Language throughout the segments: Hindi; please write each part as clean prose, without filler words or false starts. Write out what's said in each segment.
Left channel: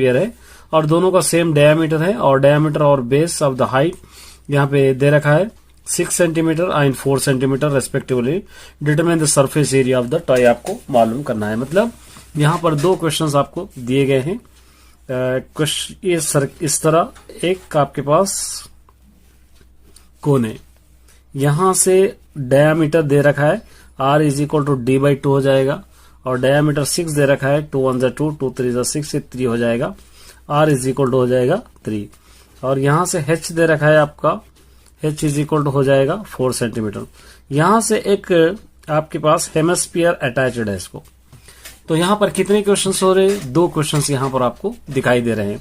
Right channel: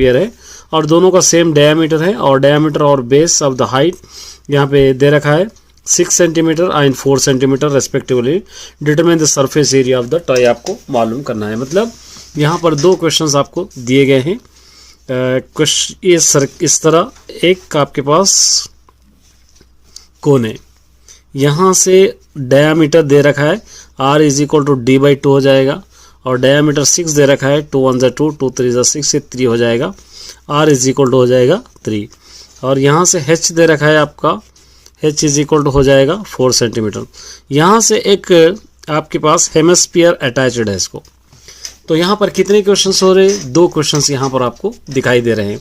स्फीयर है और दोनों का सेम डायमीटर है और डायमीटर और बेस ऑफ द हाइट यहाँ पे दे रखा है 6 centimetre and 4 centimetre respectively. Determine the surface area of the toy आपको मालूम करना है। मतलब यहाँ पर दो क्वेश्चंस आपको दिए गए हैं। इस तरह एक आपके पास कोन है, यहाँ से डायामीटर दे रखा है r is equal to D by 2 हो जाएगा और डायामीटर 6 दे रखा है 2 1 2 2 3 6 ये 3 हो जाएगा, r इज इक्वल टू हो जाएगा 3 और यहाँ से h दे रखा है आपका h इज इक्वल टू हो जाएगा 4 सेंटीमीटर। यहाँ से एक आपके पास हेमिस्फीयर अटैच्ड है इसको। तो यहाँ पर कितने क्वेश्चंस हो रहे हैं? दो क्वेश्चंस यहाँ पर आपको दिखाई दे रहे हैं,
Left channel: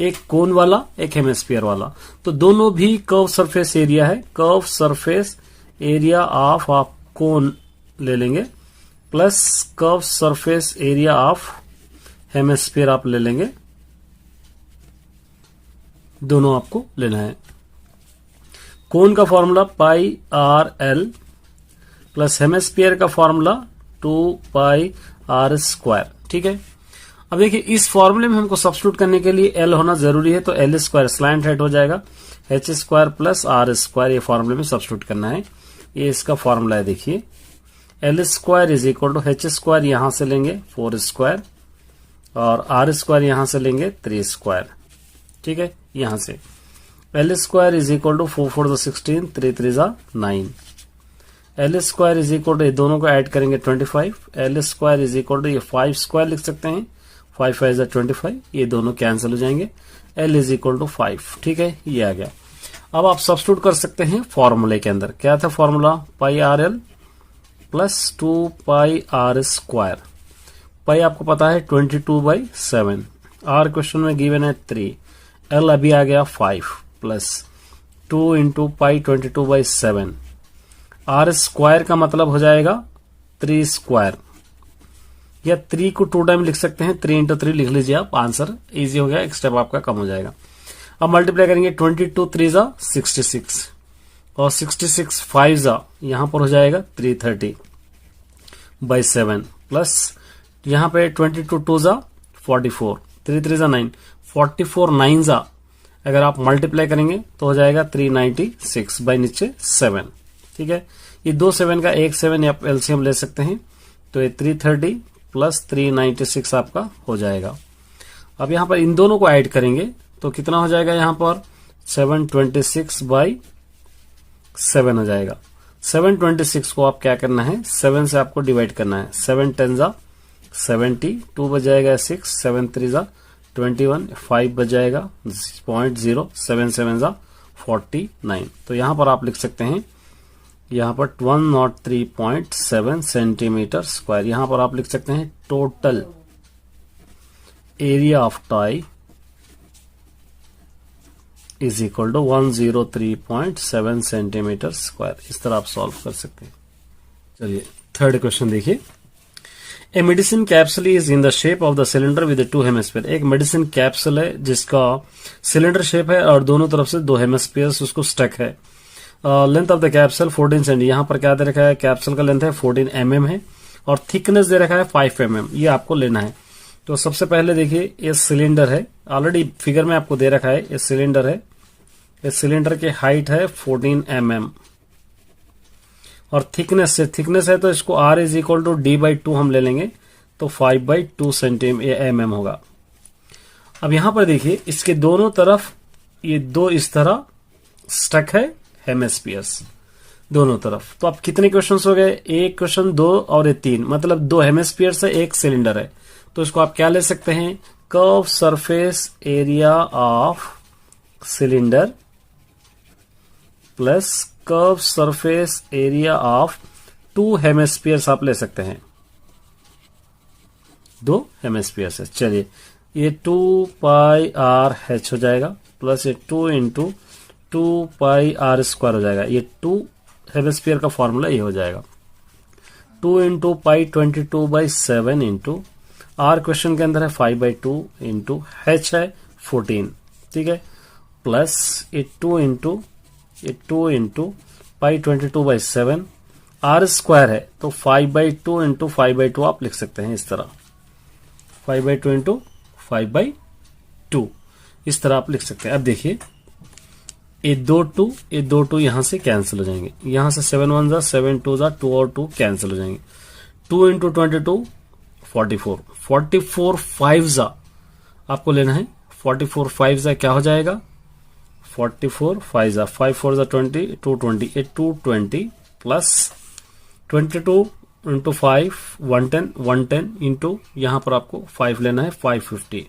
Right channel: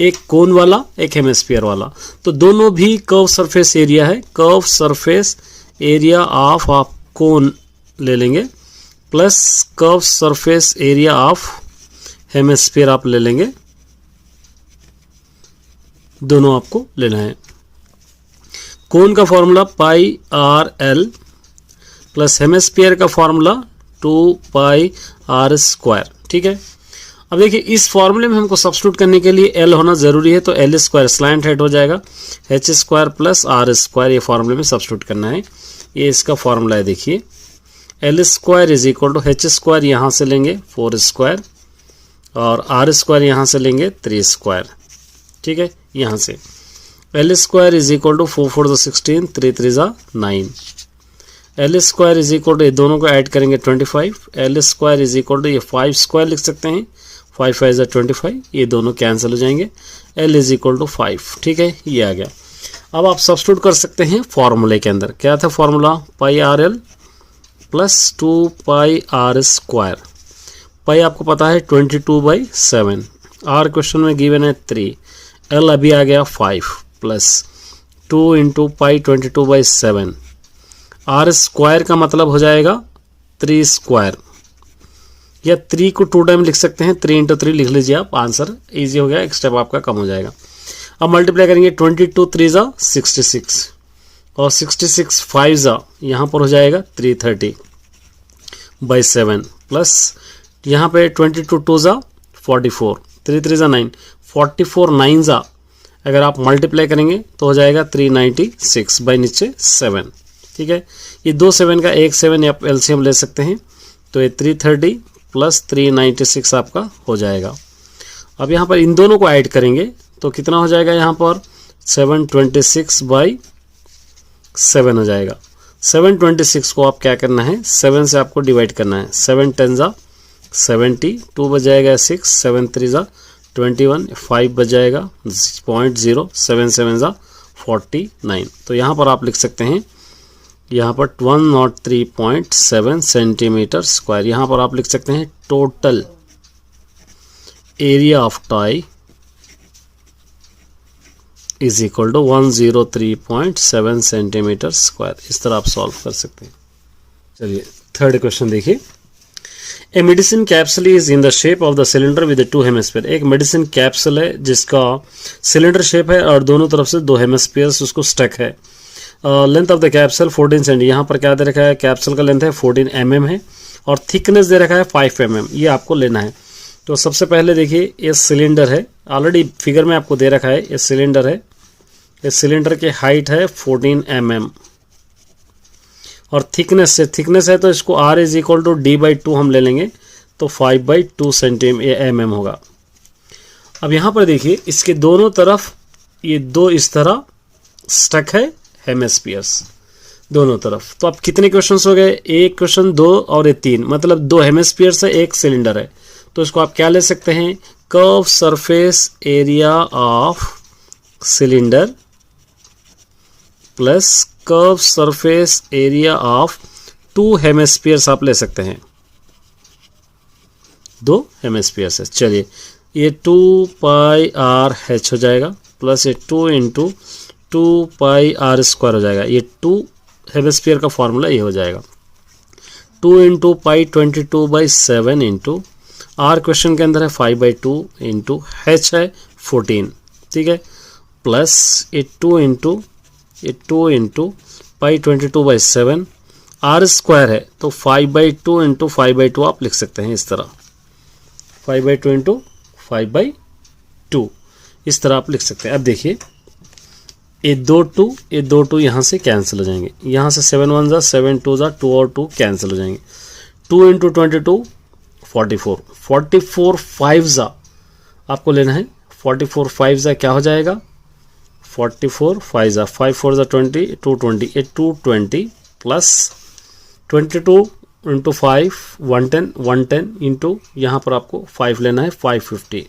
एक कोन वाला एक हेमिस्फीयर वाला। तो दोनों भी कर्व सरफेस एरिया है। कर्व सरफेस एरिया ऑफ आप कोन ले लेंगे plus curve surface area of hemisphere आप ले लेंगे, दोनों आपको लेना है। कोन का formula pi R L plus hemisphere का फॉर्मूला 2 पाई आर स्क्वायर। ठीक है, अब देखिए इस फॉर्मूले में हमको सब्स्टिट्यूट करने के लिए एल होना जरूरी है, तो एल स्क्वायर स्लैंट हेड हो जाएगा, H square plus R square ये फॉर्मूले में सब्स्टिट्यूट करना है। ये इसका फॉर्मूला है, देखिए L square is equal to H square यहाँ से लेंगे 4 स्क्वायर और आर स्क्वायर यहाँ से लेंगे 3 स्क्वायर। ठीक है, यहाँ से L square is equal to 4 4 16 3 3 9। L square is equal to ये दोनों को ऐड करेंगे 25। L square is equal to ये 5 स्क्वायर लिख सकते हैं, 5 5 25, ये दोनों कैंसिल हो जाएंगे। L is equal to 5। ठीक है, ये आ गया। अब आप सब्स्टिट्यूट कर सकते हैं फॉर्मूले के अंदर। क्या था formula? Pi R L plus 2 pi R square. Pi आपको पता है 22/7, आर क्वेश्चन में गिवन है 3, एल अभी आ गया 5 plus 2 into pi 22/7। R square का मतलब हो जाएगा 3 स्क्वायर, या 3 को 2 टाइम लिख सकते हैं, 3 इंटू 3 लिख लीजिए आप, आंसर इजी हो गया, एक स्टेप आपका कम हो जाएगा। अब मल्टीप्लाई करेंगे 22 3 66 और 66 5 यहाँ पर हो जाएगा 330/7 प्लस यहाँ पे 22 2 44, 3 3 9, 44 9 अगर आप मल्टीप्लाई करेंगे तो हो जाएगा 396 बाई नीचे 7। ठीक है, ये 2 7 का 1 7 आप एलसीएम ले सकते हैं, तो ये 330 प्लस 396 आपका हो जाएगा। अब यहाँ पर इन दोनों को ऐड करेंगे तो कितना हो जाएगा? यहाँ पर 726/7 हो जाएगा। 726 को आप क्या करना है, 7 से आपको डिवाइड करना है। 7 10 70, 2 बजाएगा 6, 7 3 21, 5 बजाएगा 0.0, 7 7 49। तो यहाँ पर आप लिख सकते हैं, यहाँ पर 103.7 सेंटीमीटर स्क्वायर। यहाँ पर आप लिख सकते हैं total area of toy is equal to 103.7 centimetre square. इस तरह आप सॉल्व कर सकते हैं। चलिए थर्ड क्वेश्चन देखिए। A medicine capsule is in the shape of the cylinder with 2 hemisphere. एक मेडिसिन कैप्सूल है जिसका सिलेंडर शेप है और दोनों तरफ से 2 हेमिस्फीयर्स उसको स्टक है। Length of the capsule 14 centi. यहाँ पर क्या दे रखा है? कैप्सूल का लेंथ है 14 mm है और थिकनेस दे रखा है 5 mm। ये आपको लेना है। तो सबसे पहले देखिए ये सिलेंडर है, ऑलरेडी फिगर में आपको दे रखा है, ये सिलेंडर है। इस सिलेंडर की हाइट है 14 mm और थिकनेस है तो इसको r is equal to d/2 हम ले लेंगे, तो 5/2 mm होगा। अब यहाँ पर देखिए इसके दोनों तरफ ये 2 इस तरह स्टक है हेमिस्फीयर्स दोनों तरफ। तो अब कितने क्वेश्चंस हो गए? 1 क्वेश्चन, 2 और ये 3, मतलब 2 हेमिस्फीयर्स है, 1 सिलेंडर है। तो इसको आप क्या ले सकते हैं? Curve surface area of cylinder plus curve surface area of 2 hemispheres आप ले सकते हैं, 2 हेमिस्फीयर्स है। चलिए ये 2 पाई आर एच हो जाएगा प्लस ये 2 इंटू 2 पाई आर स्क्वायर हो जाएगा। ये 2 हेमिस्फीयर का फॉर्मूला ये हो जाएगा 2 into pi 22/7 into R question के अंदर है 5/2 इंटू एच है 14। ठीक है, प्लस ये 2 इंटू पाई 22/7 आर स्क्वायर है तो 5/2 इंटू 5/2 आप लिख सकते हैं इस तरह, 5/2 इंटू 5/2। 2, इस तरह आप लिख सकते हैं। अब देखिए ये 2 2 यहाँ से कैंसिल हो जाएंगे, यहाँ से 7 1 जा 7 2 जा 2 और 2 कैंसिल हो जाएंगे। 2 इंटू 22 44, 44 5 जा आपको लेना है। 44 5 जा क्या हो जाएगा, 44 5 जा 5 4 जा 20 220, ये 220 प्लस 22 इंटू 5 110, 110 इंटू यहाँ पर आपको 5 लेना है 550,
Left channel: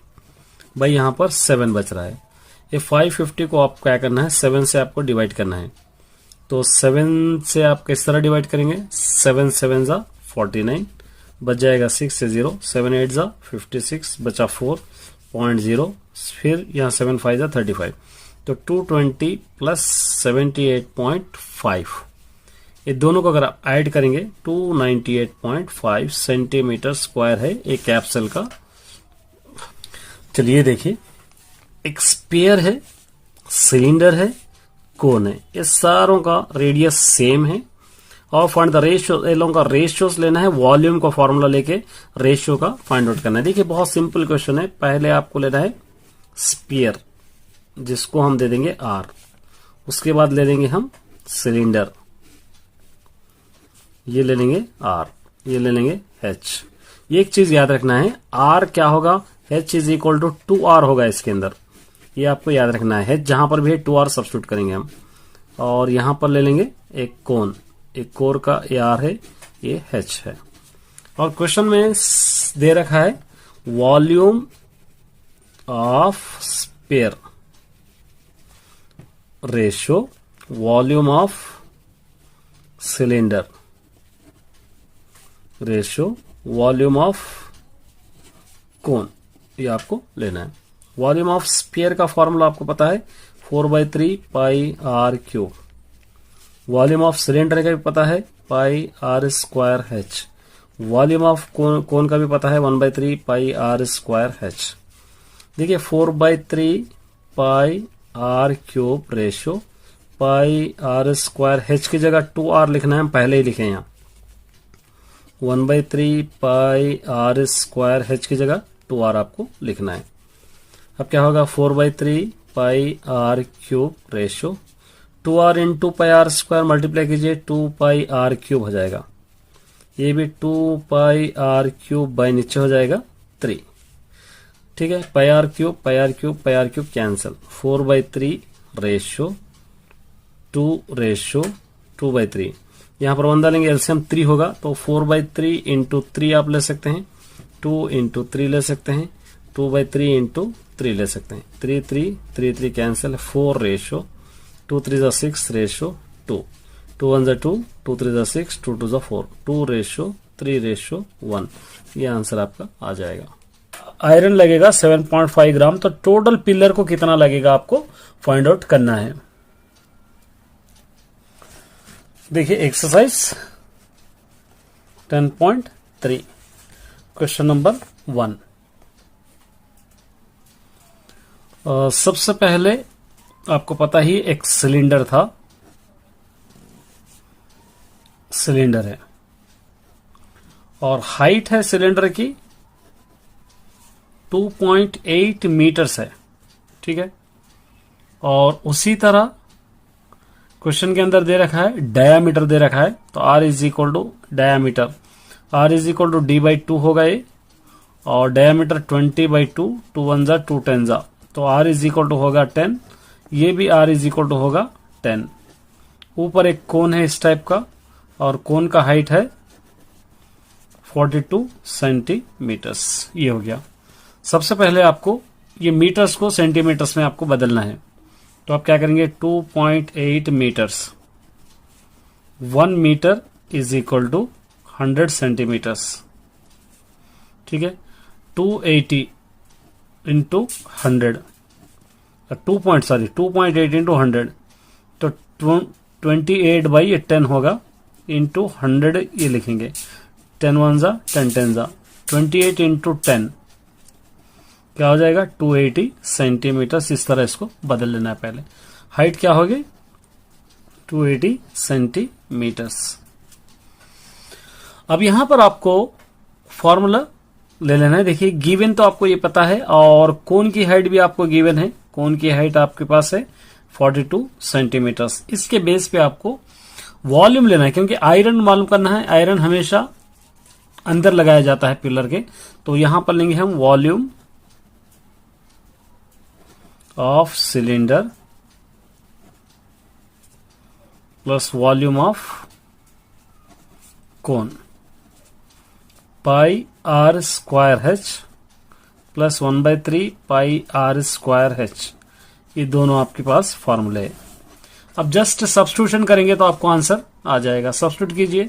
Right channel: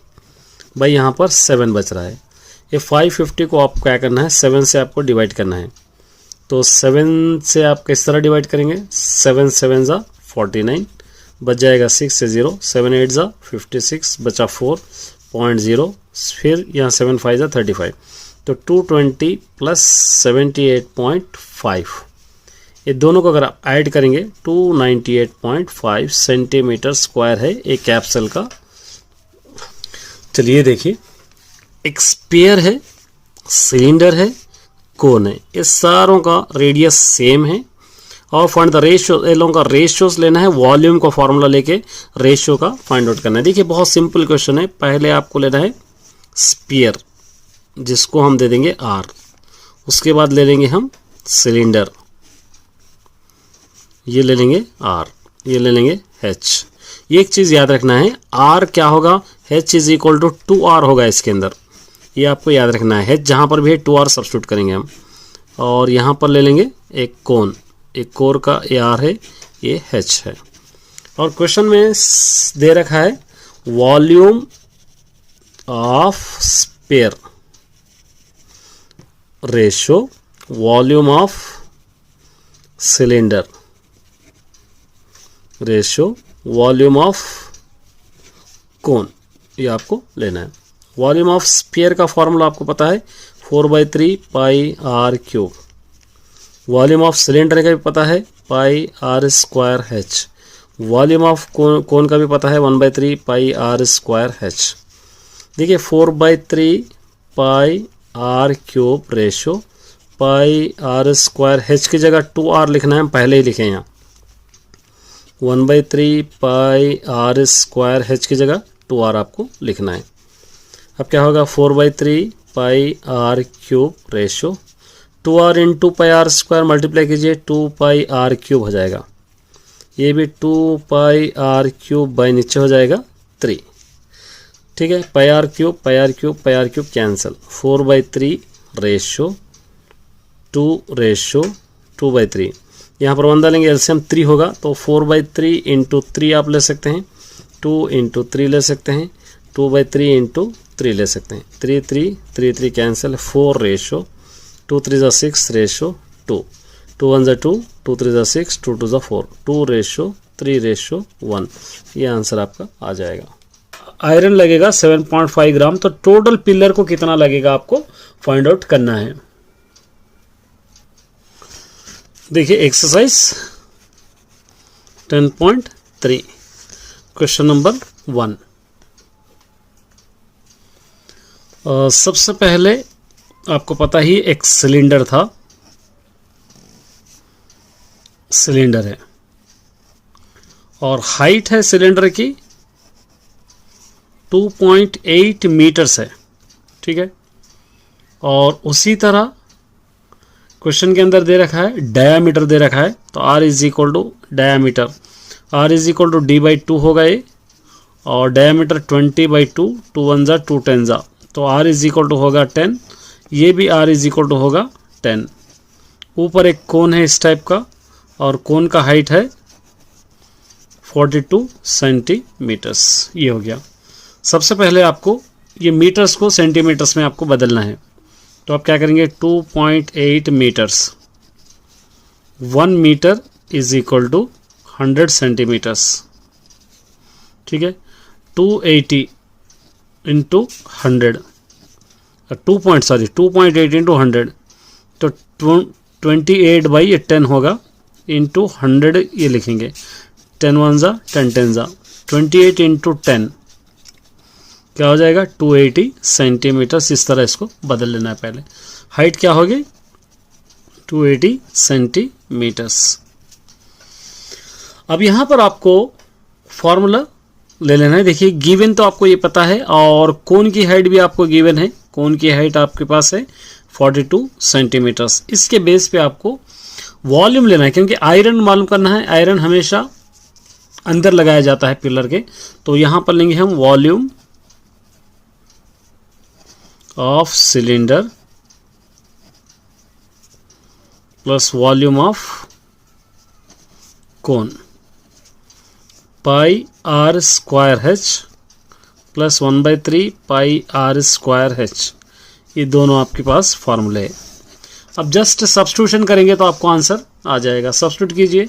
भाई यहाँ पर 7 बच रहा है। ये 550 को आप क्या करना है, 7 से आपको डिवाइड करना है। तो 7 से आप किस तरह डिवाइड करेंगे, 7 7 जा 49, बच जाएगा 6 से 0, 7 8 जा 56, बचा 4.0, फिर यहाँ 7 5 जा 35, तो 220 प्लस 78.5, ये दोनों को अगर आप ऐड करेंगे 298.5 सेंटीमीटर स्क्वायर है एक कैप्सूल का। चलिए देखिए, एक स्फीयर है, सिलेंडर है, कोन है, ये सारों का रेडियस सेम है और फाइंड द रेशियो, इन लोगों का रेशियोस लेना है, वॉल्यूम का फॉर्मूला लेके रेशियो का फाइंड आउट करना है। देखिए बहुत सिंपल क्वेश्चन है। पहले आपको लेना है स्फीयर जिसको हम दे देंगे R, उसके बाद ले लेंगे हम सिलेंडर, ये ले लेंगे R, ये ले लेंगे H। ये एक चीज याद रखना है, R क्या होगा, H is equal to 2R होगा इसके अंदर, ये आपको याद रखना है। H जहां पर भी है 2R सब्स्टिट्यूट करेंगे हम, और यहां पर ले लेंगे एक कोन, एक कोर का ये R है, ये H है। और क्वेश्चन में दे रखा है volume of sphere ratio volume of cylinder ratio volume of cone, ये आपको लेना है। वॉल्यूम ऑफ स्फीयर का फॉर्मूला आपको पता है 4/3 pi R cube. Volume of cylinder का भी पता है pi R square H। Volume of cone का भी पता है 1/3 पाई आर स्क्वायर H। देखिए 4/3 pi R cube ratio pi R square H की जगह 2R लिखना है, हम पहले ही लिखे यहाँ। 1/3 पाई आर स्क्वायर H की जगह 2R आपको लिखना है। अब क्या होगा 4/3 pi R cube ratio 2R into pi R square multiply कीजिए 2 पाई आर क्यूब हो जाएगा, ये भी 2 पाई आर क्यूब बाई नीचे हो जाएगा 3, ठीक है। Pi R cube pi R cube pi R cube cancel, 4/3 ratio 2/3, यहाँ पर 1 डालेंगे एलसीएम 3 होगा, तो 4/3 इंटू 3 आप ले सकते हैं, 2 इंटू 3 ले सकते हैं, 2/3 इंटू 3 ले सकते हैं, 3 3 3 3 कैंसिल, 4 रेशियो 2 3 जा 6 रेशियो 2, 2 1 जा 2, 2 3 जा 6, 2 2 जा 4, 2 रेशियो 3 रेशियो 1, ये आंसर आपका आ जाएगा। आयरन लगेगा 7.5 ग्राम, तो टोटल पिलर को कितना लगेगा आपको फाइंड आउट करना है। देखिए एक्सरसाइज 10.3 क्वेश्चन नंबर 1। सबसे पहले आपको पता ही एक सिलेंडर था, सिलेंडर है और हाइट है सिलेंडर की 2.8 मीटर्स है, ठीक है। और उसी तरह क्वेश्चन के अंदर दे रखा है डायामीटर दे रखा है, तो R is equal to diameter, R is equal to D/2 होगा ये, और डायामीटर 20/2, 2 1 जा 2 10 जा, तो R इज इक्वल टू होगा 10, ये भी R इज इक्वल टू होगा 10। ऊपर एक कोन है इस टाइप का और कोन का हाइट है 42 सेंटीमीटर्स, ये हो गया। सबसे पहले आपको ये मीटर्स को सेंटीमीटर्स में आपको बदलना है, तो आप क्या करेंगे 2.8 metres, 1 metre is equal to 100 centimetres, ठीक है। 280 इंटू 100, 2.8 इंटू 100, तो 28/10 होगा इंटू 100, ये लिखेंगे 10 1 जा 10 10 जा, 28 इंटू 10 क्या हो जाएगा 280 सेंटीमीटर। इस तरह इसको बदल लेना है। पहले हाइट क्या होगी 280 सेंटीमीटर्स। अब यहां पर आपको फॉर्मूला ले लेना है। देखिए गिवन तो आपको ये पता है और कोन की हाइट भी आपको गिवन है। कोन की हाइट आपके पास है 42 सेंटीमीटर्स। इसके बेस पे आपको वॉल्यूम लेना है, क्योंकि आयरन मालूम करना है। आयरन हमेशा अंदर लगाया जाता है पिलर के, तो यहां पर लेंगे हम volume of cylinder plus volume of cone, pi R square H plus 1/3 pi R square H. ये दोनों आपके पास फॉर्मूले है। अब जस्ट सब्स्टिट्यूशन करेंगे तो आपको आंसर आ जाएगा। सब्स्टिट्यूट कीजिए,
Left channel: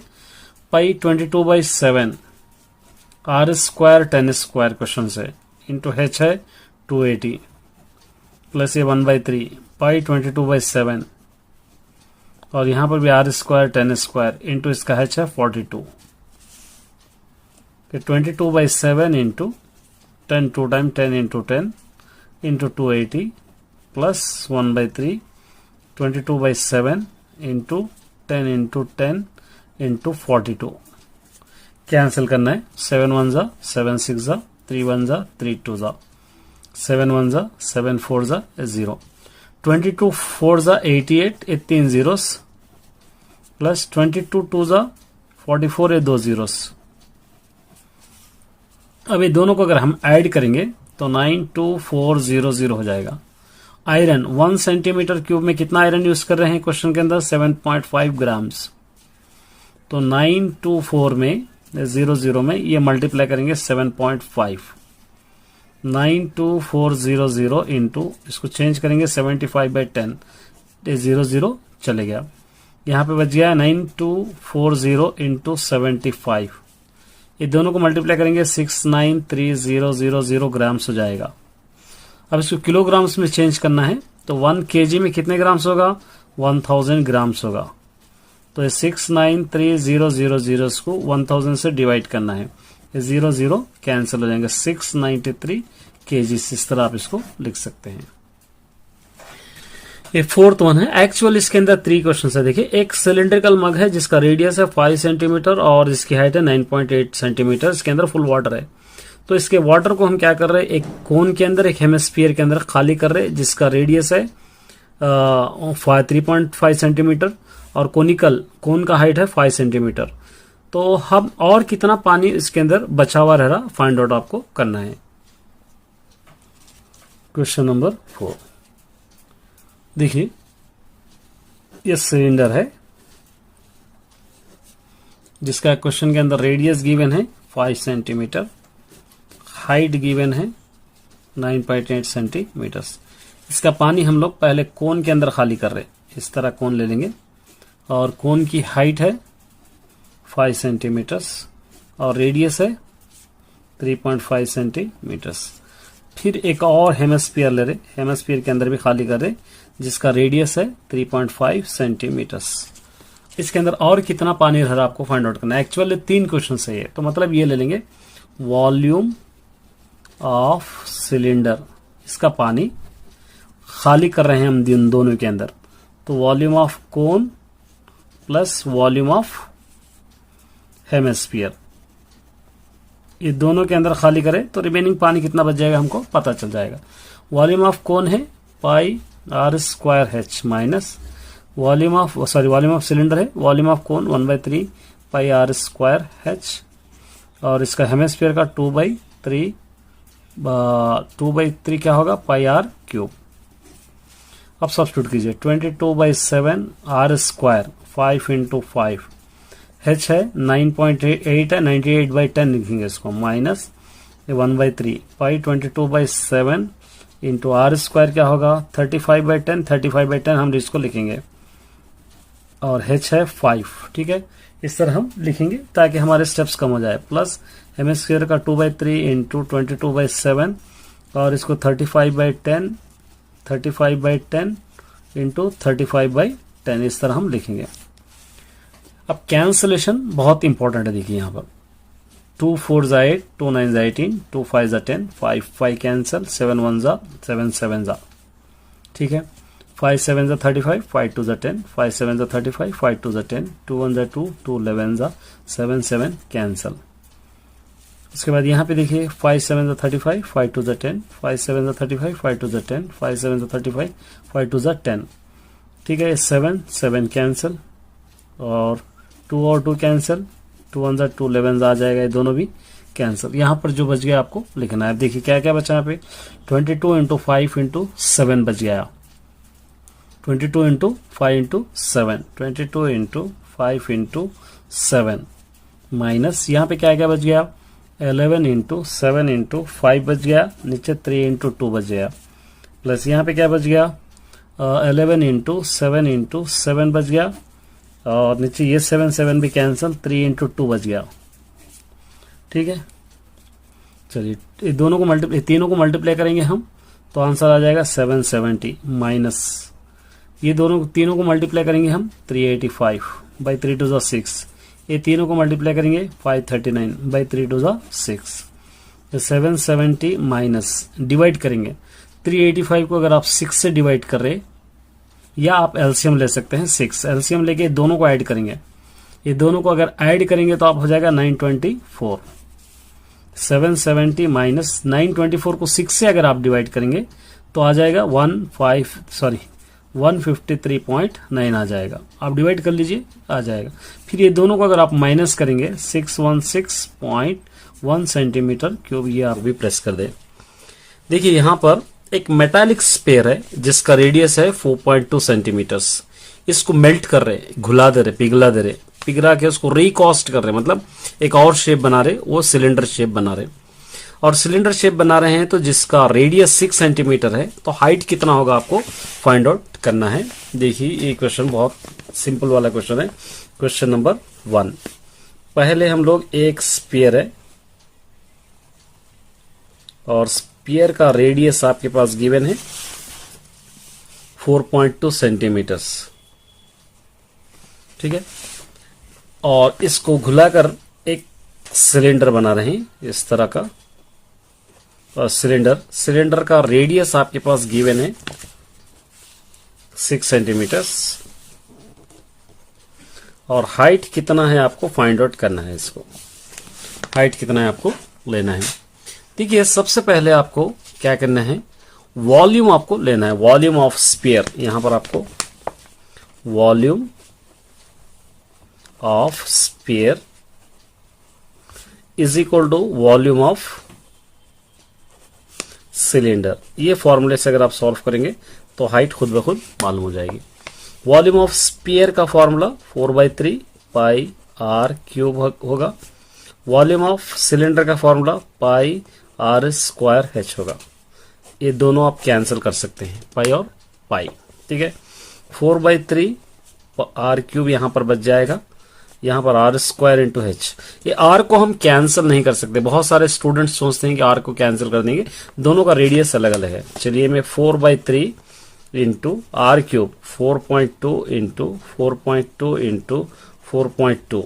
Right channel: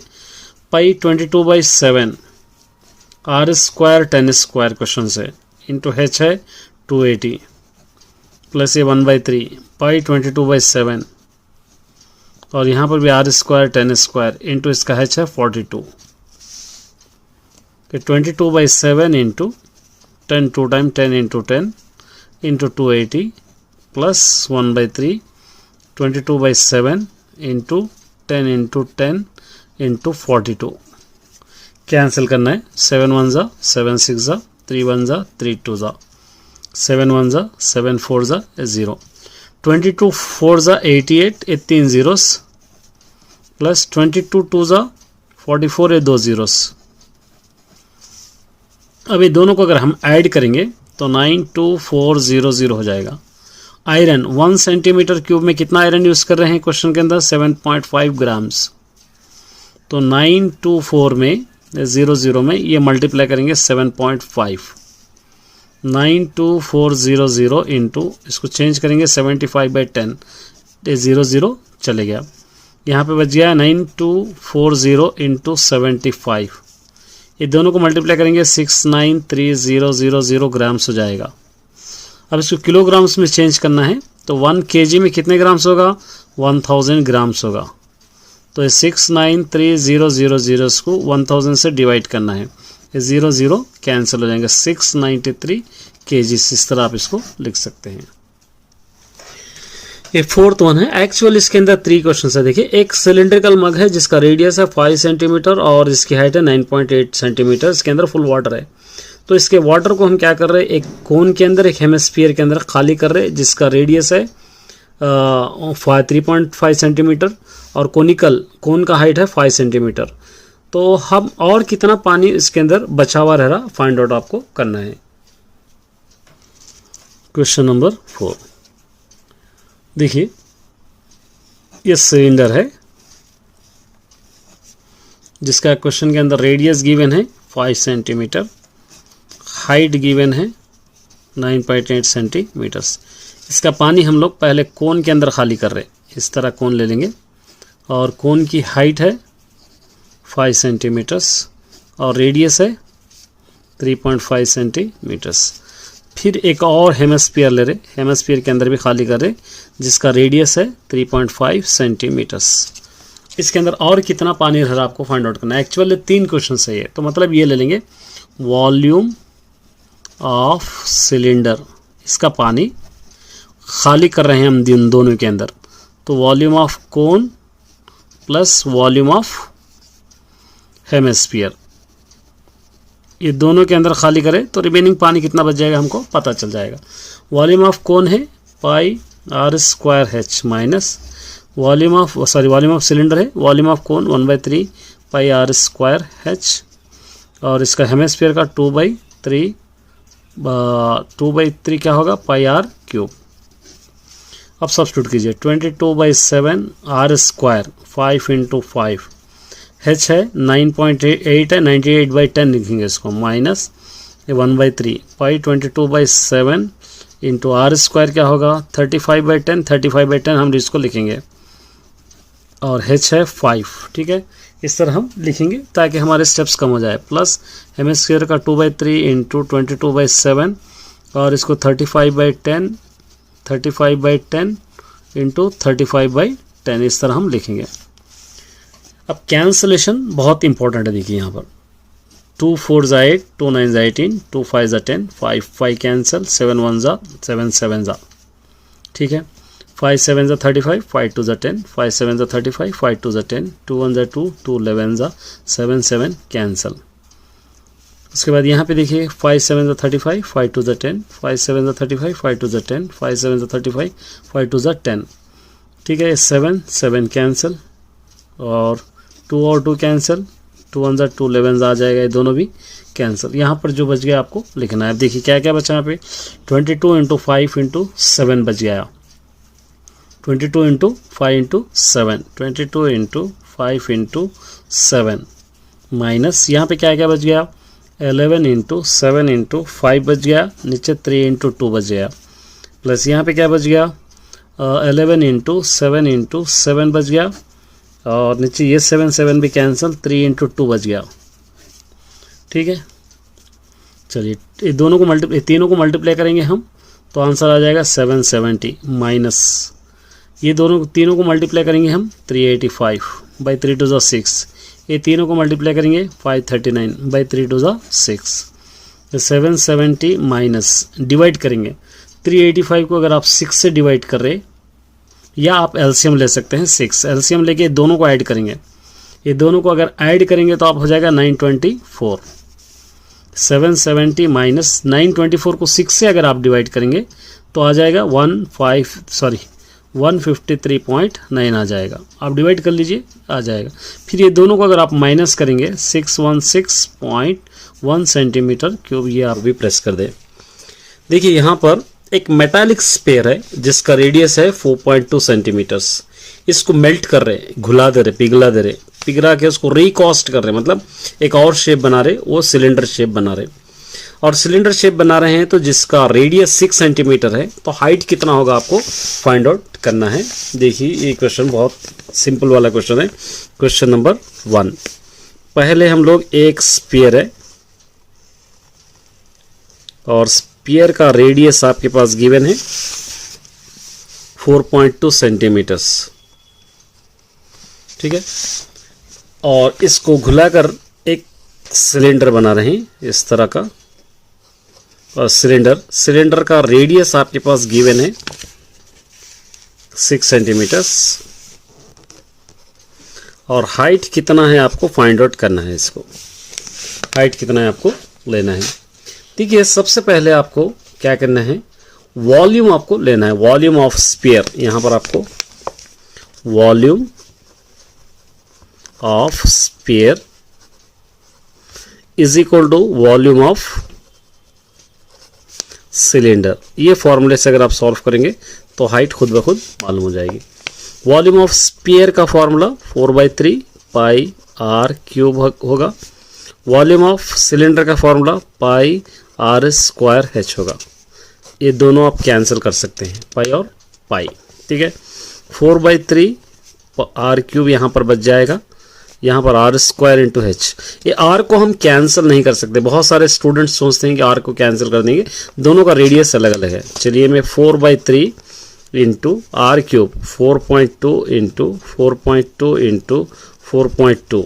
पाई 22/7 आर स्क्वायर 10 स्क्वायर क्वेश्चन से इंटू एच है 280 प्लस ये 1/3 पाई 22/7 और यहाँ पर भी आर स्क्वायर 10 स्क्वायर इंटू इसका एच है 42। फिर 22/7 into 10 2 time 10 into 10 into 280 plus 1/3 22/7 into 10 into 10 into 42। Cancel करना है। 7 1 जा 7 6 जा 3 1 जा 3 2 जा 7 1 जा 7 4 जा 0 22 4 जा 88 ये 3 जीरोस प्लस 22 2 जा 44 ये 2 जीरोस। अब ये दोनों को अगर हम ऐड करेंगे तो 92400 हो जाएगा। आयरन 1 सेंटीमीटर क्यूब में कितना आयरन यूज कर रहे हैं क्वेश्चन के अंदर 7.5 ग्राम्स। तो 924 में 00 में ये मल्टीप्लाई करेंगे 7.5 92400 इंटू इसको चेंज करेंगे 75/10 ये 00 चले गया। यहाँ पे बच गया 9240 इंटू 75। ये दोनों को मल्टीप्लाई करेंगे 69300 ग्राम्स हो जाएगा। अब इसको किलोग्राम्स में चेंज करना है तो 1 kg में कितने ग्राम्स होगा 1000 ग्राम्स होगा। तो 69300 इसको 1000 से डिवाइड करना है, ये 00 कैंसिल हो जाएंगे 693 kg। इस तरह आप इसको लिख सकते हैं। ये 4th वन है। एक्चुअल इसके अंदर 3 क्वेश्चन है। देखिए एक सिलिंड्रिकल मग है जिसका रेडियस है 5 सेंटीमीटर और इसकी हाइट है 9.8 सेंटीमीटर। इसके अंदर फुल वाटर है। तो इसके वाटर को हम क्या कर रहे हैं, एक कोन के अंदर एक हेमिस्फीयर के अंदर खाली कर रहे हैं जिसका रेडियस है 3.5 सेंटीमीटर और कोन का हाइट है 5 सेंटीमीटर। तो हम और कितना पानी इसके अंदर बचा हुआ रह रहा फाइंड आउट आपको करना है। क्वेश्चन नंबर 4 देखिए, ये सिलेंडर है जिसका क्वेश्चन के अंदर रेडियस गिवन है 5 सेंटीमीटर, हाइट गिवन है 9.8 सेंटीमीटर्स। इसका पानी हम लोग पहले कोन के अंदर खाली कर रहे हैं। इस तरह कोन ले लेंगे और कोन की हाइट है 5 सेंटीमीटर्स और रेडियस है 3.5 सेंटीमीटर्स। फिर एक और हेमिस्फीयर ले रहे, हेमिस्फीयर के अंदर भी खाली कर रहे जिसका रेडियस है 3.5 सेंटीमीटर्स। इसके अंदर और कितना पानी रह रहा आपको फाइंड आउट करना है। एक्चुअली 3 क्वेश्चन है ये, तो मतलब ये ले लेंगे वॉल्यूम ऑफ सिलेंडर, इसका पानी खाली कर रहे हैं हम इन दोनों के अंदर। तो volume of cone plus volume of hemisphere, ये दोनों के अंदर खाली करें तो रिमेनिंग पानी कितना बच जाएगा हमको पता चल जाएगा। वॉल्यूम ऑफ कोन है pi R square H minus volume of cylinder है volume of cone 1/3 pi R square H और इसका हेमिस्फीयर का 2/3 क्या होगा पाई आर क्यूब। अब सब्स्टिट्यूट कीजिए 22/7 आर स्क्वायर 5 इंटू 5 एच है 9.8 है 98/10 लिखेंगे इसको minus 1/3 pi 22/7 into R square क्या होगा 35/10 35/10 हम इसको लिखेंगे और एच है 5। ठीक है, इस तरह हम लिखेंगे ताकि हमारे स्टेप्स कम हो जाए। प्लस हेमिस्फीयर का 2/3 इंटू 22/7 और इसको 35/10 इंटू 35/10 इस तरह हम लिखेंगे। अब कैंसलेशन बहुत इंपॉर्टेंट है। देखिए यहाँ पर 2 4 जा 8 2 9 जा 18 2 5 जा 10 5 5 कैंसिल 7 1 जा 7 7 जा। ठीक है, 5 7 जा 35 5 2 जा 10 5 7 जा 35 5 2 जा 10 2 1 जा 2 2 11 जा 7 7 कैंसिल। उसके बाद यहाँ पे देखिए 5 7 ज़ा 35, 5 2 ज़ा 10, 5 7 ज़ा 35, 5 2 ज़ा 10, 5 7 ज़ा 35, 5 2 ज़ा 10। ठीक है, 7 7 कैंसिल और 2 और 2 कैंसिल, 2 1 ज़ा 2, 11 आ जाएगा, ये दोनों भी कैंसिल। यहाँ पर जो बच गया आपको लिखना है। देखिए क्या क्या बचा यहाँ पे, 22 इंटू 5 इंटू 7 बच गया, 22 into 5 into 7, 22 into 5 into 7 minus यहाँ पे क्या क्या बच गया, 11 इंटू 7 इंटू 5 बच गया, नीचे 3 इंटू 2 बच गया, प्लस यहाँ पे क्या बच गया, 11 इंटू 7 इंटू 7 बच गया, और नीचे ये 7 7 भी कैंसिल, 3 इंटू 2 बच गया। ठीक है, चलिए ये दोनों को तीनों को मल्टीप्लाई करेंगे हम तो आंसर आ जाएगा 770 माइनस ये तीनों को मल्टीप्लाई करेंगे हम 385 बाई 3 2 6, ये तीनों को मल्टीप्लाई करेंगे 539 बाई 3 2 6, 770 माइनस डिवाइड करेंगे 385 को अगर आप 6 से डिवाइड कर रहे, या आप एलसीएम ले सकते हैं 6, एलसीएम लेके दोनों को ऐड करेंगे, ये दोनों को अगर ऐड करेंगे तो आप हो जाएगा 924, 770 माइनस 924 को 6 से अगर आप डिवाइड करेंगे तो आ जाएगा 153.9 आ जाएगा। आप डिवाइड कर लीजिए, आ जाएगा। फिर ये दोनों को अगर आप माइनस करेंगे 616.1 सेंटीमीटर क्यूब, ये आर भी प्रेस कर दे। देखिए यहाँ पर एक मेटालिक स्फीयर है जिसका रेडियस है 4.2 सेंटीमीटर्स। इसको मेल्ट कर रहे, घुला दे रहे, पिघला के उसको रिकास्ट कर रहे, मतलब एक और शेप बना रहे, वो सिलेंडर शेप बना रहे। और सिलेंडर शेप बना रहे हैं तो जिसका रेडियस 6 सेंटीमीटर है, तो हाइट कितना होगा आपको फाइंड आउट करना है। देखिए ये क्वेश्चन बहुत सिंपल वाला क्वेश्चन है। क्वेश्चन नंबर 1, पहले हम लोग एक स्फीयर है और स्फीयर का रेडियस आपके पास गिवन है 4.2 सेंटीमीटर्स। ठीक है, और इसको घुलाकर एक सिलेंडर बना रहे हैं इस तरह का, और सिलेंडर का रेडियस आपके पास गिवन है 6 सेंटीमीटर्स, और हाइट कितना है आपको फाइंड आउट करना है। इसको हाइट कितना है आपको लेना है। ठीक है, सबसे पहले आपको क्या करना है, वॉल्यूम आपको लेना है, वॉल्यूम ऑफ स्फीयर। यहां पर आपको volume of sphere is equal to volume of cylinder. ये फॉर्मूले से अगर आप सॉल्व करेंगे तो हाइट खुद ब खुद मालूम हो जाएगी। वॉल्यूम ऑफ स्फीयर का फॉर्मूला 4/3 पाई आर क्यूब होगा। वॉल्यूम ऑफ सिलेंडर का formula pi R square H होगा। ये दोनों आप कैंसिल कर सकते हैं, पाई और पाई। ठीक है, 4/3 आर क्यूब यहाँ पर बच जाएगा, यहाँ पर आर स्क्वायर इंटू एच। ये आर को हम कैंसिल नहीं कर सकते, बहुत सारे स्टूडेंट्स सोचते हैं कि आर को कैंसिल कर देंगे, दोनों का रेडियस अलग अलग है। चलिए मैं 4/3 into R cube 4.2 into 4.2 into 4.2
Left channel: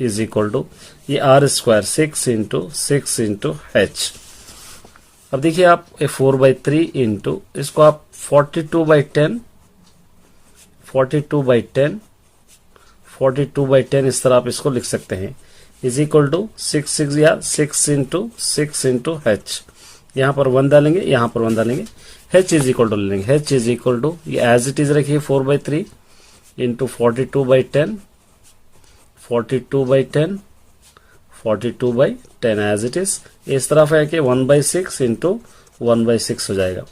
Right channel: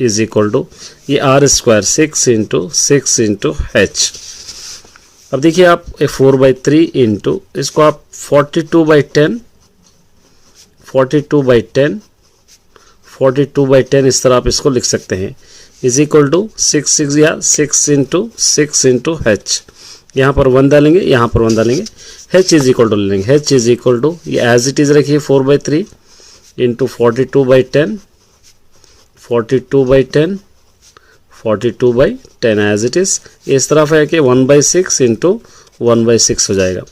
is equal to ये R square 6 into 6 into H. अब देखिए आप 4/3 इंटू इसको आप 42/10 42/10 इस तरह आप इसको लिख सकते हैं, is equal to 6 into 6 into H. यहाँ पर 1 डालेंगे, यहाँ पर 1 डालेंगे, एच इज इक्वल टू ले लेंगे, एच इज इक्वल टू ये एज इट इज रखिए 4/3 इंटू 42/10 एज इट इज। इस तरफ है कि 1/6 इंटू 1/6 हो जाएगा।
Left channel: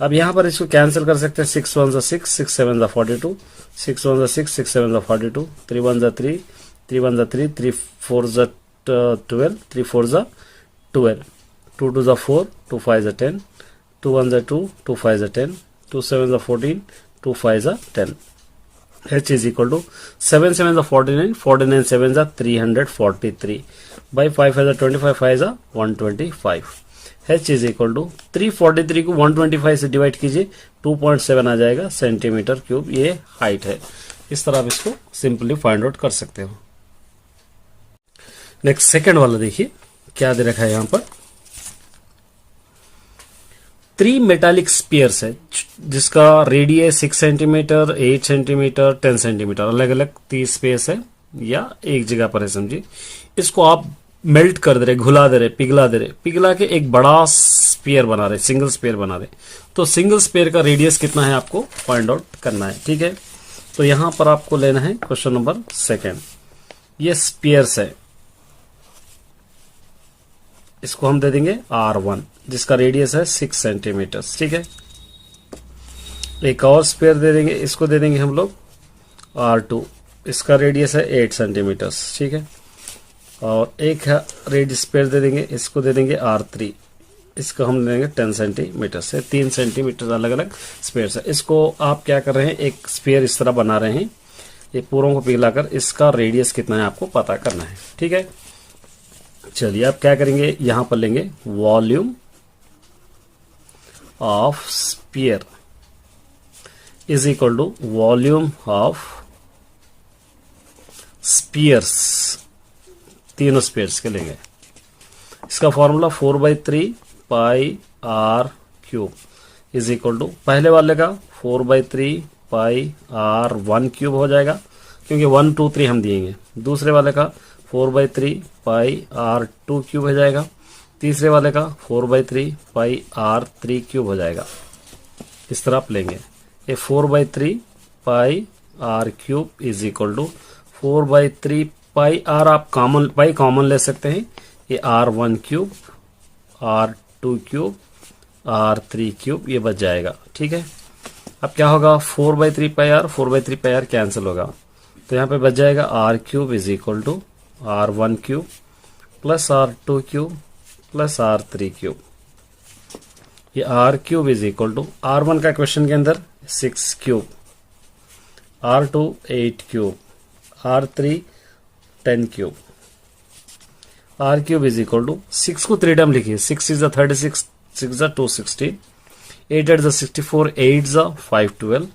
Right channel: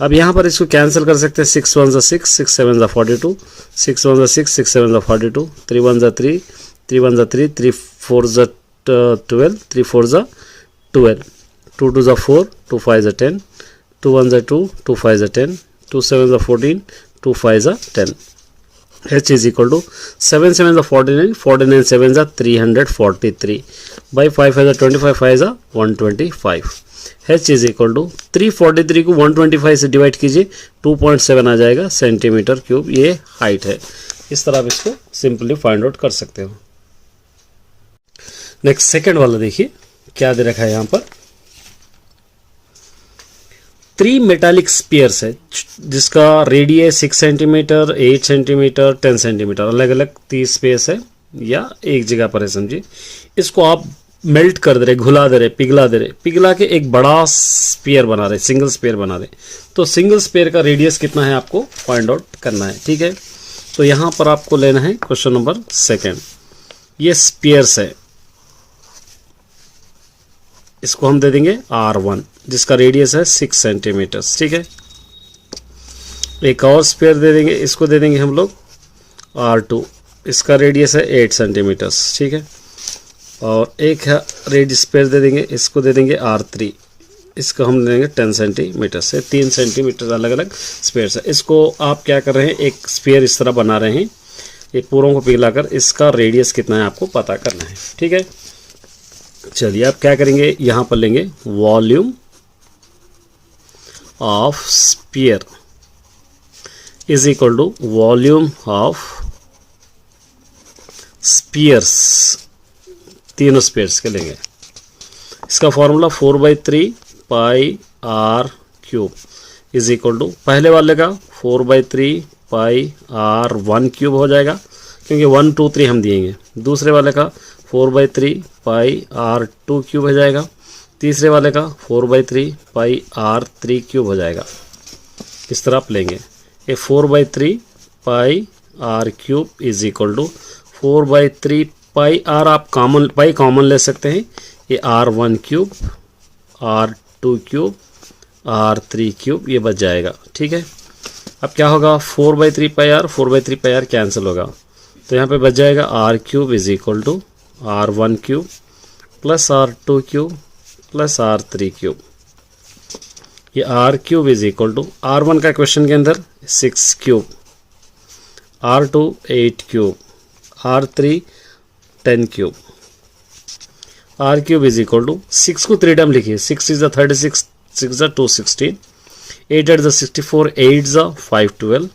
अब यहाँ पर इसको कैंसिल कर सकते हैं, 6 1 6 6 7 42, 6 1 6 6 7 42, 3 1 3 3 1 3 3 4 12, 3 4 12, 2 2 4 2 5 10, 2 1 2 2 5 10, 2 7 14, 2 5 10। H is equal to 7 7 49, 49 7 343 by 5 25, 5 125। H is equal to 343 को 125 से डिवाइड कीजिए, 2.7 आ जाएगा सेंटीमीटर क्यूब। ये हाइट है। इस तरह आप इसको सिंपली फाइंड आउट कर सकते हो। नेक्स्ट सेकंड वाला देखिए क्या दे रखा है यहाँ पर। 3 मेटालिक स्पीयर्स है जिसका रेडियस 6 सेंटीमीटर, 8 सेंटीमीटर, 10 सेंटीमीटर, अलग अलग 30 स्पेस है या एक जगह पर है समझिए। इसको आप मेल्ट कर दे रहे, घुला दे रहे, पिघला के एक बड़ा स्फीयर बना रहे, सिंगल स्फीयर बना रहे। तो सिंगल स्फीयर का रेडियस कितना है आपको फाइंड आउट करना है, ठीक है। तो यहां पर आपको लेना है क्वेश्चन नंबर 2। ये स्फीयर्स है, इसको हम दे देंगे R1 जिसका रेडियस है 6 सेंटीमीटर, ठीक है। एक और स्फीयर दे देंगे, इसको दे देंगे हम लोग R2, इसका रेडियस है 8 सेंटीमीटर, ठीक है। और एक है रेड स्फीयर दे देंगे, इसको दे देंगे R3, इसको हम देंगे 10 सेंटीमीटर से। 3 सेंटीमीटर अलग अलग स्फीयर्स है। इसको आप क्या कर रहे हैं, एक स्फीयर इस तरह बना रहे हैं, ये पूरों को पिघलाकर इसका रेडियस कितना है आपको पता करना है, ठीक है। चलिए आप क्या करेंगे, यहां पर लेंगे volume of sphere is equal to volume of spheres, तीनों स्फीयर्स के लेंगे। इसका formula 4/3 pi r cube is equal to, पहले वाले का 4/3 पाई r1 क्यूब हो जाएगा क्योंकि 1 2 3 हम दिएंगे। दूसरे वाले का 4/3 पाई r2 क्यूब हो जाएगा। तीसरे वाले का 4/3 पाई r3 क्यूब हो जाएगा। इस तरह आप लेंगे, ये 4/3 pi r cube is equal to 4/3 pi r, आप कॉमन ले सकते हैं, ये r1 cube, r2 cube, r3 cube, ये बच जाएगा, ठीक है। अब क्या होगा, 4/3 pi r, 4/3 pi r cancel होगा, तो यहाँ पे बच जाएगा r cube is equal to r1 cube plus r2 cube plus r3 cube. ये r cube is equal to, r1 का क्वेश्चन के अंदर 6 cube, r2 8 cube, r3 10 cube, r cube is equal to 6 को 3 टाइम लिखिए, 6 इज 36, 6 216, 8 8 64, 8 512,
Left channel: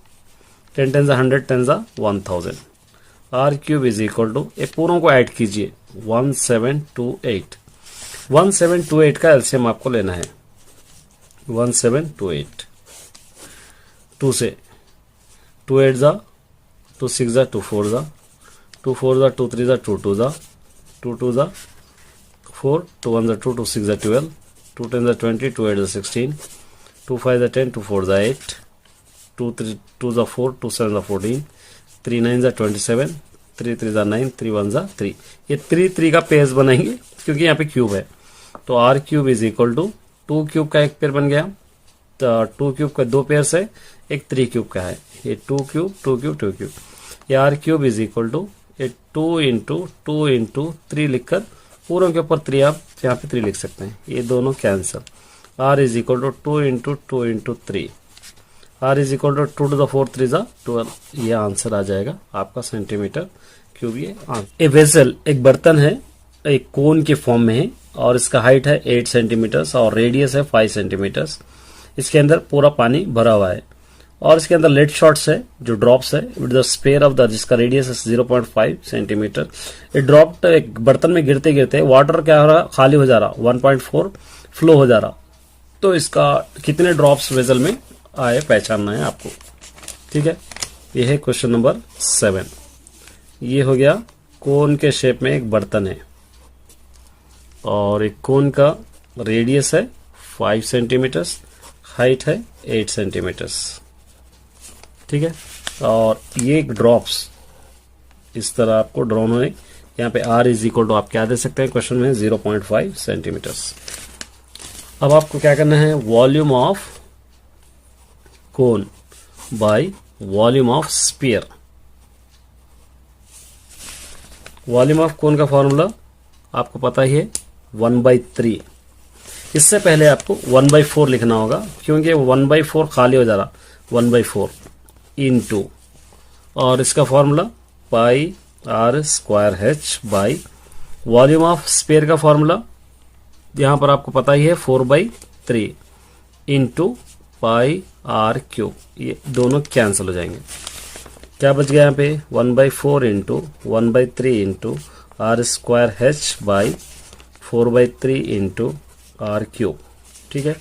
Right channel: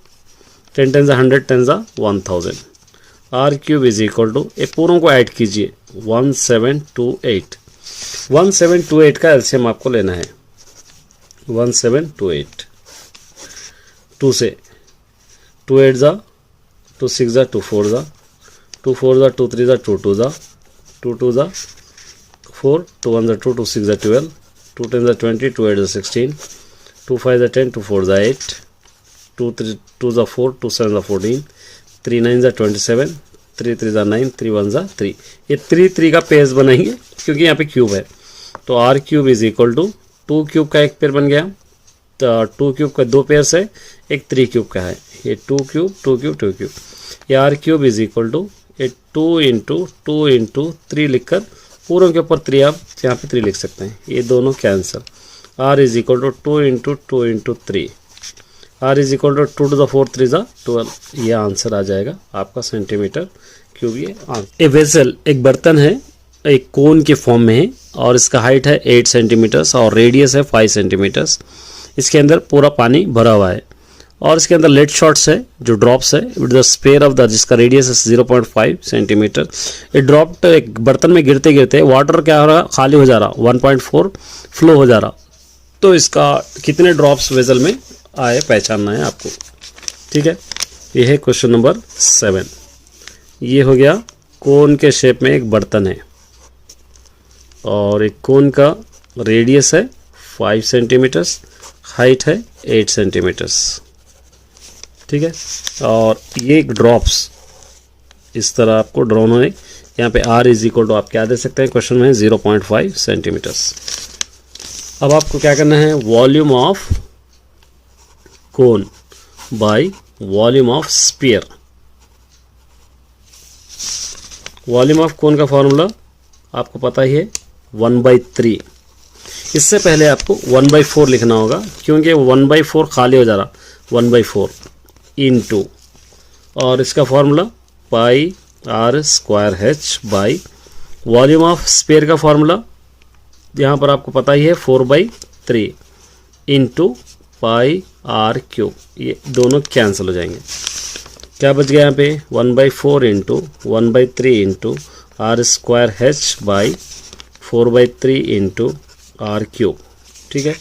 10 10 100, 10 1000। r cube is equal to, एक पूरों को ऐड कीजिए, 1728। 1728 का एलसीएम आपको लेना है, 1728। 2 से 2 8 2 6 2 4 2 4 2 3 2 2 2 2 4, 2 1 2 2 6 12, 2 10 20, 2 8 16, 2 5 10, 2 4 8, 2 3 2 4, 2 7 14, 3 9 27, 3 3 9, 3 1 3। ये 3 3 का पेयर्स बनाएंगे क्योंकि यहाँ पे क्यूब है। तो r cube is equal to 2 cube का एक पेयर बन गया, तो 2 क्यूब का 2 पेयर्स है, एक 3 क्यूब का है, ये 2 क्यूब 2 क्यूब 2 क्यूब। ये r cube is equal to 2 into 2 into 3 लिखकर पूरों के ऊपर 3 आप यहाँ पे 3 लिख सकते हैं, ये दोनों cancel. r is equal to 2 into 2 into 3, r is equal to 2 to the 4 3 12। ये आंसर आ जाएगा आपका सेंटीमीटर क्यूब। ये आंसर। ए वेसल, एक बर्तन है, एक कोन के फॉर्म में है और इसका हाइट है 8 सेंटीमीटर्स और रेडियस है 5 सेंटीमीटर्स। इसके अंदर पूरा पानी भरा हुआ है और इसके अंदर लेड शॉट्स है, जो ड्रॉप्स है with the sphere of the, जिसका रेडियस है 0.5 सेंटीमीटर। ये ड्रॉप एक बर्तन में गिरते गिरते वाटर क्या हो रहा, खाली हो जा रहा, 1.4 फ्लो हो जा रहा। तो इसका कितने ड्रॉप्स वेसल में आए पहचानना है आपको, ठीक है। ये है क्वेश्चन नंबर 7। ये हो गया, कोन के शेप में एक बर्तन है और एक कोन का रेडियस है 5 सेंटीमीटर्स, हाइट है 8 सेंटीमीटर्स, ठीक है। और ये ड्रॉप्स इस तरह आपको ड्रॉन होने, यहाँ पे r इज इक्वल टू आप क्या दे सकते हैं क्वेश्चन में, 0.5 सेंटीमीटर्स। अब आपको क्या करना है, volume of cone by volume of sphere. Volume of cone का फॉर्मूला आपको पता ही है, 1/3। इससे पहले आपको 1/4 लिखना होगा क्योंकि 1/4 खाली हो जा रहा, 1/4 इंटू, और इसका formula pi r square h by volume of sphere का फॉर्मूला यहाँ पर आपको पता ही है, 4/3 इंटू पाई r क्यूब। ये दोनों कैंसिल हो जाएंगे, क्या बच गया यहाँ पे, 1/4 into 1/3 into r square h by 4/3 into r cube, ठीक है।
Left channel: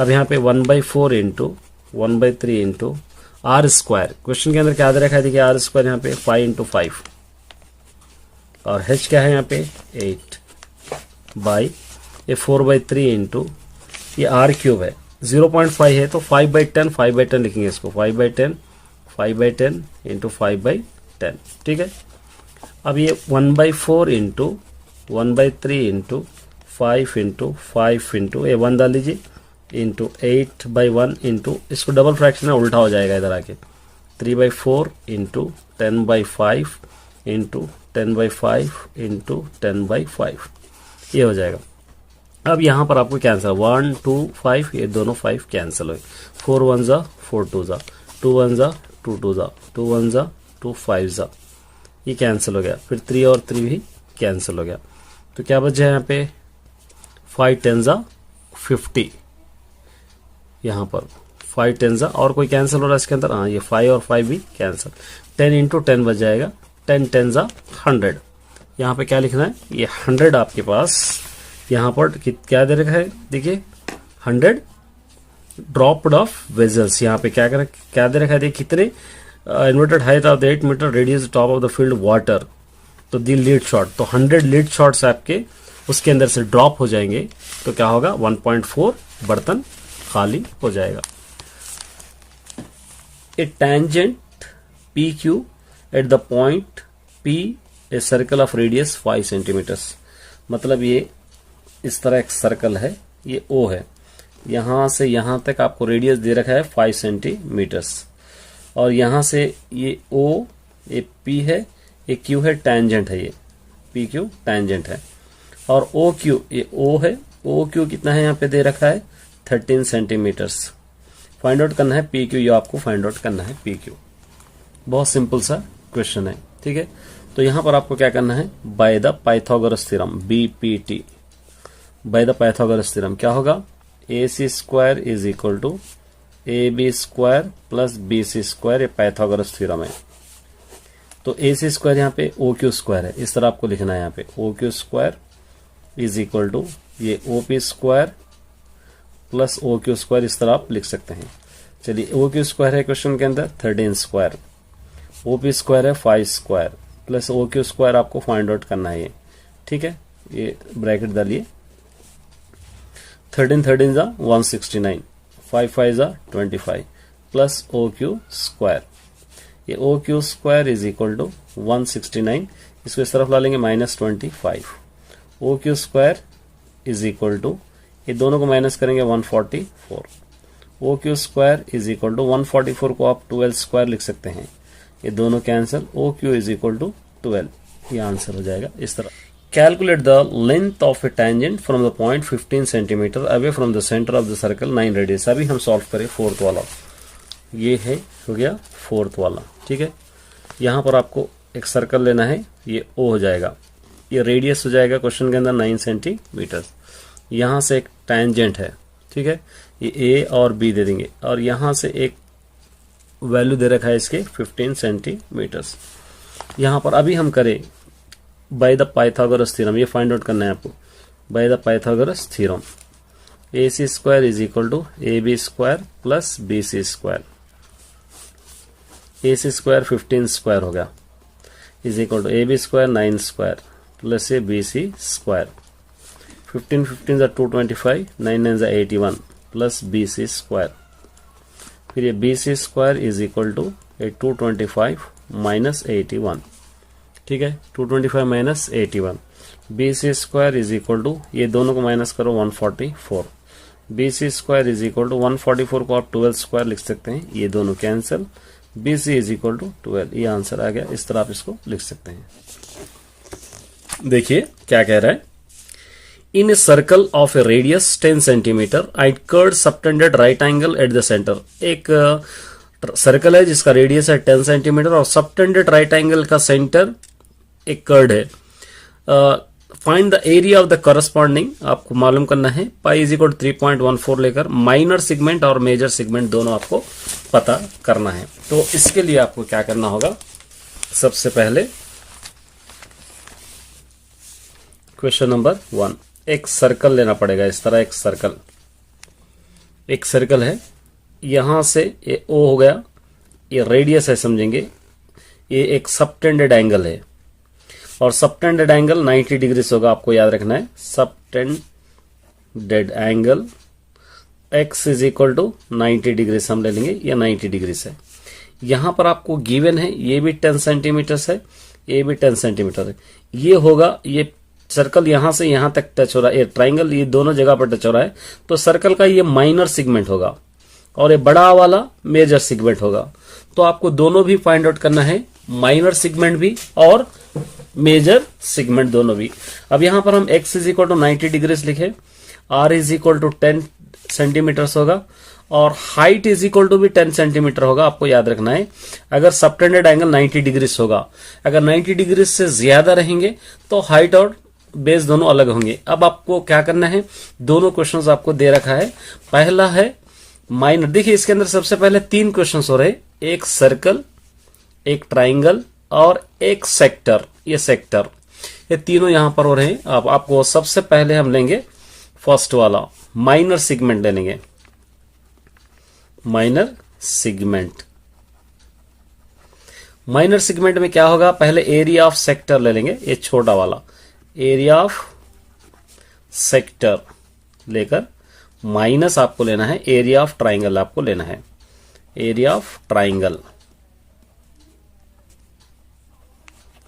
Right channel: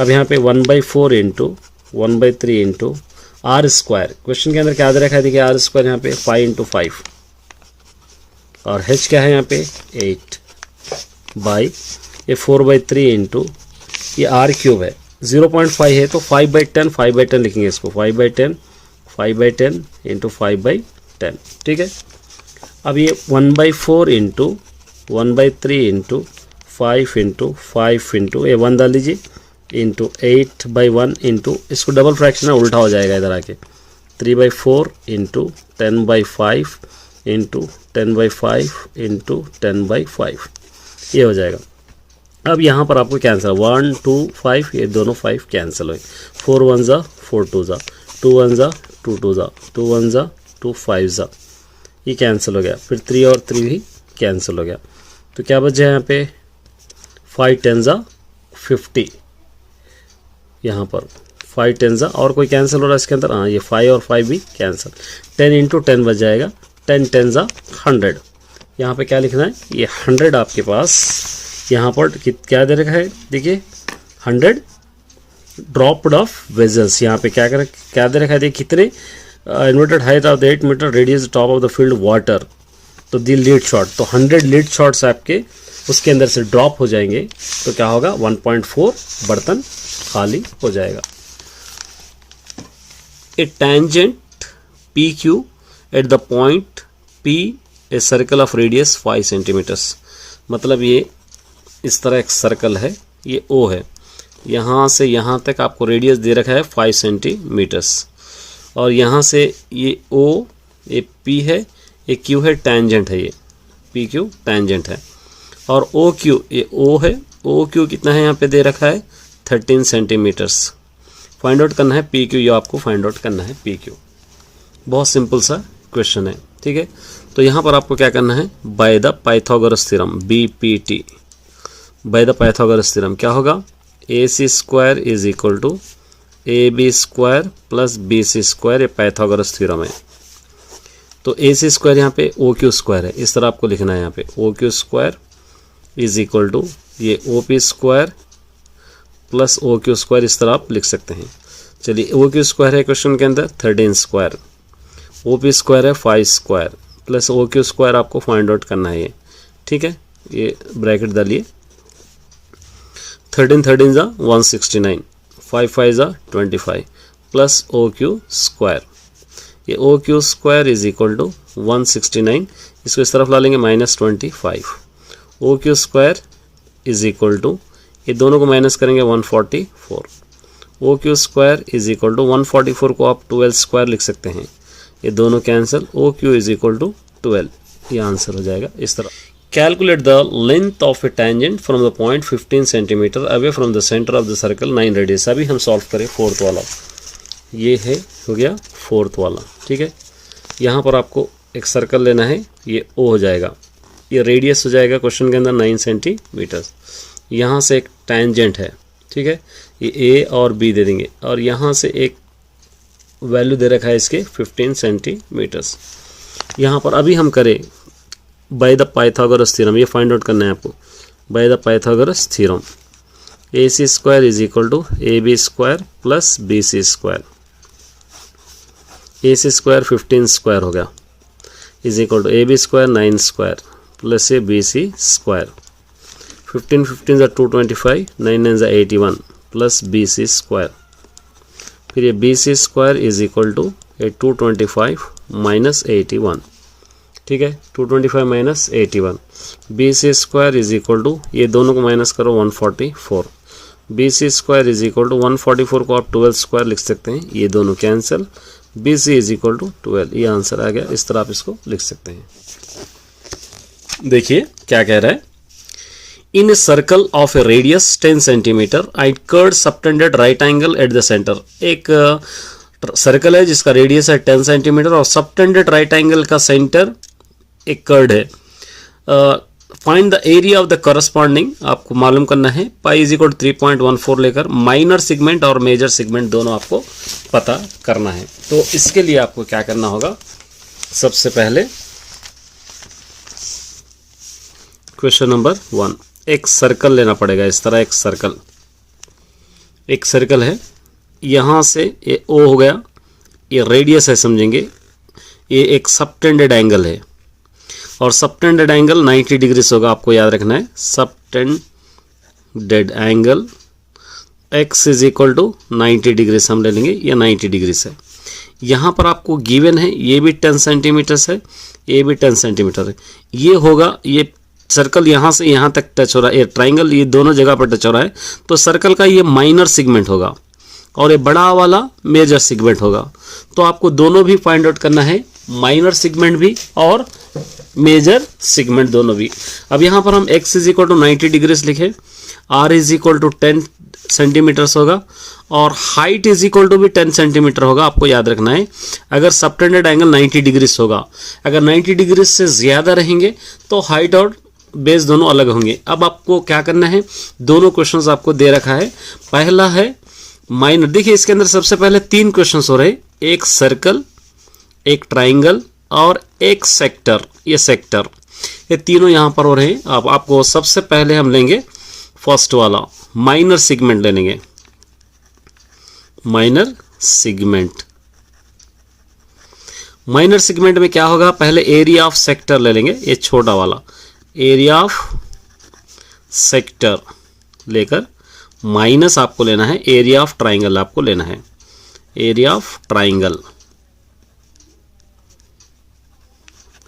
अब यहाँ पे 1/4 into 1/3 into r square, question के अंदर क्या दे रखा है, देखिए r स्क्वायर यहाँ पे 5 इंटू 5 और h क्या है यहाँ पे 8 बाई ये 4/3 इंटू ये आर क्यूब है, 0.5 है तो 5/10 लिखेंगे इसको, 5/10 इंटू 5/10, ठीक है। अब ये 1/4 इंटू 1/3 इंटू 5 इंटू ये 1 डाल लीजिए इंटू 8/1 इंटू इसको डबल फ्रैक्शन है, उल्टा हो जाएगा इधर आके, 3/4 इंटू 10/5 इंटू 10/5 इंटू 10/5 ये हो जाएगा। अब यहाँ पर आपको कैंसिल 1 2 5 ये दोनों 5 कैंसिल हुए, 4 1 ज़ा 4 2 ज़ा 2 1 ज़ा 2 2 ज़ा 2 1 ज़ा 2 5 ज़ा ये कैंसिल हो गया, फिर 3 और 3 भी कैंसिल हो गया, तो क्या बच जाए यहाँ पे 5 10 ज़ा 50, यहाँ पर 5 10 ज़ा और कोई कैंसिल हो रहा है इसके अंदर, हाँ ये 5 और 5 भी कैंसिल, 10 इंटू 10 बच जाएगा, 10 10 ज़ा 100। यहाँ पे क्या लिखना है, ये 100 आपके पास यहाँ पर क्या दे रखा है, देखिए 100 ड्रॉप्ड ऑफ वेजल्स, यहाँ पे क्या दे रखा है, देखिए कितने inverted height of the 8 metre radius top of the field water, तो दी लीड शॉट, तो 100 लीड शॉट्स आपके उसके अंदर से ड्रॉप हो जाएंगे, तो क्या होगा 1.4 बर्तन खाली हो जाएगा। A tangent P Q at the point P a circle of radius 5 centimetres, मतलब ये इस तरह एक सर्कल है, ये ओ है, यहाँ से यहाँ तक आपको रेडियस दे रखा है 5 सेंटीमीटर्स, और यहाँ से ये ओ ये पी है, ये क्यू है, टेंजेंट है, ये पी क्यू टेंजेंट है, और ओ क्यू ये ओ है, ओ क्यू कितना है यहाँ पे दे रखा है 13 सेंटीमीटर्स। फाइंड आउट करना है पी क्यू, ये आपको फाइंड आउट करना है पी क्यू, बहुत सिंपल सा क्वेश्चन है, ठीक है। तो यहाँ पर आपको क्या करना है, by the Pythagoras theorem BPT, by the Pythagoras theorem क्या होगा, AC square is equal to AB square plus BC square, ये पाइथागोरस थ्योरम है। तो AC स्क्वायर यहाँ पे OQ स्क्वायर है, इस तरह आपको लिखना है, यहाँ पे OQ square is equal to ये OP square plus OQ square, इस तरह आप लिख सकते हैं। चलिए OQ स्क्वायर है क्वेश्चन के अंदर 13 स्क्वायर, OP स्क्वायर है 5 स्क्वायर प्लस OQ स्क्वायर आपको फाइंड आउट करना है, ये ठीक है, ये ब्रैकेट डालिए, 13 13 ज़ा 169, 5 5 ज़ा 25 प्लस OQ स्क्वायर, ये OQ square is equal to 169, इसको इस तरफ ला लेंगे -25, OQ square is equal to ये दोनों को माइनस करेंगे 144, OQ square is equal to 144 को आप 12 स्क्वायर लिख सकते हैं, ये दोनों cancel, OQ is equal to 12, ये आंसर हो जाएगा इस तरह। Calculate the length of a tangent from the point 15 centimetre away from the centre of the circle 9 radius. अभी हम सॉल्व करें फोर्थ वाला, ये है हो गया फोर्थ वाला, ठीक है। यहाँ पर आपको एक सर्कल लेना है, ये O हो जाएगा, ये रेडियस हो जाएगा क्वेश्चन के अंदर 9 सेंटीमीटर, यहाँ से एक टेंजेंट है, ठीक है, ये A और B दे देंगे, और यहाँ से एक वैल्यू दे रखा है इसके 15 सेंटीमीटर्स। यहाँ पर अभी हम करें बाय द पाइथागोरस थ्योरम, ये फाइंड आउट करना है आपको, by the Pythagoras theorem AC square is equal to AB square plus BC square, AC square 15 square हो गया is equal to AB square 9 square plus ये BC स्क्वायर, 15 15 ज़ा 225, 9 9 ज़ा 81 प्लस BC स्क्वायर, फिर ये BC square is equal to 225 minus 81, ठीक है, 225 minus 81, BC square is equal to ये दोनों को माइनस करो 144, BC square is equal to 144 को आप 12 स्क्वायर लिख सकते हैं, ये दोनों cancel, BC is equal to 12, ये आंसर आ गया, इस तरह आप इसको लिख सकते हैं। देखिए क्या कह रहा है, in a circle of a radius 10 centimetre I chord subtended right angle at the centre, एक सर्कल है जिसका रेडियस है 10 सेंटीमीटर और सबटेंडेड राइट एंगल का सेंटर एक कर्ड है। Find the area of the corresponding, आपको मालूम करना है, पाई इज इक्वल 3.14 लेकर माइनर सेगमेंट और मेजर सेगमेंट दोनों आपको पता करना है। तो इसके लिए आपको क्या करना होगा, सबसे पहले क्वेश्चन नंबर 1, एक सर्कल लेना पड़ेगा, इस तरह एक सर्कल है, यहाँ से ये O हो गया, ये रेडियस है समझेंगे, ये एक सबटेंडेड एंगल है, और सबटेंडेड एंगल 90 डिग्री होगा, आपको याद रखना है। Subtended angle x is equal to 90 degree हम ले लेंगे, ये 90 डिग्री है। यहाँ पर आपको गिवन है ये भी 10 सेंटीमीटर है, ये भी 10 सेंटीमीटर है। ये होगा, ये सर्कल यहाँ से यहाँ तक टच हो रहा है, ये ट्राइंगल ये दोनों जगह पर टच हो रहा है, तो सर्कल का ये माइनर सेगमेंट होगा और ये बड़ा वाला मेजर सेगमेंट होगा। तो आपको दोनों भी फाइंड आउट करना है, माइनर सेगमेंट भी और मेजर सेगमेंट दोनों भी। अब यहाँ पर हम x is equal to 90 degree लिखे, r is equal to 10 centimetres होगा और हाइट इज इक्वल टू भी 10 सेंटीमीटर होगा। आपको याद रखना है अगर सबटेंडेड एंगल 90 डिग्री होगा, अगर 90 डिग्री से ज्यादा रहेंगे तो हाइट और बेस दोनों अलग होंगे। अब आपको क्या करना है, दोनों क्वेश्चंस आपको दे रखा है। पहला है माइनर, देखिए इसके अंदर सबसे पहले 3 क्वेश्चंस हो रहे, एक सर्कल, एक ट्राइंगल और एक सेक्टर। ये सेक्टर, ये तीनों यहां पर हो रहे हैं। अब आपको सबसे पहले हम लेंगे फर्स्ट वाला माइनर सेगमेंट ले लेंगे, माइनर सेगमेंट। माइनर सेगमेंट में क्या होगा, पहले एरिया ऑफ सेक्टर ले लेंगे, ये छोटा वाला एरिया ऑफ सेक्टर लेकर माइनस आपको लेना है एरिया ऑफ ट्राइंगल, आपको लेना है एरिया ऑफ ट्राइंगल,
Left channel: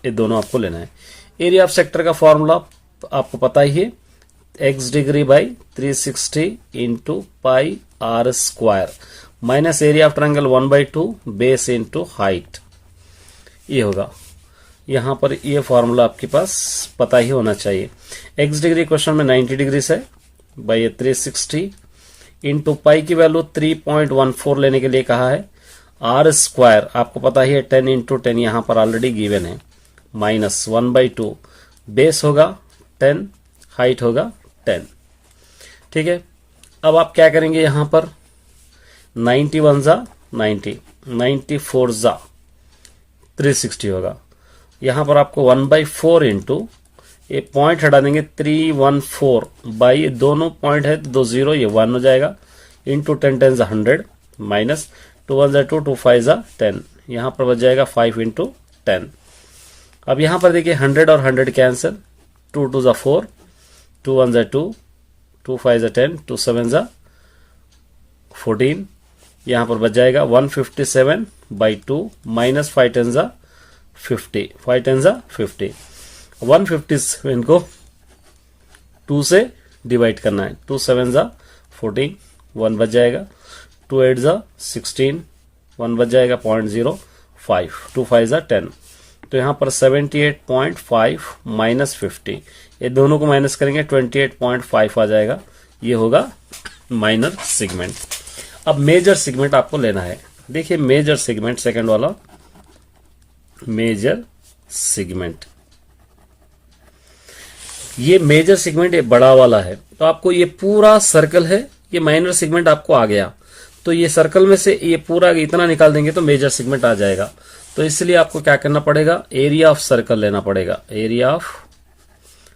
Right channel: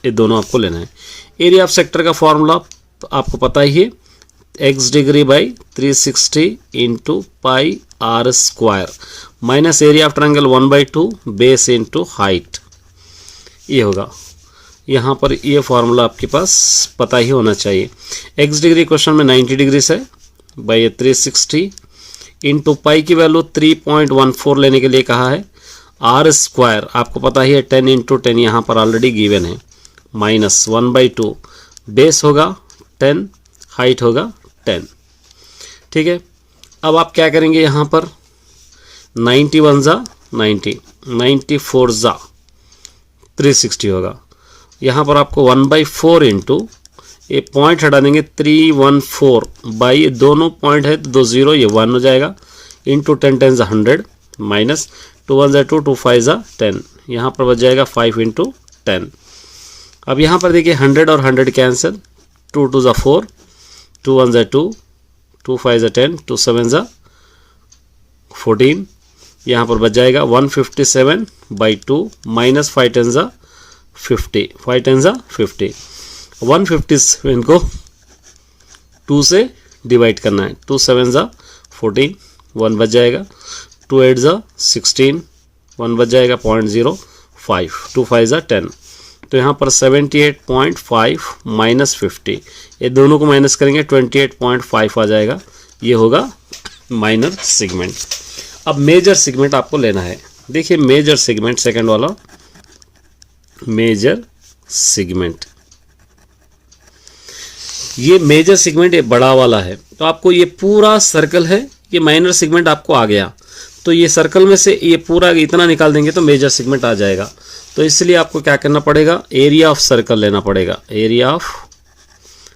ये दोनों आपको लेना है। एरिया ऑफ सेक्टर का फॉर्मूला आपको पता ही है, x degree by 360 into pi R square minus area of triangle 1/2 base into height, ये होगा। यहाँ पर ये फॉर्मूला आपके पास पता ही होना चाहिए। x डिग्री क्वेश्चन में 90 डिग्री से बाई 360 इंटू पाई की वैल्यू 3.14 लेने के लिए कहा है। आर स्क्वायर आपको पता ही है 10 इंटू 10 यहाँ पर ऑलरेडी गिवन है, माइनस 1/2 बेस होगा 10, हाइट होगा 10। ठीक है, अब आप क्या करेंगे, यहाँ पर 91 जा 90, 94 जा 360 होगा। यहाँ पर आपको 1/4 इंटू ये पॉइंट हटा देंगे 314 बाई, दोनों पॉइंट है तो 2 0, ये 1 हो जाएगा, इंटू 10 10 100 माइनस 2 1 2 2 5 10, यहाँ पर बच जाएगा 5 इंटू 10। अब यहाँ पर देखिए 100 और 100 कैंसिल, 2 2 4, 2 1 2, 2 5 10, 2 7 14, यहाँ पर बच जाएगा 157/2 माइनस 5 10 50, 5 10 50, 157 को 2 से डिवाइड करना है, 2 7 14, 1 बच जाएगा, 2 8 16, 1 बच जाएगा 0.05, 2 5 10, तो यहाँ पर 78.5 माइनस 50, ये दोनों को माइनस करेंगे 28.5 आ जाएगा, ये होगा माइनर सेगमेंट। अब मेजर सेगमेंट आपको लेना है। देखिए मेजर सेगमेंट, सेकंड वाला मेजर सेगमेंट, ये मेजर सेगमेंट ये बड़ा वाला है, तो आपको ये पूरा सर्कल है, ये माइनर सेगमेंट आपको आ गया, तो ये सर्कल में से ये पूरा इतना निकाल देंगे तो मेजर सेगमेंट आ जाएगा। तो इसलिए आपको क्या करना पड़ेगा, एरिया ऑफ सर्कल लेना पड़ेगा, एरिया ऑफ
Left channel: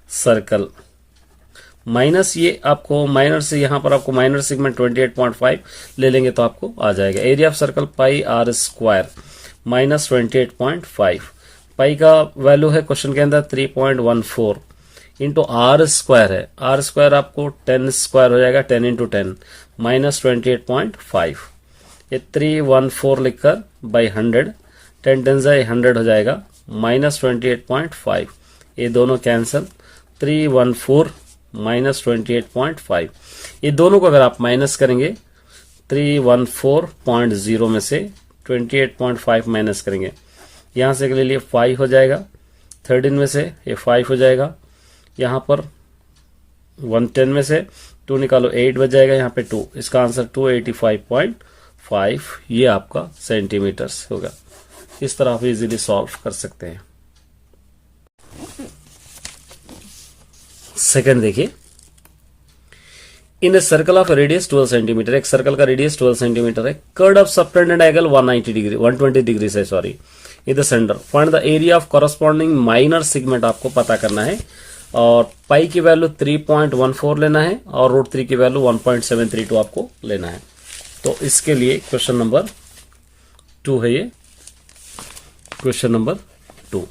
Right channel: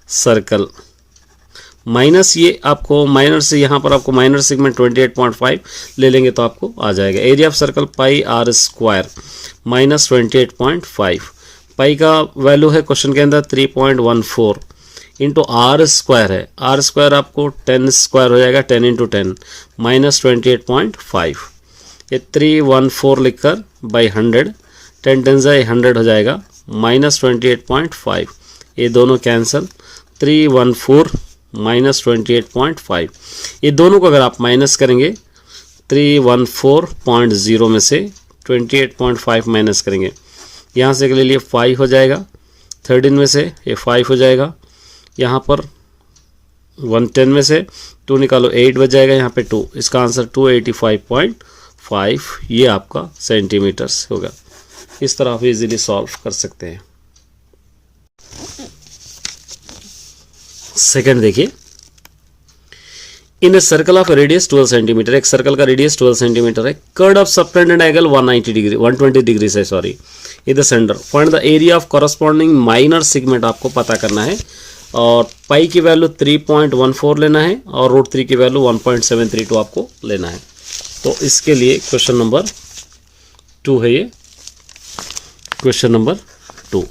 सर्कल माइनस ये आपको माइनर से, यहाँ पर आपको माइनर सेगमेंट 28.5 ले लेंगे तो आपको आ जाएगा area of circle pi R square minus 28.5, pi का वैल्यू है क्वेश्चन के अंदर 3.14 इंटू आर स्क्वायर है, आर स्क्वायर आपको 10 स्क्वायर हो जाएगा, 10 इंटू 10 माइनस 28.5, ये 314 लिखकर बाई 100, 10 10 100 हो जाएगा, माइनस 28.5, ये दोनों कैंसल, 314 माइनस 28.5, ये दोनों को अगर आप माइनस करेंगे 314.0 में से 28.5 माइनस करेंगे, यहाँ से ले लिए 5 हो जाएगा, 13 में से ये 5 हो जाएगा, यहाँ पर 110 में से 2 निकालो 8 बच जाएगा, यहाँ पे 2, इसका आंसर 285.5 ये आपका सेंटीमीटर्स होगा। इस तरह आप इजीली सॉल्व कर सकते हैं। सेकंड देखिए, in a circle of radius 12 centimetre, एक सर्कल का रेडियस 12 सेंटीमीटर है, chord of subtended angle 120 degree से, sorry in the centre, find the area of corresponding minor segment आपको पता करना है, और पाई की वैल्यू 3.14 लेना है और √3 की वैल्यू 1.732 आपको लेना है। तो इसके लिए क्वेश्चन नंबर 2 है, ये क्वेश्चन नंबर 2,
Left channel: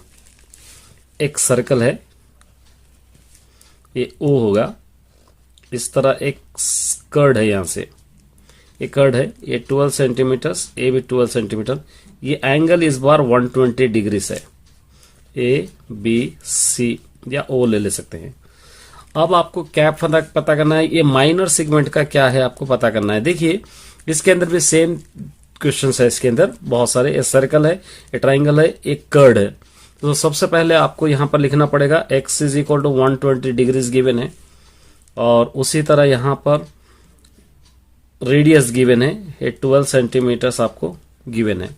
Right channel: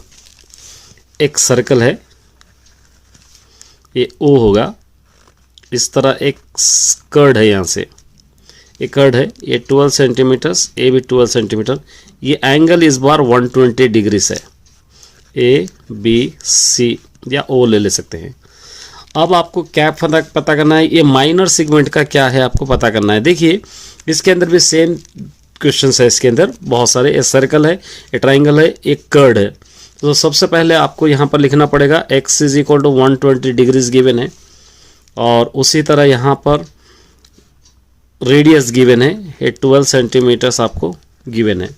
एक सर्कल है, ये ओ होगा, इस तरह एक कर्ड है, यहाँ से ये कर्ड है, ये 12 सेंटीमीटर्स, ये भी 12 सेंटीमीटर, ये एंगल इस बार 120 डिग्री है, ए बी सी या ओ ले सकते हैं। अब आपको क्या पता करना है, ये माइनर सेगमेंट का क्या है आपको पता करना है। देखिए इसके अंदर भी सेम क्वेश्चन है, इसके अंदर बहुत सारे, ये सर्कल है, ये ट्राइंगल है, एक कर्ड है। तो सबसे पहले आपको यहाँ पर लिखना पड़ेगा x is equal to 120 degrees given है, और उसी तरह यहाँ पर रेडियस गिवन है, ये 12 सेंटीमीटर्स आपको गिवन है,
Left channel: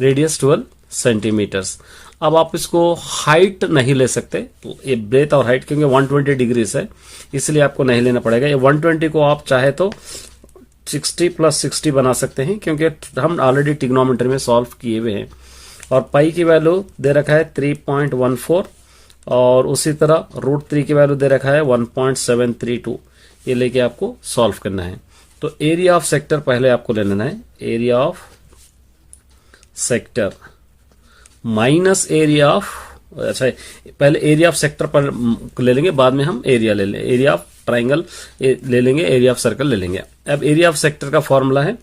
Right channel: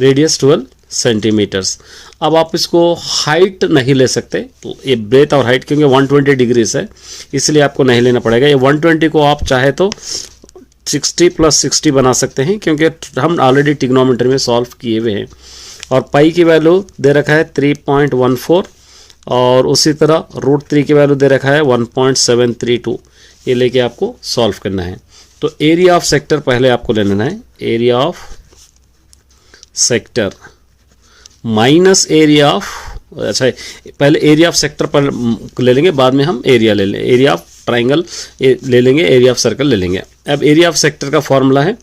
रेडियस 12 सेंटीमीटर्स। अब आप इसको हाइट नहीं ले सकते, तो ये ब्रेथ और हाइट क्योंकि 120 डिग्रीज है इसलिए आपको नहीं लेना पड़ेगा। ये 120 को आप चाहे तो 60 + 60 बना सकते हैं, क्योंकि हम ऑलरेडी ट्रिग्नोमेट्री में सॉल्व किए हुए हैं। और पाई की वैल्यू दे रखा है 3.14, और उसी तरह √3 की वैल्यू दे रखा है 1.732। ये लेके आपको सॉल्व करना है। तो एरिया ऑफ सेक्टर पहले आपको ले लेना है, area of sector minus area of, अच्छा पहले एरिया ऑफ सेक्टर पर ले लेंगे, बाद में हम एरिया ले लेंगे, एरिया ऑफ ट्राइंगल ले लेंगे, एरिया ऑफ सर्कल ले लेंगे। अब एरिया ऑफ सेक्टर का फॉर्मूला है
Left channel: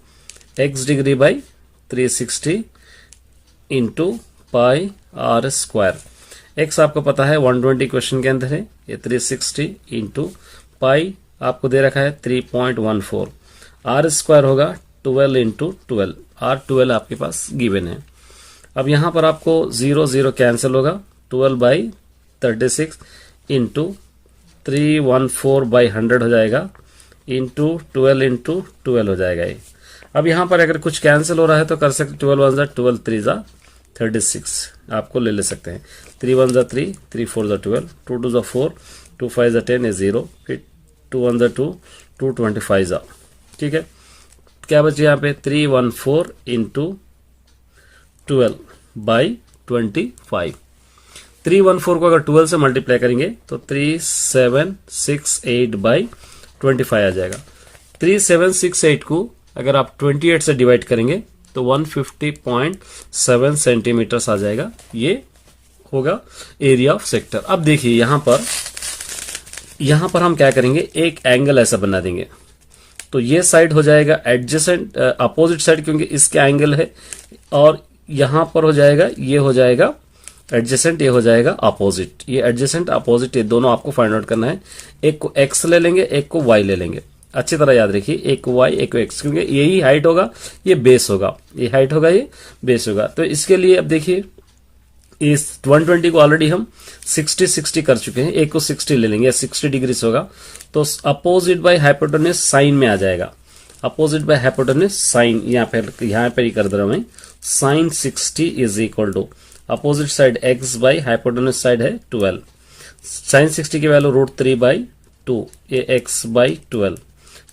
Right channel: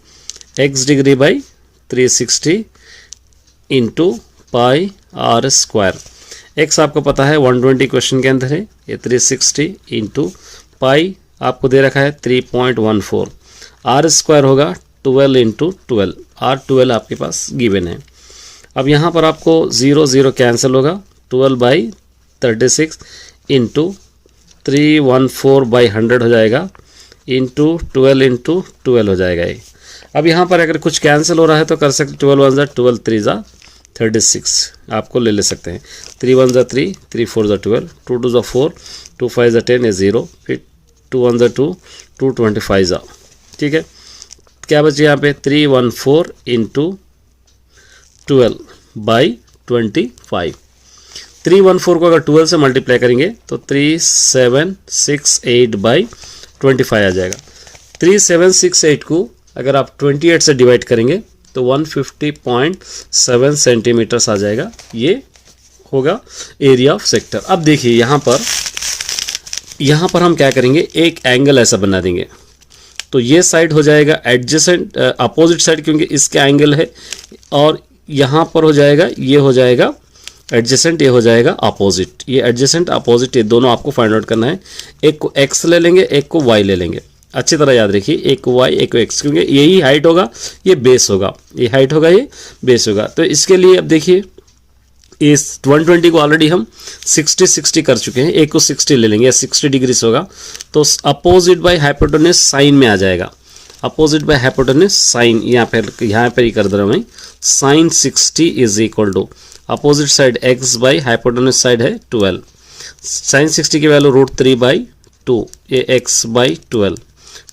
x degree by 360 into pi r square. x आपको पता है 120 क्वेश्चन के अंदर है, ये 360 इंटू पाई आपको दे रखा है 3.14, r स्क्वायर होगा 12 इंटू 12, r12 आपके पास गिवन है। अब यहाँ पर आपको 0 0 कैंसिल होगा, 12/36 इंटू 314/100 हो जाएगा, इंटू 12 इंटू 12 हो जाएगा ये। अब यहाँ पर अगर कुछ कैंसिल हो रहा है तो कर सकते, 12 1 12 3 36 आपको ले सकते हैं, 3 1 3 3 4 12, 2 2 4 2 5 10 है 0, फिर 2 1 2 2 25। ठीक है, क्या बचे यहाँ पे 314 इंटू 12/25। 314 को अगर 12 से मल्टीप्लाई करेंगे तो 3768/25 आ जाएगा। 3768 को अगर आप 28 से डिवाइड करेंगे तो 150.7 सेंटीमीटर्स आ जाएगा। ये होगा एरिया ऑफ सेक्टर। अब देखिए यहाँ पर हम क्या करेंगे, एक एंगल ऐसा बना देंगे, तो ये साइड हो जाएगा एडजेसेंट अपोजिट साइड, क्योंकि इसके एंगल है, और यहाँ पर हो जाएगा, ये हो जाएगा एडजेसेंट, ये हो जाएगा अपोजिट। ये एडजेसेंट अपोजिट ये दोनों आपको फाइंड आउट करना है। एक को x ले लेंगे, एक को y ले लेंगे, अच्छी तरह याद रखिए, एक को y एक को x, क्योंकि यही हाइट होगा, ये बेस होगा, ये हाइट होगा, ये बेस होगा। तो इसके लिए अब देखिए इस 120 को ऑलरेडी हम 60 60 कर चुके हैं, एक को 60 ले लेंगे, 60 डिग्रीज होगा, तो अपोजिट बाय हाइपोटेन्यूज साइन में आ जाएगा। अपोजिट बाय हाइपोटेन्यूज साइन यहाँ पर ही कर दे रहा हूँ मैं, sine 60 is equal to opposite side x by hypotenuse side है 12, साइन 60 की वैल्यू √3/2, ये x बाई 12,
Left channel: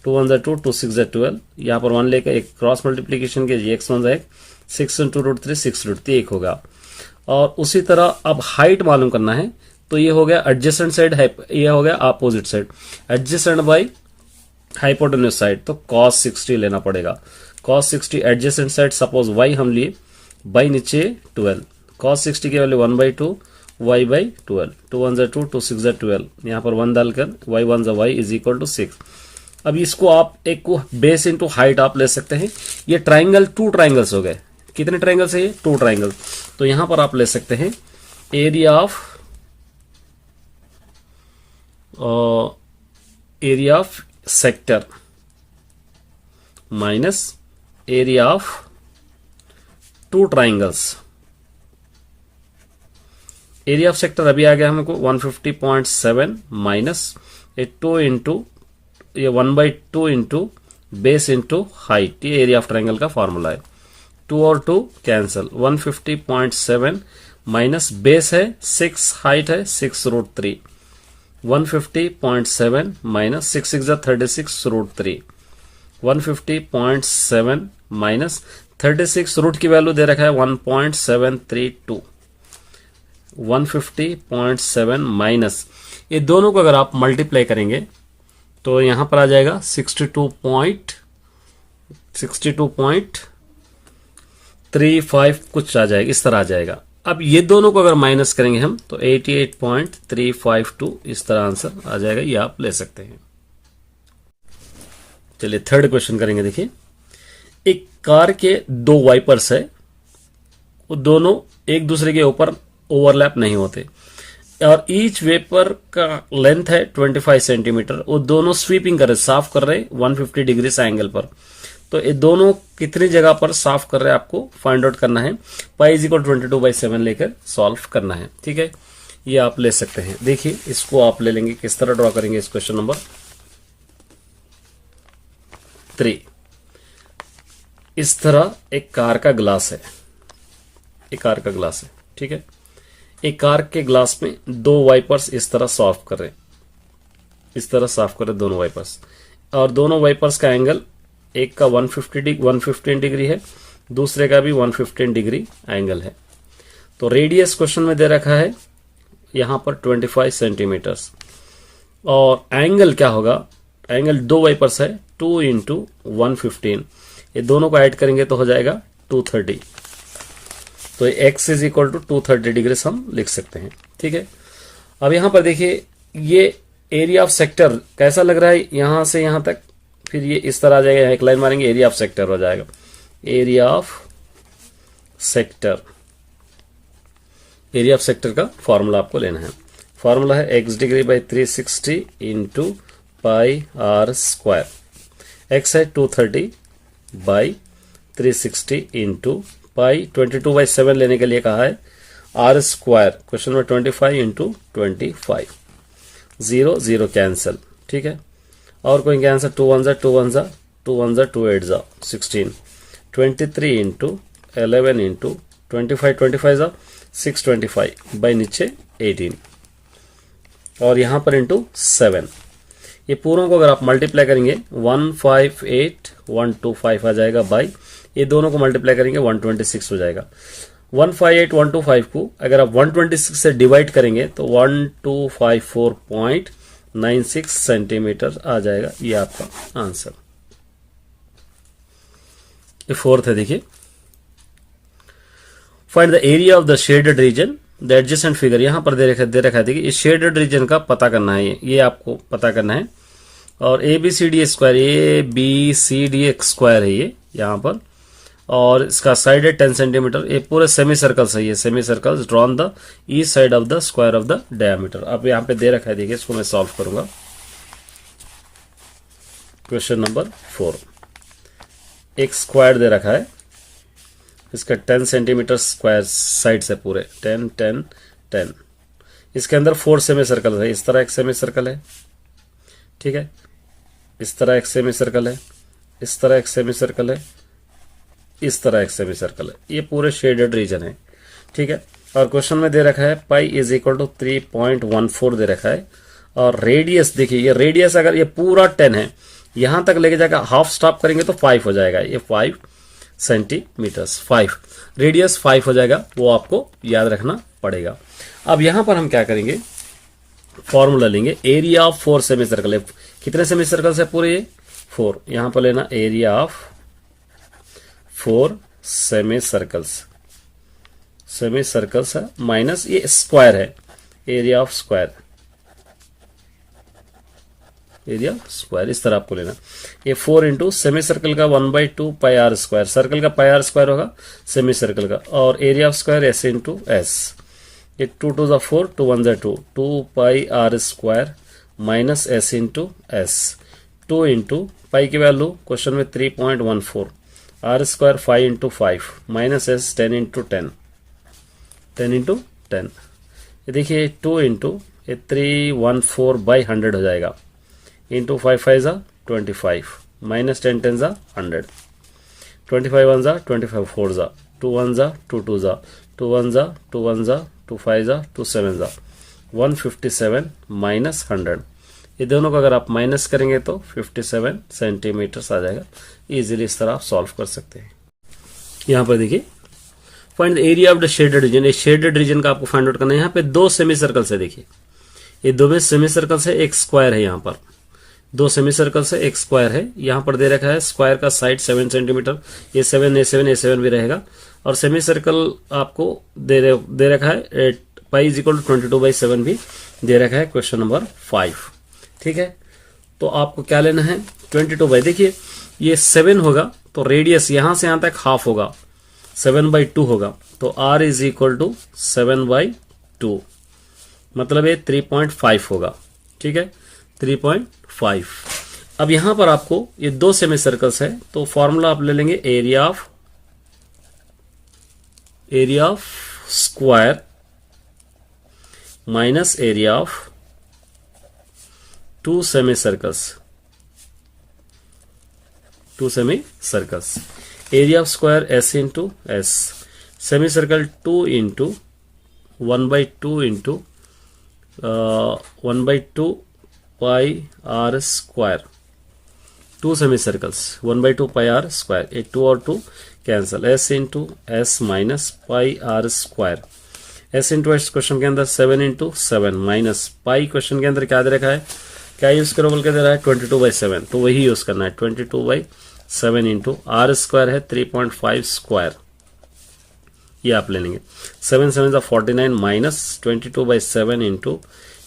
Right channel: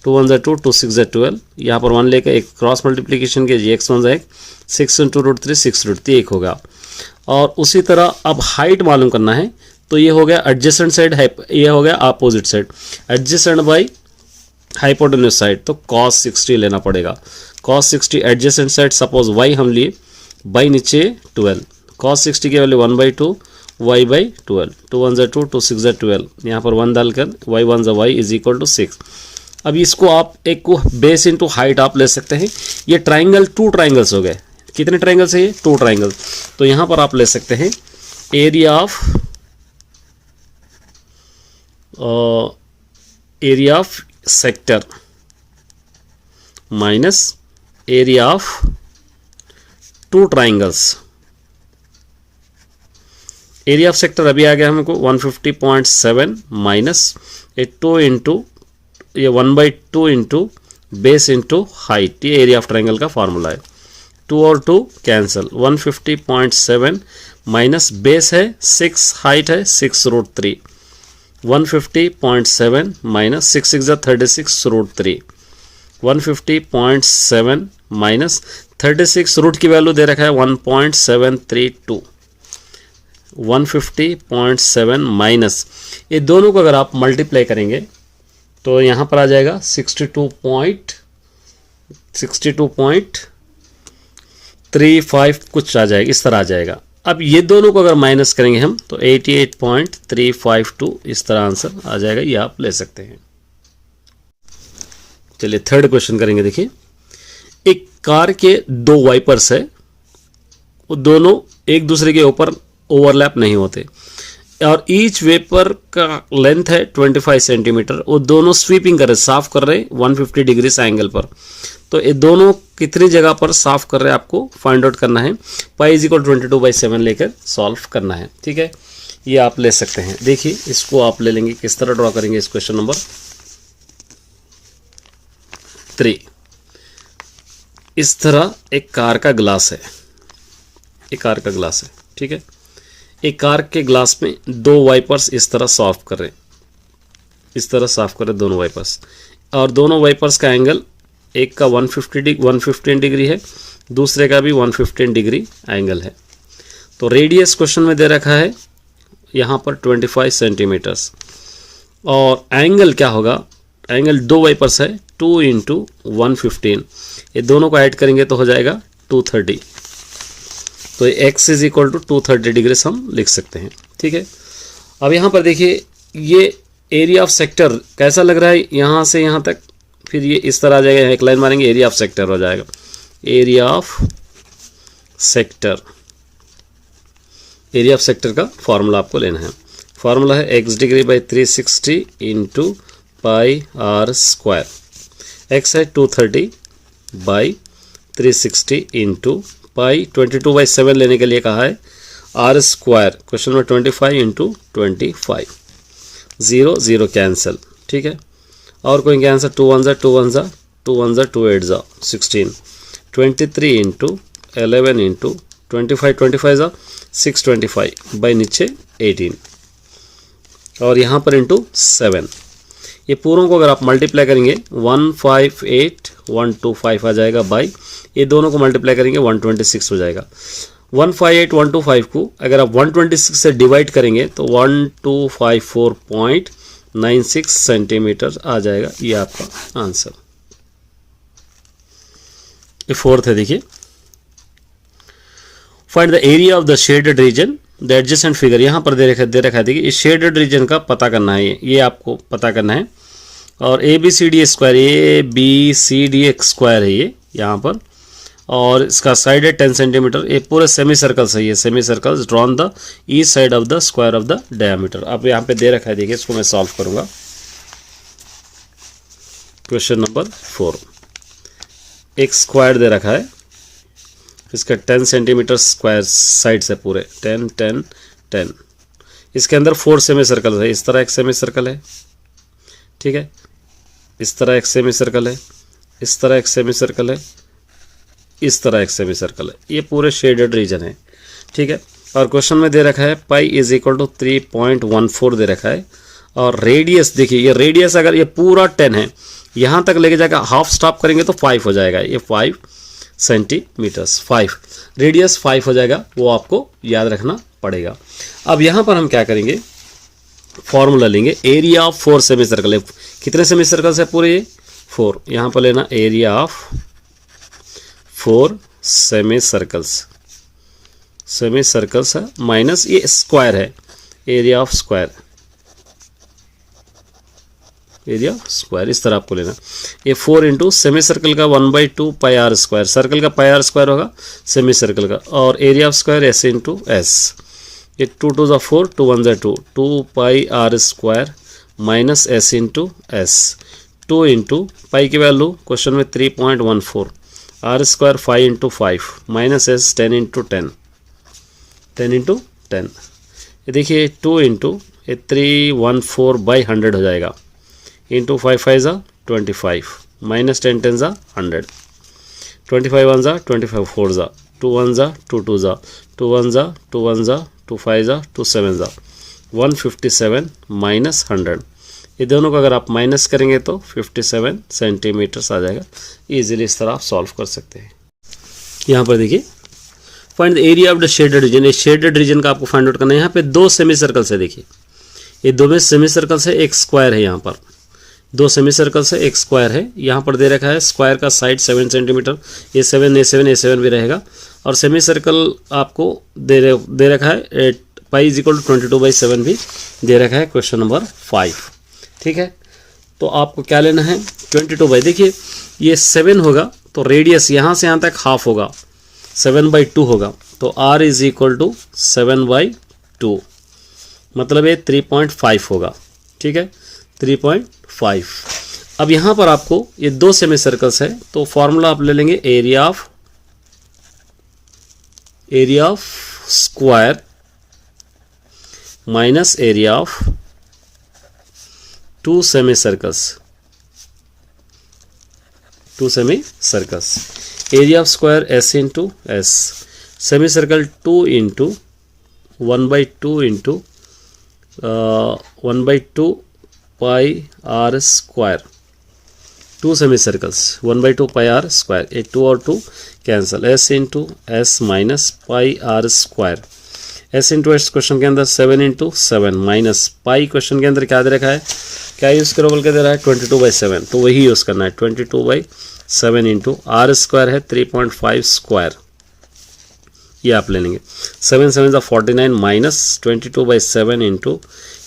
2 1 2 2 6 12, यहाँ पर 1 लेकर एक क्रॉस मल्टीप्लीकेशन कीजिए, x 1 1 6 इंटू √3 6 √3 1 होगा। और उसी तरह अब हाइट मालूम करना है, तो ये हो गया एडजेसेंट साइड, ये हो गया opposite side, adjacent by hypotenuse side, तो cos 60 लेना पड़ेगा। cos 60 adjacent side, suppose y हम लिए, बाई नीचे 12, cos 60 की वैल्यू 1/2 y/12, 2 1 2 2 6 12, यहाँ पर 1 डालकर y 1 y is equal to 6। अब इसको आप एक को बेस इंटू हाइट आप ले सकते हैं। ये ट्राइंगल 2 ट्राइंगल्स हो गए, कितने ट्राइंगल्स है ये 2 ट्राइंगल, तो यहाँ पर आप ले सकते हैं area of sector minus area of 2 triangles. Area of sector अभी आ गया हमको 150.7 माइनस 2 इंटू ये 1/2 इंटू बेस इंटू हाइट, ये एरिया ऑफ ट्राइंगल का फॉर्मूला है। 2 और 2 कैंसिल, 150.7 माइनस बेस है 6, हाइट है 6 √3, 150.7 माइनस 6 6 36 √3, 150.7 माइनस 36 रूट की वैल्यू दे रखा है 1.732, 150.7 माइनस, ये दोनों को अगर आप मल्टीप्लाई करेंगे तो यहाँ पर आ जाएगा 62.35 कुछ आ जाएगा, इस तरह आ जाएगा। अब ये दोनों को अगर माइनस करेंगे हम तो 88.352 इस तरह आंसर आ जाएगा, ये आप ले सकते हैं। चलिए थर्ड क्वेश्चन करेंगे। देखिए एक कार के दो वाइपर्स है, वो दोनों एक दूसरे के ऊपर ओवरलैप नहीं होते और ईच वेपर का लेंथ है 25 सेंटीमीटर। वो दोनों स्वीपिंग कर रहे, साफ कर रहे 150 डिग्री एंगल पर। तो ये दोनों कितनी जगह पर साफ कर रहे हैं आपको फाइंड आउट करना है। पाई इज इक्वल 22/7 लेकर सॉल्व करना है। ठीक है, ये आप ले सकते हैं। देखिए इसको आप ले लेंगे, किस तरह ड्रॉ करेंगे इस क्वेश्चन नंबर 3। इस तरह एक कार का ग्लास है, एक कार का ग्लास है। ठीक है, एक कार के ग्लास में दो वाइपर्स इस तरह साफ कर रहे, इस तरह साफ कर रहे दोनों वाइपर्स, और दोनों वाइपर्स का एंगल एक का 115 डिग्री है, दूसरे का भी 115 डिग्री एंगल है। तो रेडियस क्वेश्चन में दे रखा है यहाँ पर 25 सेंटीमीटर्स, और एंगल क्या होगा, एंगल दो वाइपर्स है 2 × 115, ये दोनों को ऐड करेंगे तो हो जाएगा 230। तो x is equal to 230 degree हम लिख सकते हैं। ठीक है, अब यहाँ पर देखिए ये एरिया ऑफ सेक्टर कैसा लग रहा है, यहाँ से यहाँ तक, फिर ये इस तरह आ जाएगा, यहाँ एक लाइन मारेंगे एरिया ऑफ सेक्टर हो जाएगा। Area of sector, area of sector का फॉर्मूला आपको लेना है। फॉर्मूला है x degree by 360 × pi r square. x है 230 बाई 360 × पाई 22/7 लेने के लिए कहा है। r स्क्वायर क्वेश्चन में 25 × 25, 0 0 कैंसिल। ठीक है, और कोई आंसर 2 1 2 1 2 1 2 8 16, 23 × 11 × 25 25 625 बाई नीचे 18, और यहाँ पर इंटू 7। ये पूरों को अगर आप मल्टीप्लाई करेंगे 158,125 आ जाएगा, बाई ये दोनों को मल्टीप्लाई करेंगे 126 हो जाएगा। 158,125 को अगर आप 126 से डिवाइड करेंगे तो 1254.96 सेंटीमीटर आ जाएगा, ये आपका आंसर। ये फोर्थ है, देखिए find the area of the shaded region the adjacent figure. यहाँ पर दे रखा है, देखिए इस शेडेड रीजन का पता करना है, ये आपको पता करना है। और ABCD स्क्वायर, ABCD एक स्क्वायर है ये यहाँ पर, और इसका साइड है 10 सेंटीमीटर। ये पूरे सेमी सर्कल्स है, ये semi circles drawn the each side of the square of the diameter. अब यहाँ पे दे रखा है, देखिए इसको मैं सॉल्व करूंगा। क्वेश्चन नंबर 4, एक स्क्वायर दे रखा है, इसका 10 सेंटीमीटर स्क्वायर साइड्स है पूरे, 10 10 10। इसके अंदर 4 सेमी सर्कल है। इस तरह एक सेमी सर्कल है, ठीक है, इस तरह एक सेमी सर्कल है, इस तरह एक सेमी सर्कल है, इस तरह एक सेमी सर्कल है। ये पूरे शेडेड रीजन है। ठीक है, और क्वेश्चन में दे रखा है पाई इज इक्वल टू 3.14 दे रखा है, और रेडियस देखिए, ये रेडियस अगर ये पूरा 10 है, यहाँ तक लेके जाकर हाफ स्टॉप करेंगे तो 5 हो जाएगा। ये 5 सेंटीमीटर्स, 5 रेडियस 5 हो जाएगा, वो आपको याद रखना पड़ेगा। अब यहाँ पर हम क्या करेंगे, फॉर्मूला लेंगे एरिया ऑफ 4 सेमी सर्कल है। कितने सेमी सर्कल्स है पूरे, ये 4। यहाँ पर लेना area of 4 semi circles, semi circles है माइनस ये स्क्वायर है, area of square, area square इस तरह आपको लेना। ये 4 इंटू सेमी सर्कल का 1/2 पाई आर स्क्वायर, सर्कल का पाई आर स्क्वायर होगा सेमी सर्कल का, और area of square S into S. ये 2 2 ज़ा 4, 2 1 ज़ा 2 pi R square minus S into S. 2 into pi की वैल्यू क्वेश्चन में 3.14, R square 5 into 5 minus S 10 into 10, 10 into 10। ये देखिए 2 इंटू 314/100 हो जाएगा, इंटू 5 5 ज़ा 25 माइनस 10 10 ज़ा 100, 25 1 ज़ा 25 4 ज़ा 2 1 ज़ा 2 2 ज़ा 2 1 ज़ा 2 1 ज़ा 2 5 ज़ा 2 7 ज़ा 157 माइनस 100। ये दोनों को अगर आप माइनस करेंगे तो 57 सेंटीमीटर्स आ जाएगा। इजीली इस तरह आप सॉल्व कर सकते हैं। यहाँ पर देखिए find the area of the shaded region. ये शेडेड रीजन का आपको फाइंड आउट करना है। यहाँ पे 2 सेमी सर्कल्स है, देखिए ये 2 में सेमी सर्कल्स है, एक स्क्वायर है। यहाँ पर 2 सेमी सर्कल्स है, एक स्क्वायर है। यहाँ पर दे रखा है स्क्वायर का साइड 7 सेंटीमीटर, ये 7 A7 A7 भी रहेगा, और सेमी सर्कल आपको दे रखा है पाई इज इक्वल टू 22/7 भी दे रखा है क्वेश्चन नंबर 5। ठीक है, तो आपको क्या लेना है 22 देखिए ये 7 होगा तो रेडियस यहाँ से यहाँ तक हाफ होगा 7/2 होगा, तो r इज इक्वल टू 7/2 मतलब ये 3.5 होगा। ठीक है 3.5। अब यहाँ पर आपको ये दो सेमी सर्कल्स है तो फॉर्मूला आप ले लेंगे area of square minus area of two semi circles. Area of square s into S, semi circle 2 into 1/2 into 1/2 pi r square, two semi circles 1/2 pi r square, ये 2 और 2 cancel, s into S minus pi r square, s into S question के अंदर 7 इंटू 7 माइनस पाई क्वेश्चन के अंदर क्या दे रखा है, क्या यूज करो बोल के दे रहा है 22/7, तो वही यूज करना है 22/7 इंटू r स्क्वायर है 3.5 स्क्वायर, ये आप ले लेंगे 7 7 49 माइनस 22/7 इंटू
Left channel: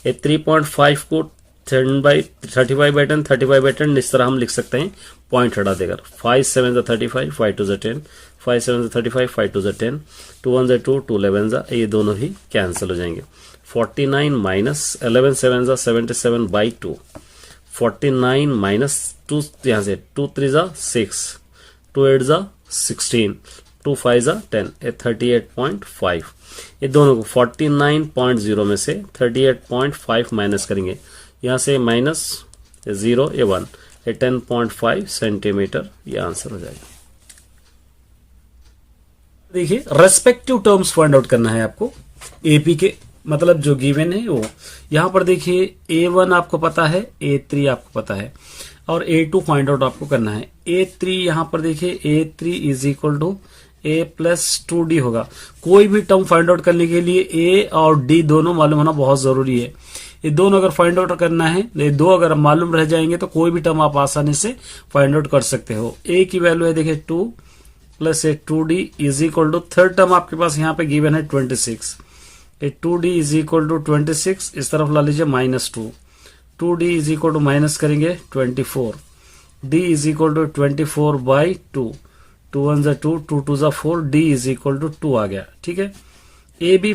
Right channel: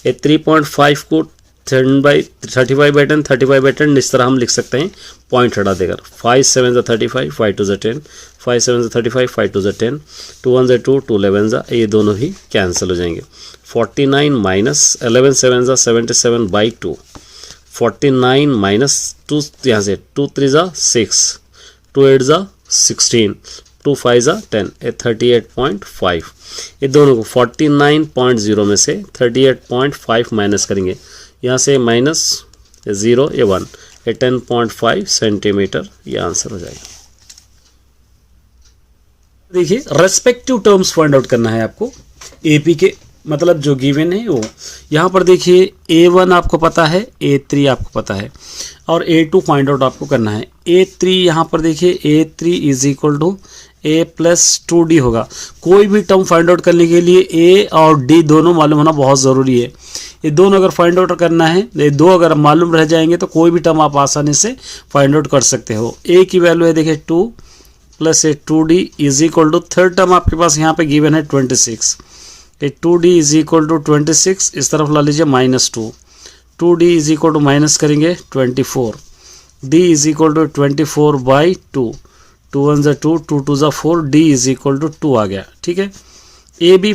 ये 3.5 को 35/10 35/10 इस तरह हम लिख सकते हैं पॉइंट हटा देकर, 5 7 35 5 2 10 5 7 35 5 2 10 2 1 2 2 11 ये दोनों ही कैंसिल हो जाएंगे, 49 माइनस 11 7 77/2 49 माइनस 2 यहाँ से 2 3 6 2 8 16 2 5 10 ये 38.5, ये दोनों को 49.0 में से 38.5 माइनस करेंगे, यहाँ से माइनस 0 ये 1 ये 10.5 सेंटीमीटर ये आंसर हो जाएगा। देखिए रेस्पेक्टिव टर्म्स फाइंड आउट करना है आपको एपी के, मतलब जो गिवन है वो यहाँ पर देखिए A1 आपको पता है, A3 आपको पता है और A2 फाइंड आउट आपको करना है। A3 यहाँ पर देखिए A3 is equal to A plus 2D होगा। कोई भी टर्म फाइंड आउट करने के लिए A और D दोनों मालूम होना बहुत ज़रूरी है। ये दोनों अगर फाइंड आउट करना है, ये दो अगर मालूम रह जाएंगे तो कोई भी टर्म आप आसानी से फाइंड आउट कर सकते हो। A की वैल्यू है देखिए 2 plus 2D is equal to, third term आपके पास यहाँ पे गिवन है 26, ये 2D इज इक्वल टू 26, इस तरफ ला लीजिए -2, 2D is equal to minus करेंगे 24, D is equal to 24/2, 2 1 2 2 2 4, D is equal to 2 आ गया। ठीक है, A भी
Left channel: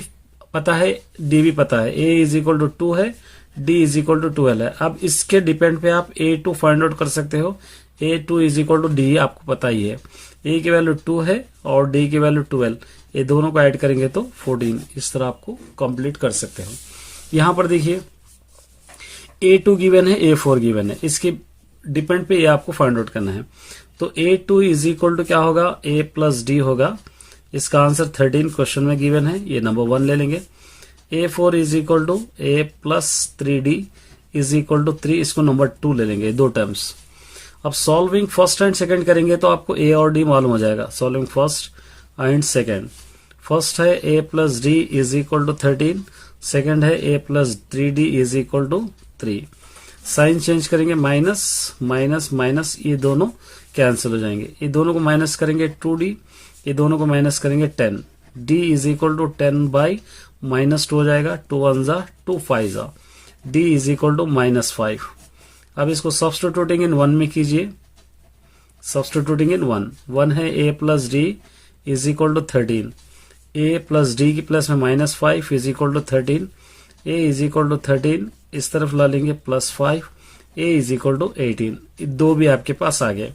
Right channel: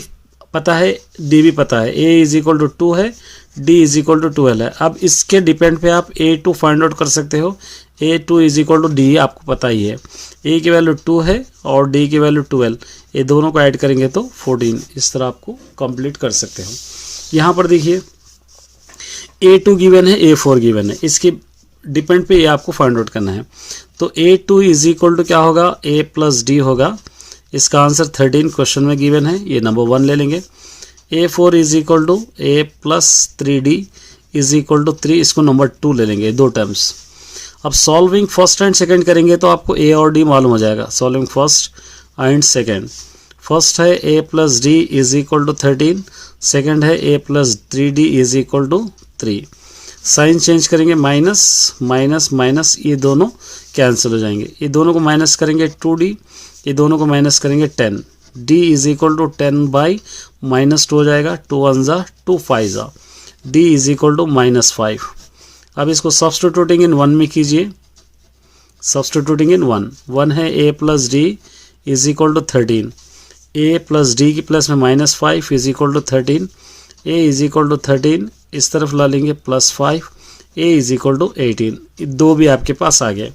पता है, D भी पता है, A इज इक्वल टू 2 है, D इज इक्वल टू 12 है। अब इसके डिपेंड पे आप A2 फाइंड आउट कर सकते हो, A2 is equal to D आपको पता ही है, A की वैल्यू 2 है और D की वैल्यू 12, ये दोनों को ऐड करेंगे तो 14, इस तरह आपको कंप्लीट कर सकते हो। यहाँ पर देखिए A2 गिवन है, A4 गिवन है, इसके डिपेंड पे ये आपको फाइंड आउट करना है। तो A2 इज इक्वल टू क्या होगा, A प्लस D होगा, इसका आंसर 13 क्वेश्चन में गिवन है, ये नंबर 1 ले लेंगे। A4 is equal to A plus 3D is equal to 3, इसको नंबर 2 ले लेंगे, दो टर्म्स। अब सॉल्विंग फर्स्ट एंड सेकंड करेंगे तो आपको A और D मालूम हो जाएगा, solving first and second. First है A plus D is equal to 13, second है A plus 3D is equal to 3। Sign change करेंगे, माइनस माइनस माइनस, ये दोनों कैंसिल हो जाएंगे, ये दोनों को माइनस करेंगे 2D, ये दोनों को माइनस करेंगे 10, D इज इक्वल टू 10/-2 हो जाएगा, 2 1 2 5, D इज इक्वल टू -5। अब इसको सब्स्टिट्यूटिंग इन 1 में कीजिए, सब्स्टिट्यूटिंग इन 1 है A plus D is equal to 13, A plus D की प्लस में -5 is equal to 13, A is equal to 13, इस तरफ ला लेंगे +5, A इज इक्वल टू 18, दो भी आपके पास आ गए।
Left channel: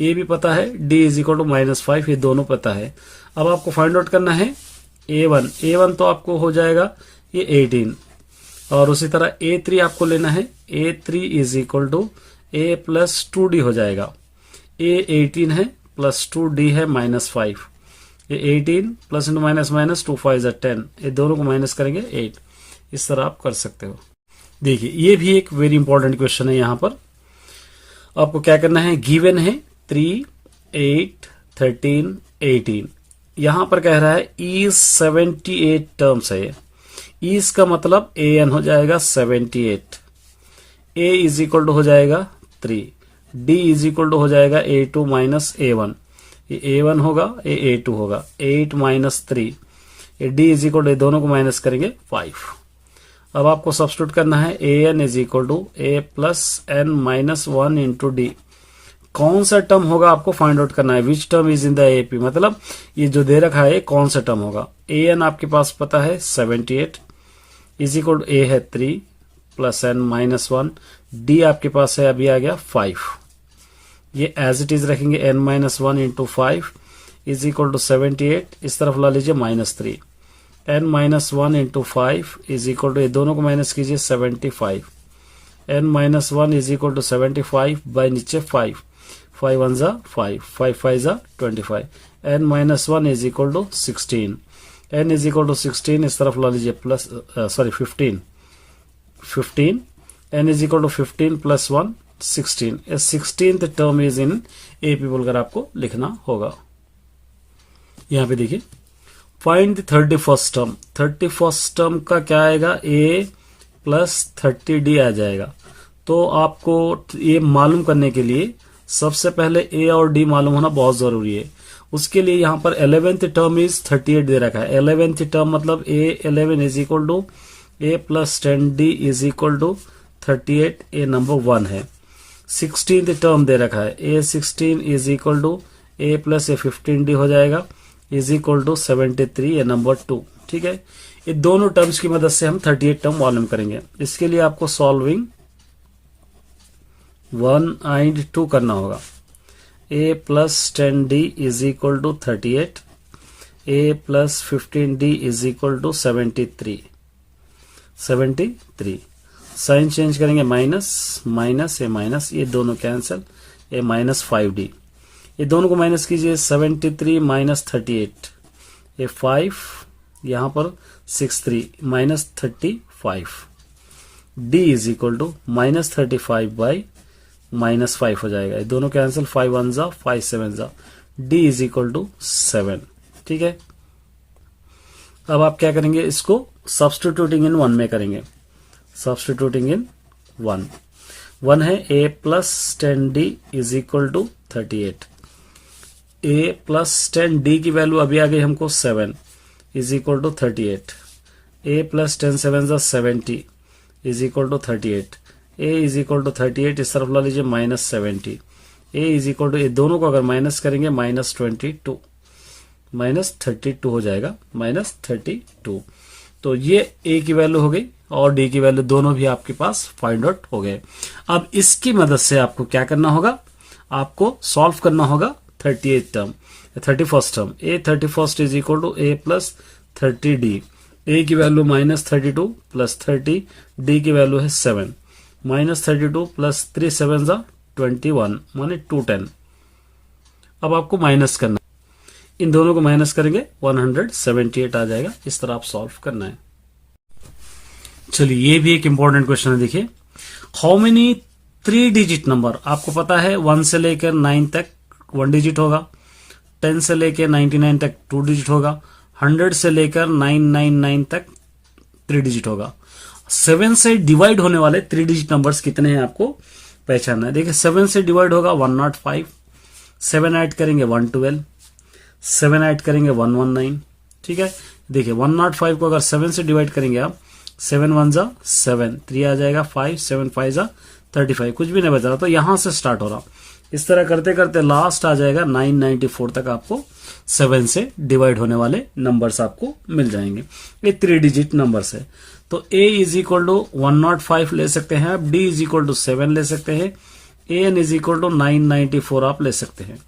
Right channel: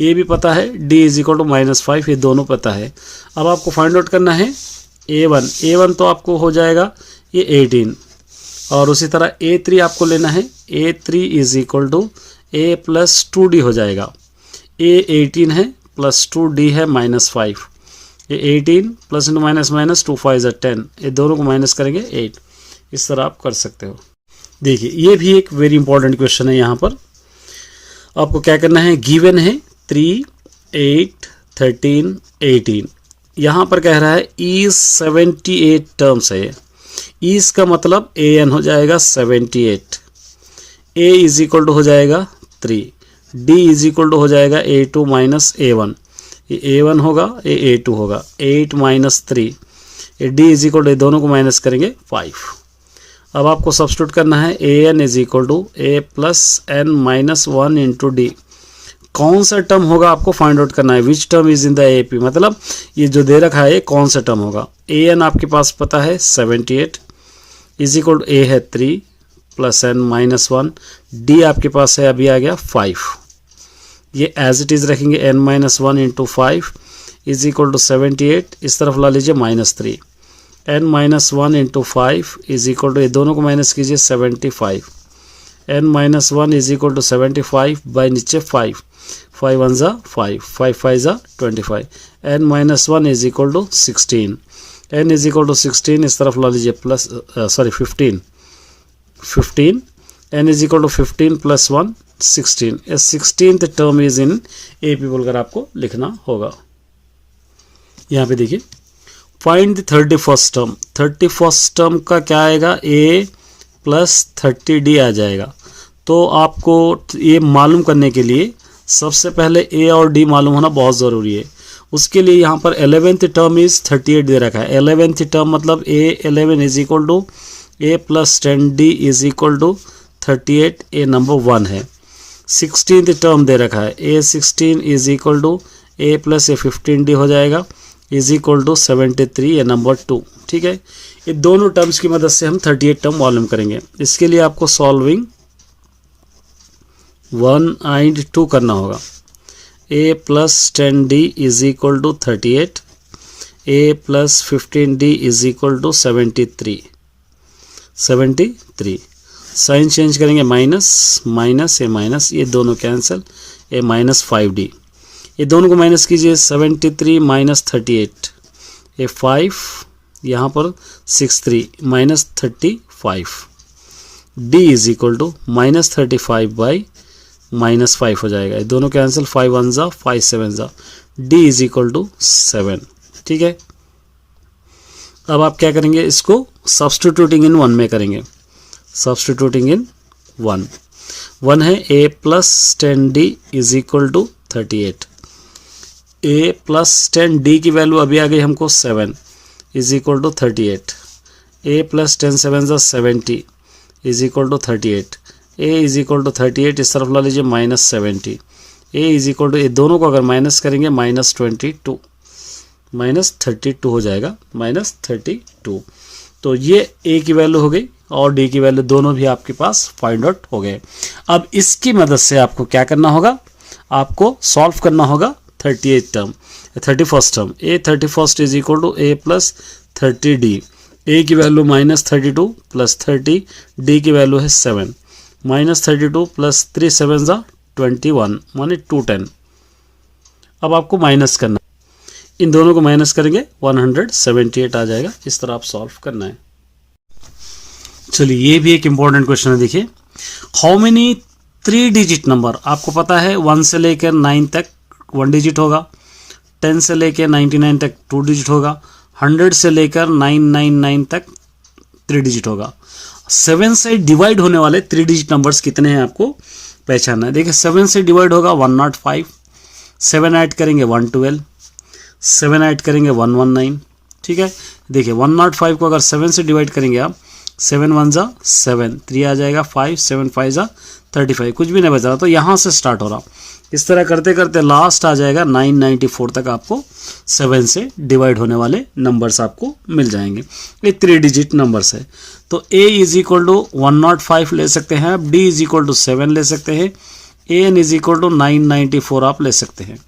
A भी पता है, D इज इक्वल टू -5, ये दोनों पता है। अब आपको फाइंड आउट करना है A1 तो आपको हो जाएगा ये 18, और उसी तरह A3 आपको लेना है, A3 is equal to A plus 2D हो जाएगा, A 18 है प्लस 2D है -5, ये 18 प्लस इंटू माइनस माइनस 2 5 10, ये दोनों को माइनस करेंगे 8, इस तरह आप कर सकते हो। देखिए ये भी एक वेरी इंपॉर्टेंट क्वेश्चन है। यहाँ पर आपको क्या करना है, गिवन है 3 8 13 18, यहाँ पर कह रहा है इज 78 टर्म्स है, इज का मतलब an हो जाएगा 78, a इज इक्वल टू हो जाएगा 3, d इज इक्वल टू हो जाएगा A2 माइनस A1, ये A1 होगा, ये A2 होगा, 8 माइनस 3, ये D इज इक्वल टू, दोनों को माइनस करेंगे 5। अब आपको सब्स्टिट्यूट करना है AN is equal to A plus N minus 1 into D. कौन सा टर्म होगा आपको फाइंड आउट करना है, which term is in the AP, मतलब ये जो दे रखा है ये कौन सा टर्म होगा। AN आपके पास पता है 78 इज इक्वल टू A है 3 प्लस N माइनस 1, D आपके पास है अभी आ गया 5, ये एज इट इज रखेंगे N minus 1 into 5 is equal to 78, इस तरफ ला लीजिए minus 3, N minus 1 into 5 is equal to, ये दोनों को माइनस कीजिए 75, N minus 1 is equal to 75 by नीचे 5, 5 1 ज़ा 5, 5 5 ज़ा 25, N minus 1 is equal to 16, N is equal to 16, इस तरफ ला लीजिए plus 15, N is equal to 15 plus 1 16, 16th term is in AP बोलकर आपको लिखना होगा। यहाँ पे देखिए find the 31st term, 31st term का क्या आएगा, A प्लस 30D आ जाएगा। तो आपको ये मालूम करने के लिए सबसे पहले A और D मालूम होना बहुत ज़रूरी है। उसके लिए यहाँ पर 11th टर्म इज 38 दे रखा है। 11th टर्म मतलब A11 is equal to A plus 10D is equal to 38, A number 1 है। 16th टर्म दे रखा है, A16 is equal to A plus A15D हो जाएगा इज इक्वल टू 73, ये नंबर 2। ठीक है, ये दोनों टर्म्स की मदद से हम 38 टर्म मालूम करेंगे। इसके लिए आपको सॉल्विंग 1 एंड 2 करना होगा। A plus 10D is equal to 38, A plus 15D is equal to 73, sign change करेंगे माइनस माइनस, ये माइनस, ये दोनों कैंसिल, ये माइनस 5D, ये दोनों को माइनस कीजिए 73 माइनस 38, ये 5 यहाँ पर 63 minus 35, D is equal to minus 35 by minus 5 हो जाएगा, ये दोनों कैंसिल, 5 1 ज़ा 5 7 ज़ा, D इज इक्वल टू 7। ठीक है, अब आप क्या करेंगे, इसको सब्स्टिट्यूटिंग इन 1 में करेंगे। सब्स्टिट्यूटिंग इन 1 है A plus 10D is equal to 38, A plus 10D की वैल्यू अभी आ गई हमको 7 is equal to 38, A plus 10 7 ज़ा 70 is equal to 38, A is equal to 38, इस तरफ ला लीजिए minus 70, A is equal to, ये दोनों को अगर माइनस करेंगे माइनस 22, माइनस 32 हो जाएगा, माइनस 32। तो ये A की वैल्यू हो गई और D की वैल्यू दोनों भी आपके पास फाइंड आउट हो गए। अब इसकी मदद से आपको क्या करना होगा, आपको सॉल्व करना होगा 38 term, 31st term. A 31st is equal to A plus 30D, A की वैल्यू माइनस 32 प्लस 30, D की वैल्यू है 7, माइनस 32 प्लस 3 7 ज़ा 21 माने 210। अब आपको माइनस करना, इन दोनों को माइनस करेंगे 178 आ जाएगा। इस तरह आप सॉल्व करना है। चलिए, ये भी एक इंपॉर्टेंट क्वेश्चन है। देखिए, हाउ मेनी 3 डिजिट नंबर, आपको पता है 1 से लेकर 9 तक 1 डिजिट होगा, 10 से लेकर 99 तक 2 डिजिट होगा, 100 से लेकर 999 तक 3 डिजिट होगा। 7 से डिवाइड होने वाले 3 डिजिट नंबर्स कितने हैं आपको पहचानना है। देखिए, 7 से डिवाइड होगा 105, 7 ऐड करेंगे 112, 7 ऐड करेंगे 119। ठीक है, देखिए 105 को अगर 7 से डिवाइड करेंगे आप, 7 1 ज़ा 7, 3 आ जाएगा 5, 7 5 ज़ा 35, कुछ भी नहीं बचा। तो यहाँ से स्टार्ट हो रहा, इस तरह करते करते लास्ट आ जाएगा 994 तक आपको 7 से डिवाइड होने वाले नंबर्स आपको मिल जाएंगे। ये 3 डिजिट नंबर्स है। तो A इज इक्वल टू 105 ले सकते हैं आप, D इज इक्वल टू 7 ले सकते हैं, AN इज इक्वल टू 994 आप ले सकते हैं।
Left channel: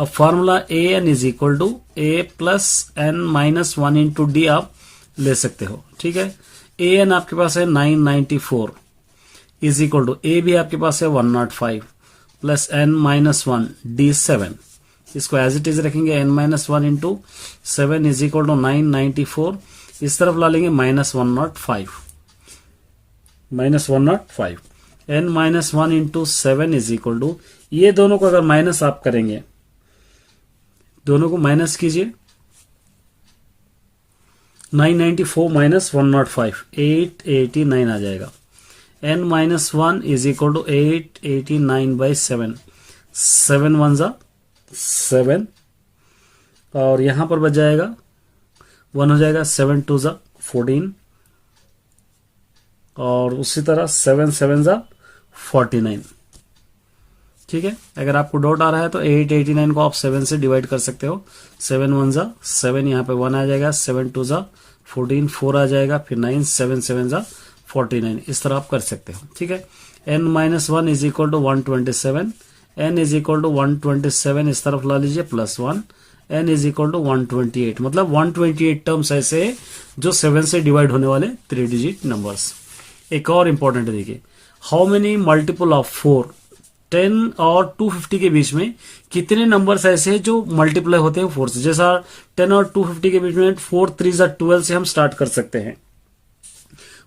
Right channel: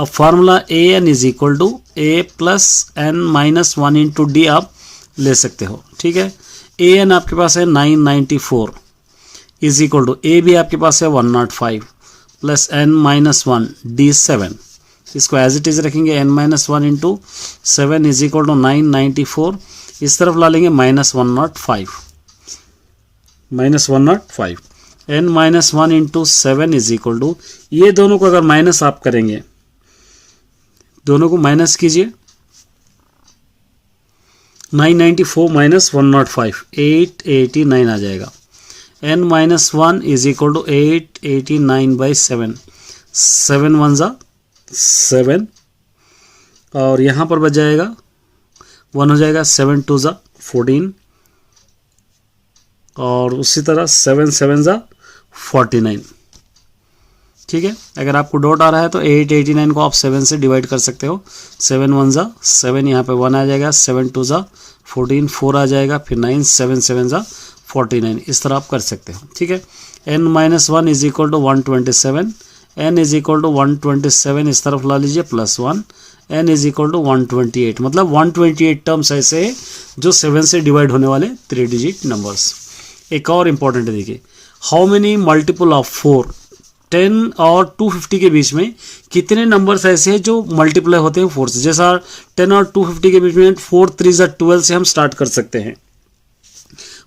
अब formula AN is equal to A plus N minus 1 into D आप ले सकते हो। ठीक है, AN आपके पास है 994 इज इक्वल टू, A भी आपके पास है 105 प्लस N माइनस 1 D 7, इसको एज इट इज रखेंगे N minus 1 into 7 is equal to 994, इस तरफ ला लेंगे minus 105, N minus 1 into 7 is equal to, ये दोनों को अगर माइनस आप करेंगे, दोनों को माइनस कीजिए, 994 माइनस 105 889 आ जाएगा। N minus 1 is equal to 889 by 7, 7 1 ज़ा 7 और यहाँ पर बच जाएगा 1 हो जाएगा, 7 2 ज़ा 14 और उसी तरह 7 7 ज़ा 49। ठीक है, अगर आपको डाउट आ रहा है तो 889 को आप 7 से डिवाइड कर सकते हो। 7 1 ज़ा 7, यहाँ पे 1 आ जाएगा, 7 2 ज़ा 14, 4 आ जाएगा, फिर 9, 7 7 ज़ा 49, इस तरह आप कर सकते हो। ठीक है, n-1 is equal to 127, n is equal to 127 इस तरफ ला लीजिए +1, n इज इक्वल टू 128, मतलब 128 टर्म्स ऐसे जो 7 से डिवाइड होने वाले 3 डिजिट नंबर्स। एक और इंपॉर्टेंट है, देखिए हाउ मेनी मल्टीपल ऑफ 4, 10 और 250 के बीच में कितने नंबर्स ऐसे हैं जो मल्टीप्लाई होते हैं 4 से। जैसा 10 और 250 के बीच में 4 3 ज़ा 12 से हम स्टार्ट कर सकते हैं,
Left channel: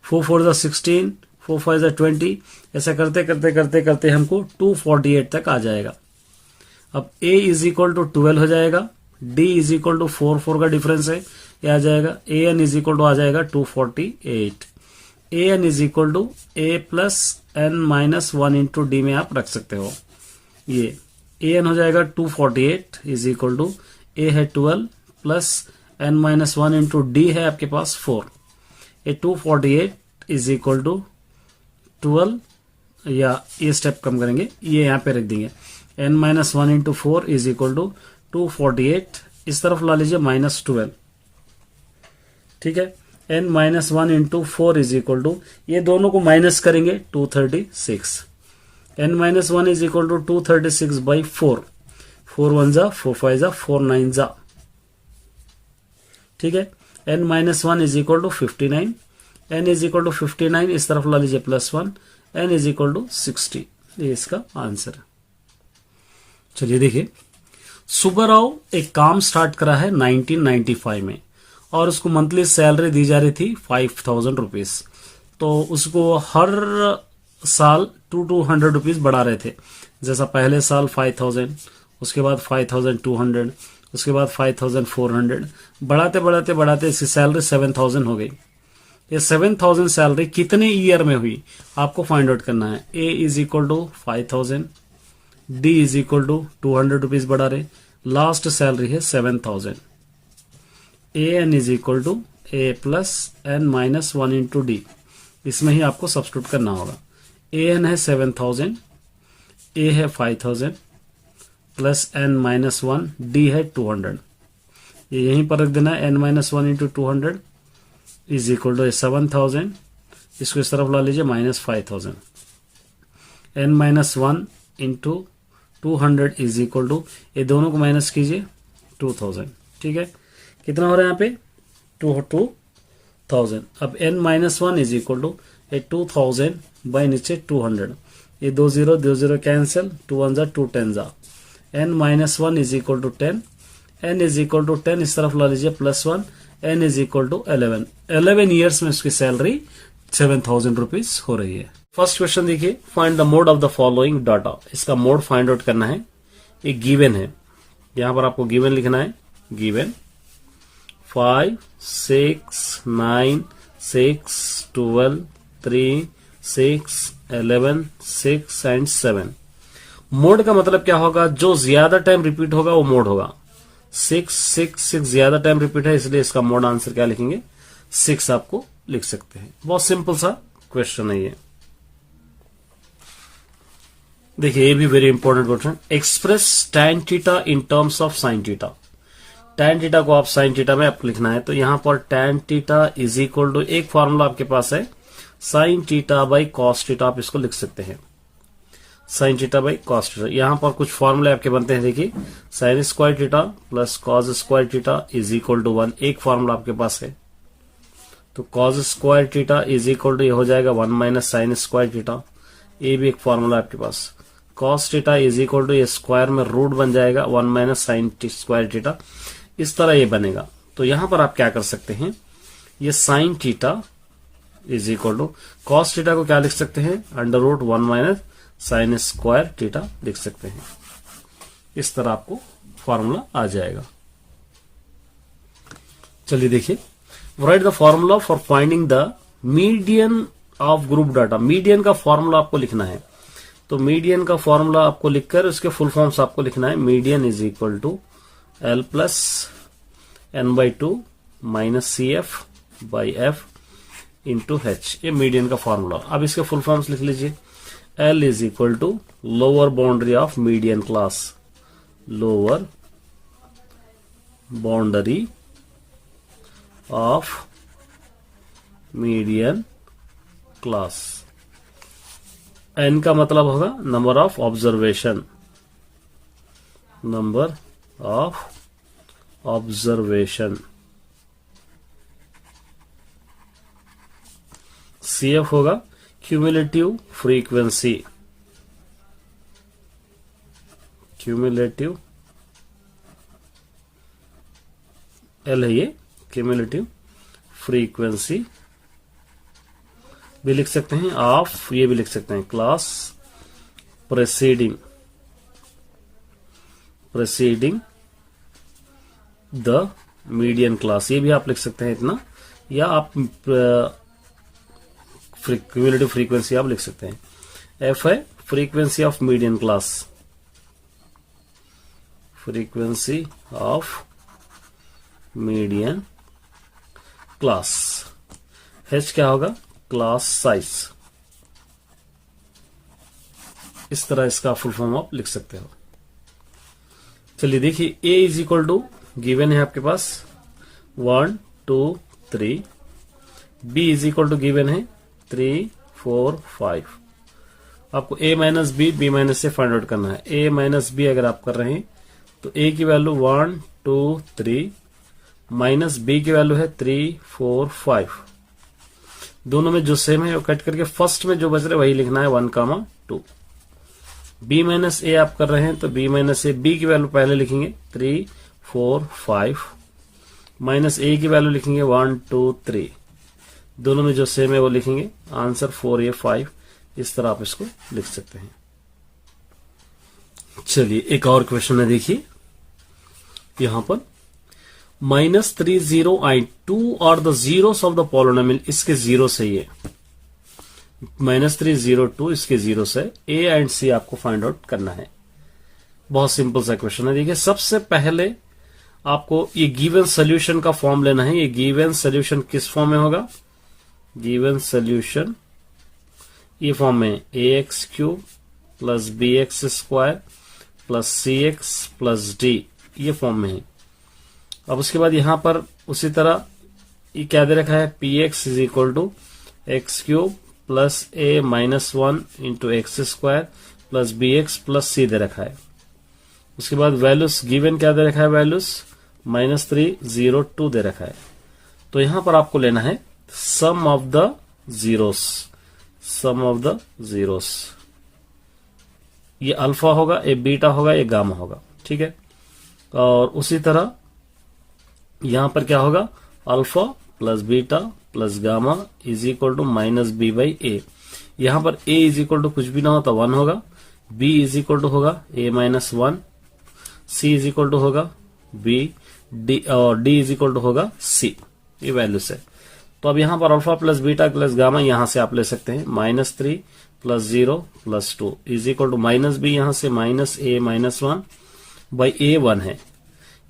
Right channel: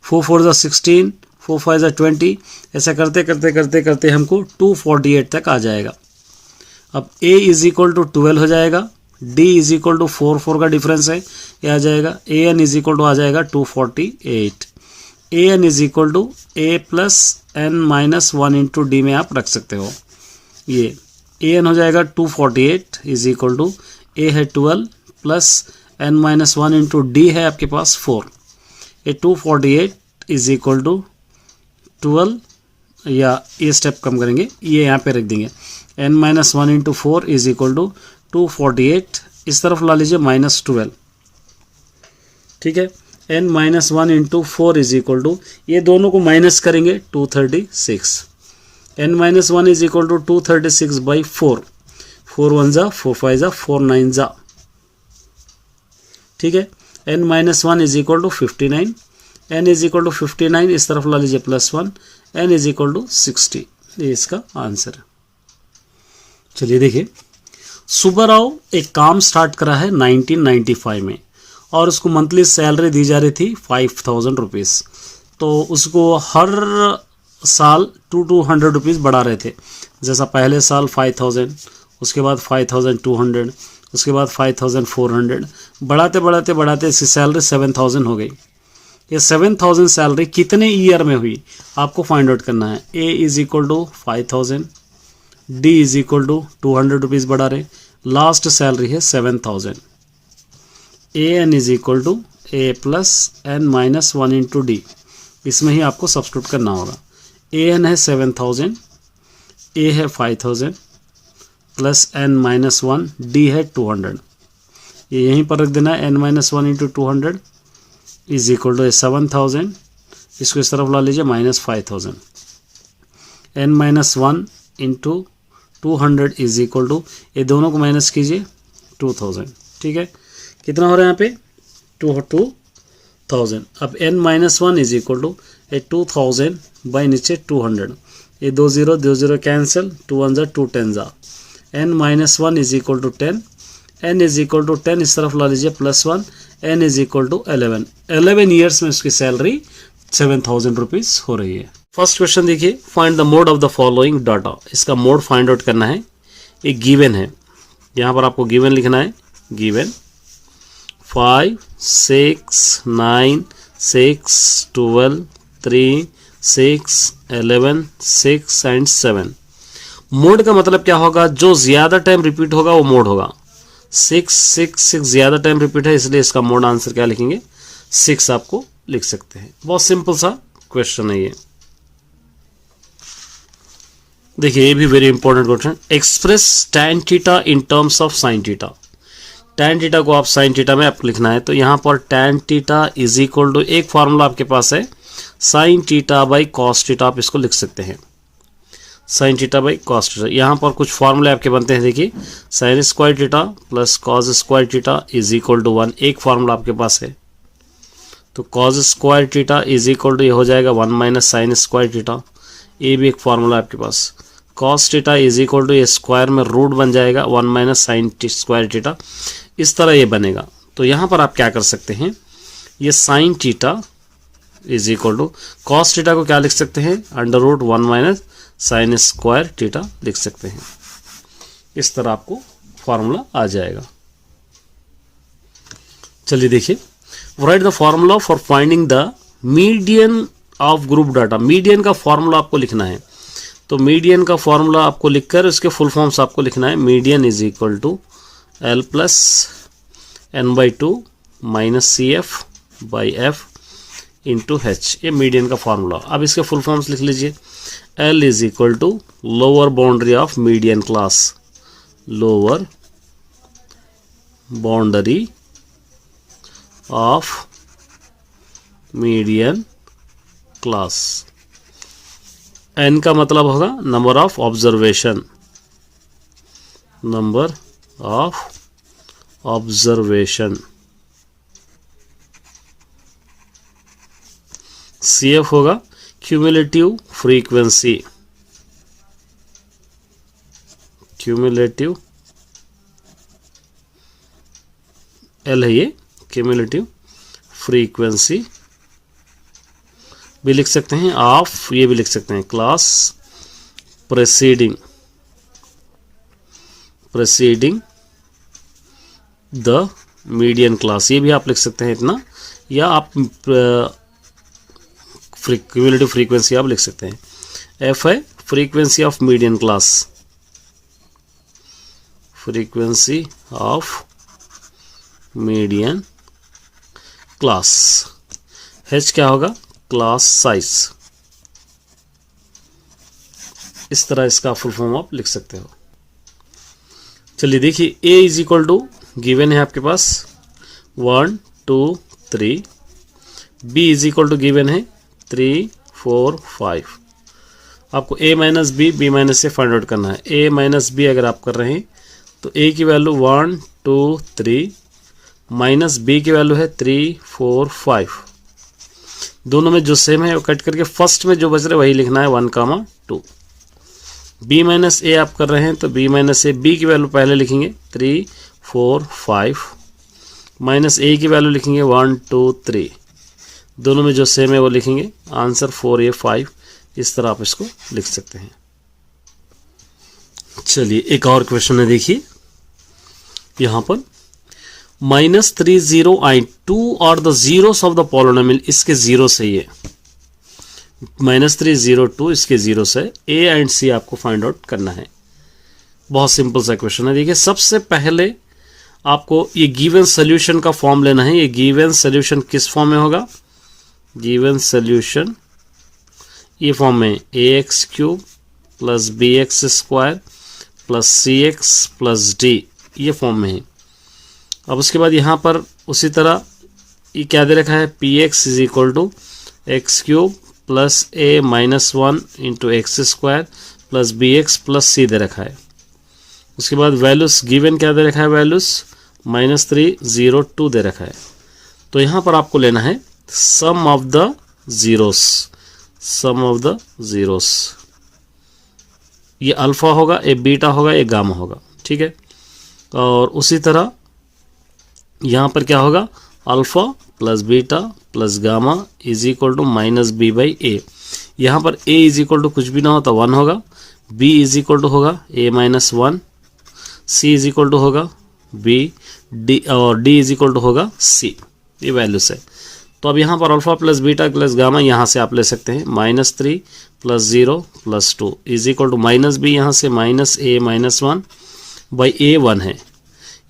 4 4 ज़ा 16, 4 5 ज़ा 20, ऐसा करते करते करते करते हमको 248 तक आ जाएगा। अब a इज इक्वल टू 12 हो जाएगा, d इज इक्वल टू 4 4 का डिफरेंस है, ये आ जाएगा, an इज इक्वल टू आ जाएगा 248, an is equal to a plus n-1 into D में आप रख सकते हो। ये an हो जाएगा 248 इज इक्वल टू a है 12 प्लस n-1 इंटू डी है आपके पास 4। ये 248 इज इक्वल टू 12, या ये स्टेप कम करेंगे, ये यहाँ पे रख देंगे, n-1 into 4 is equal to 248, इस तरफ ला लीजिए -12। ठीक है, n-1 into 4 is equal to, ये दोनों को माइनस करेंगे 236, n-1 is equal to 236 by 4, 4 1 ज़ा 4 5 ज़ा 4 9 ज़ा। ठीक है, n-1 is equal to 59, n is equal to 59 इस तरफ ला लीजिए +1, n इज इक्वल टू 60, ये इसका आंसर है। चलिए देखिए, सुब्बाराव एक काम स्टार्ट करा है 1995 में और उसको मंथली सैलरी दी जा रही थी 5000 रुपीज़। तो उसको हर साल 200 रुपीज़ बढ़ा रहे थे। जैसा पहले साल 5000, उसके बाद 5200, उसके बाद 5400, बढ़ाते बढ़ाते बढ़ाते इसकी सैलरी 7000 हो गई। ये 7000 सैलरी कितने ईयर में हुई आपको फाइंड आउट करना है। a is equal to 5000, d is equal to 200 rupees बढ़ा रहे, लास्ट सैलरी है 7000, an is equal to a plus n-1 into D, इसमें ही आपको सब्स्टिट्यूट करना होगा। an है 7000, a है 5000 प्लस n-1, d है 200, ये यहीं पर रख देना है, n-1 into 200 is equal to 7000, इसको इस तरफ ला लीजिए -5000, n-1 into 200 is equal to, ये दोनों को माइनस कीजिए 2000। ठीक है, कितना हो रहा है यहाँ पे 2000। अब n-1 is equal to 2000 by नीचे 200, ये 2 0 कैंसिल, 2 1 ज़ा 2 10 ज़ा, n-1 is equal to 10, n is equal to 10 इस तरफ ला लीजिए +1, n is equal to 11 years में उसकी सैलरी 7000 रुपीज़ हो रही है। फर्स्ट क्वेश्चन देखिए, find the mode of the following data. इसका मोड फाइंड आउट करना है। एक गिवन है, यहाँ पर आपको गिवन लिखना है, गिवन 5 6 9 6 12 3 6 11 6 एंड 7। मोड का मतलब क्या होगा, जो ज्यादा टाइम रिपीट होगा वो मोड होगा। 6 6 6 ज्यादा टाइम रिपीट है, इसलिए इसका मोड आंसर क्या लिखेंगे 6 आपको लिख सकते हैं। बहुत सिंपल सा क्वेश्चन है ये। देखिए ये भी very important question, express tan theta in terms of sin theta. tan theta को आप sin थीटा में आपको लिखना है, तो यहाँ पर tan theta is equal to, एक फॉर्मूला आपके पास है sin theta by cos theta, आप इसको लिख सकते हैं sin theta by cos theta. यहाँ पर कुछ फॉर्मूले आपके बनते हैं, देखिए sin square theta plus cos square theta is equal to 1, एक फॉर्मूला आपके पास है। तो cos square theta is equal to ये हो जाएगा 1 माइनस साइन स्क्वायर थीटा, ये भी एक फॉर्मूला आपके पास। cos theta is equal to ये स्क्वायर में रूट बन जाएगा 1 माइनस साइन स्क्वायर थीटा, इस तरह ये बनेगा। तो यहाँ पर आप क्या कर सकते हैं, ये sine theta is equal to cos theta को क्या लिख सकते हैं, under root 1 minus sine square theta लिख सकते हैं। इस तरह आपको फॉर्मूला आ जाएगा। चलिए देखिए, right the formula for finding the median of group data. Median का फॉर्मूला आपको लिखना है। तो मीडियन का फॉर्मूला आपको लिखकर उसके फुल फॉर्म्स आपको लिखना है। Median is equal to L plus n/2 minus CF/F into H, ये मीडियन का फॉर्मूला। अब इसके फुल फॉर्म्स लिख लीजिए। L is equal to lower boundary of median class, lower boundary of median class. N का मतलब होगा number of observation, number of observation. CF होगा क्यूमुलेटिव फ्रीक्वेंसी, क्यूमुलेटिव, L है ये क्यूमुलेटिव फ्रीक्वेंसी भी लिख सकते हैं ऑफ, ये भी लिख सकते हैं क्लास प्रेसीडिंग द मीडियन क्लास, ये भी आप लिख सकते हैं इतना, या आप क्यूमुलेटिव फ्रीक्वेंसी आप लिख सकते हैं। F है frequency of median class, frequency of median class. H क्या होगा, क्लास साइज। इस तरह इसका फुल फॉर्म आप लिख सकते हो। चलिए देखिए, A is equal to given है आपके पास 1 2 3, B is equal to given है 3 4 5। आपको A minus B, B minus से फाइंड आउट करना है। A माइनस B अगर आप कर रहे हैं तो A की वैल्यू 1 2 3 माइनस B की वैल्यू है 3 4 5। दोनों में जो सेम है वो कट करके फर्स्ट में जो बच रहा है वही लिखना है 1 2। B माइनस A आप कर रहे हैं तो B माइनस A, B की वैल्यू पहले लिखेंगे 3 4 5 माइनस A की वैल्यू लिखेंगे 1 2 3। दोनों में जो सेम है वो लिखेंगे, आंसर 4A 5। इस तरह आप इसको लिख सकते हैं। चलिए एक और क्वेश्चन है, देखिए यहां पर -3 और the zeros of the polynomial, इसके जीरो से ये -3 2 इसके जीरो से A एंड C आपको फाइंड आउट करना है। बहुत सिंपल सा क्वेश्चन है। देखिए सबसे पहले आपको ये गिवन सोल्यूशन का फॉर्म लेना है। ये गिवन सोल्यूशन किस फॉर्म में होगा, गिवन सोल्यूशन ये फॉर्म में ax³ plus bx² plus cx plus d, ये फॉर्म में है। अब उसके बाद यहाँ पर उसी तरह ये क्या दे रखा है, px is equal to x³ plus a minus 1 into x² plus bx plus c दे रखा है। उसके बाद वैल्यूज गिवन क्या दे रखा है, वैल्यूज -3 0 2 दे रखा है। तो यहाँ पर आपको लेना है sum of the zeros, sum of the zeros. ये अल्फा होगा, ये बीटा होगा, ये गामा होगा, ठीक है। और उसी तरह यहाँ पर क्या होगा, alpha plus beta plus gamma is equal to -b/a। यहाँ पर a इज इक्वल टू कुछ भी ना हो तो 1 होगा, b इज इक्वल टू होगा a minus 1, c is equal to होगा b, d और d इज इक्वल टू होगा c। ये वैल्यूज है। तो अब यहाँ पर alpha plus beta plus gamma यहाँ से आप ले सकते हैं -3 plus 0 plus 2 is equal to -b, यहाँ से -a माइनस 1 बाई a 1 है,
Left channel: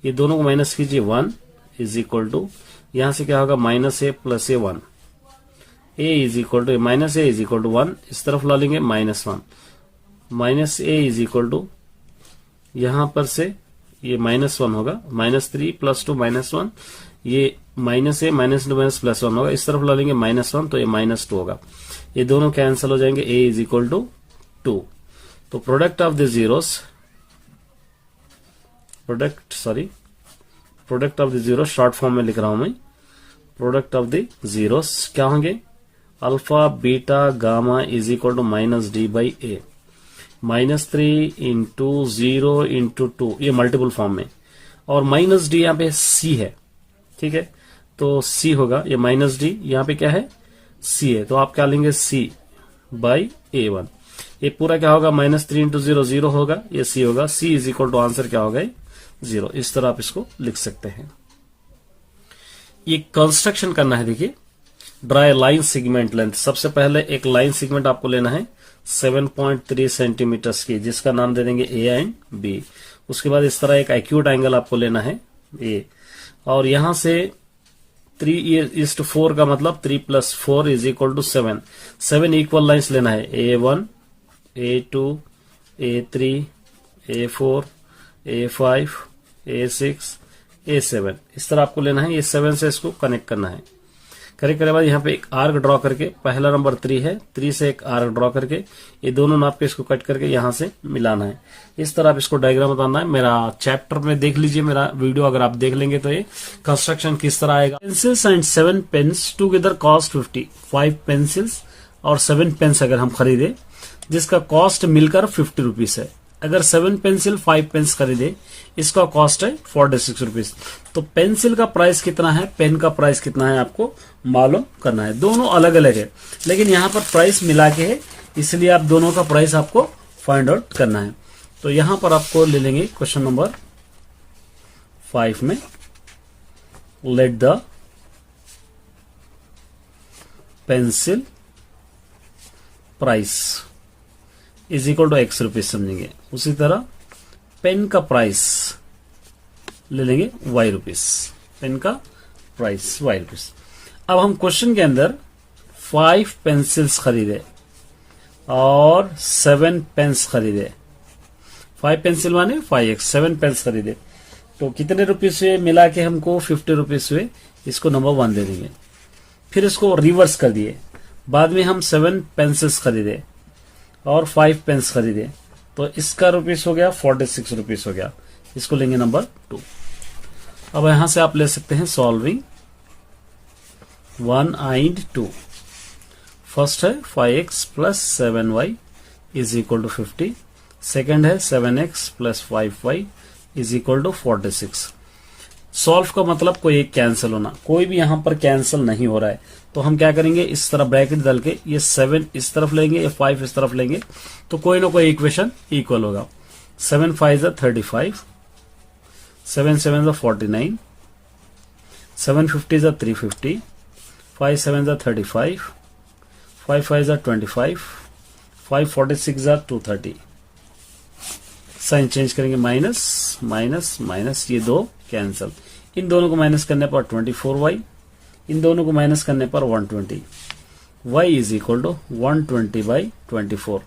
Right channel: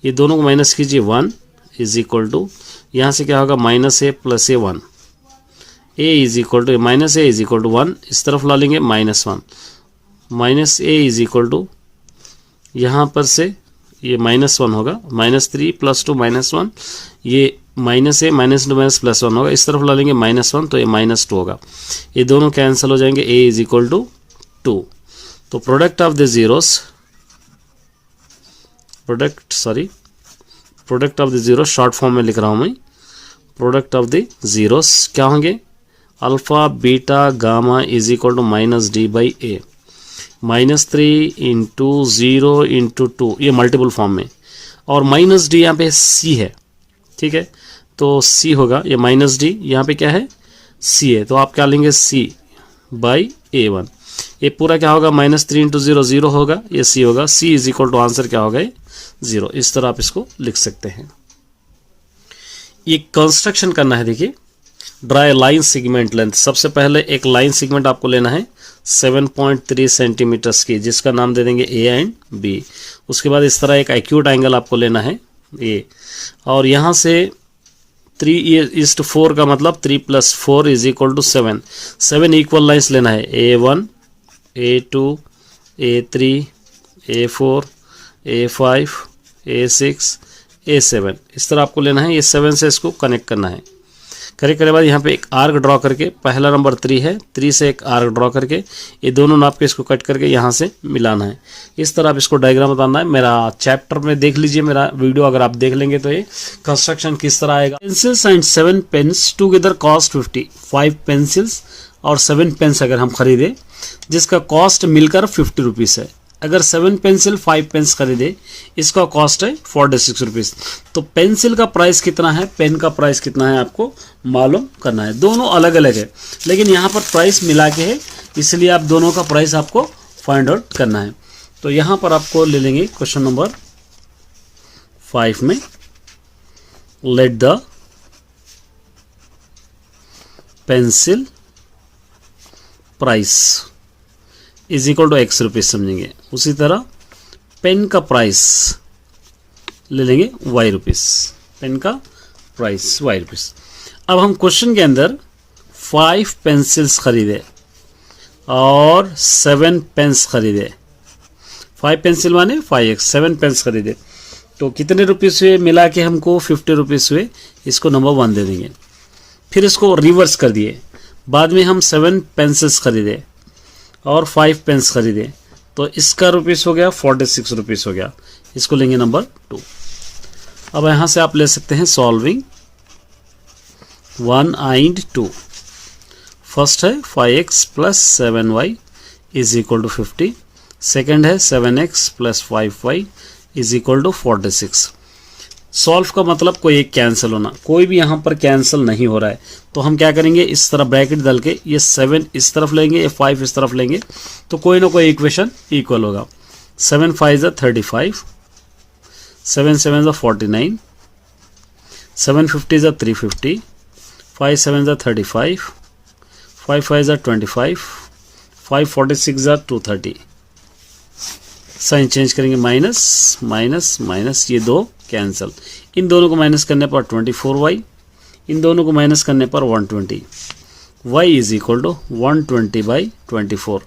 ये दोनों को माइनस कीजिए 1 इज इक्वल टू यहाँ से क्या होगा -a plus a 1, a is equal to -a is equal to 1, इस तरफ ला लेंगे -1 minus a is equal to यहाँ पर से ये -1 होगा, -3 प्लस 2 -1, ये -a माइनस 2 माइनस प्लस 1 होगा, इस तरफ ला लेंगे -1 तो ये -2 होगा, ये दोनों कैंसिल हो जाएंगे, a इज इक्वल टू 2। तो product of the zeros, product of the zero short form में लिख रहा हूं मैं, प्रोडक्ट ऑफ द जीरोस क्या होंगे, alpha beta gamma is equal to -d/a, -3 into 0 into 2, ये मल्टीपल फॉर्म में, और -d यहाँ पे c है, ठीक है। तो c होगा, ये -d यहाँ पे क्या है, c है, तो आप क्या लेंगे c/a1। ये पूरा क्या होगा, -3 इंटू 0 0 होगा, ये c होगा, c is equal to answer क्या होगा, 0। इस तरह आप इसको लिख सकते हैं। ये कंस्ट्रक्शन करना है। देखिए ड्राई लाइन सेगमेंट लेंथ। सबसे पहले एक लाइन सेगमेंट आपको लेना है 7.3 सेंटीमीटर्स की, जिसका नाम दे देंगे ए एंड बी। उसके बाद इस तरह एक एक्यूट एंगल आपको लेना है ए, और यहाँ से 3:4 का मतलब 3 + 4 = 7। 7 इक्वल लाइन्स लेना है, A1, A2, A3, A4, A5, A6, A7। इस तरह आपको लेना है। ये 7 से इसको कनेक्ट करना है। कनेक्ट करने के बाद यहाँ पे एक आर्क ड्रॉ करके, पहला नंबर 3 है, 3 से एक आर्क ड्रॉ करके ये दोनों नाप के इसको कट करके यहाँ से मिलाना है। इस तरह आप इसको डायग्राम बताना है। मेरा चैप्टर में देख लीजिए, मेरा वीडियो अगर आप देख लेंगे तो ये कंस्ट्रक्शन किस तरह आएगा। Pencils and 7 pens together cost 50। 5 pencils और 7 पेन्स अगर हम खरीदे जिसका कॉस्ट मिलकर 50 रुपीज़ है। अगर 7 पेंसिल 5 पेन्स खरीदे इसका कॉस्ट है 46 रुपीज़। तो पेंसिल का प्राइस कितना है, पेन का प्राइस कितना है आपको मालूम करना है। दोनों अलग अलग है लेकिन यहाँ पर प्राइस मिला के है, इसलिए आप दोनों का प्राइस आपको फाइंड आउट करना है। तो यहाँ पर आपको ले लेंगे क्वेश्चन नंबर 5 में, let the pencil price is equal to X rupees समझेंगे। उसी तरह पेन का प्राइस ले लेंगे Y रुपीज़, पेन का प्राइस Y रुपीज़। अब हम क्वेश्चन के अंदर 5 पेंसिल्स खरीदे और 7 पेन्स खरीदे। 5 पेंसिल माने 5x, 7 पेन्स खरीदे तो कितने रुपीज़ हुए, मिला के हमको 50 रुपीज़ हुए। इसको नंबर 1 दे देंगे। फिर इसको रिवर्स कर दिए, बाद में हम 7 पेंसिल्स खरीदे और 5 पेन्स खरीदे तो इसका रुपीस हो गया 46 रुपीस हो गया। इसको लेंगे नंबर 2। अब यहाँ से आप ले सकते हैं सॉल्विंग 1 and 2। फर्स्ट है 5x + 7y = 50। सेकेंड है 7x + 5y = 46। सॉल्व का मतलब कोई एक कैंसिल होना, कोई भी यहाँ पर कैंसिल नहीं हो रहा है। तो हम क्या करेंगे, इस तरह ब्रैकेट डाल के ये 7 इस तरफ लेंगे, ये 5 इस तरफ लेंगे तो कोई ना कोई इक्वेशन इक्वल होगा। 7 × 5 = 35, 7 × 7 = 49, 7 × 50 = 350, 5 × 7 = 35, 5 × 5 = 25, 5 × 46 = 230। साइन चेंज करेंगे, माइनस माइनस माइनस, ये 2 कैंसिल। इन दोनों को माइनस करने पर 24y, इन दोनों को माइनस करने पर 120। y = 120/24,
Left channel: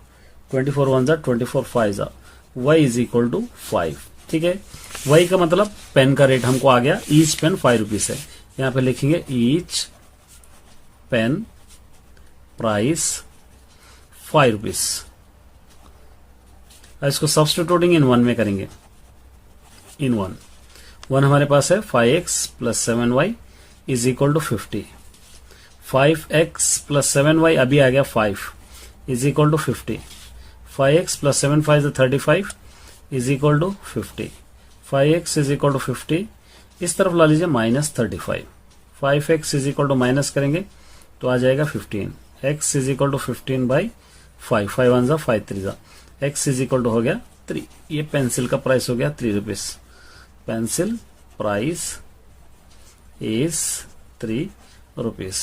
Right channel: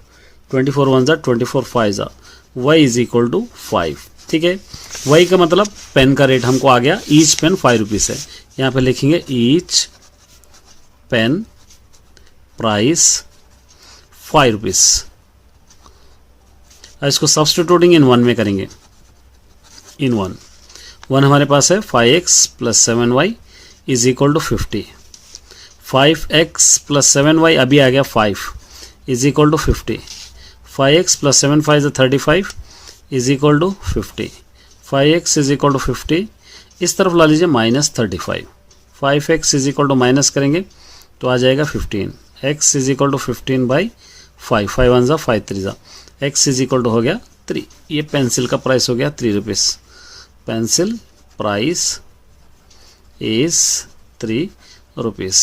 24 1 = 24 5 = y = 5। ठीक है, y का मतलब पेन का रेट हमको आ गया। ईच पेन 5 रुपीज़ है। यहाँ पे लिखेंगे ईच पेन प्राइस 5 रुपीज़। इसको सब्स्टिट्यूटिंग इन 1 में करेंगे। इन 1 हमारे पास है 5x + 7y = 50। 5x + 7y अभी आ गया 5 = 50। 5x + 7 5 = 35 = 50। 5x = 50, इस तरफ ला लीजिए -35। 5x = माइनस करेंगे तो आ जाएगा 15। x = 15/5, 5 1 = 5 3 x = हो गया 3। ये पेंसिल का प्राइस हो गया 3 rupees. Pencil price is 3 rupees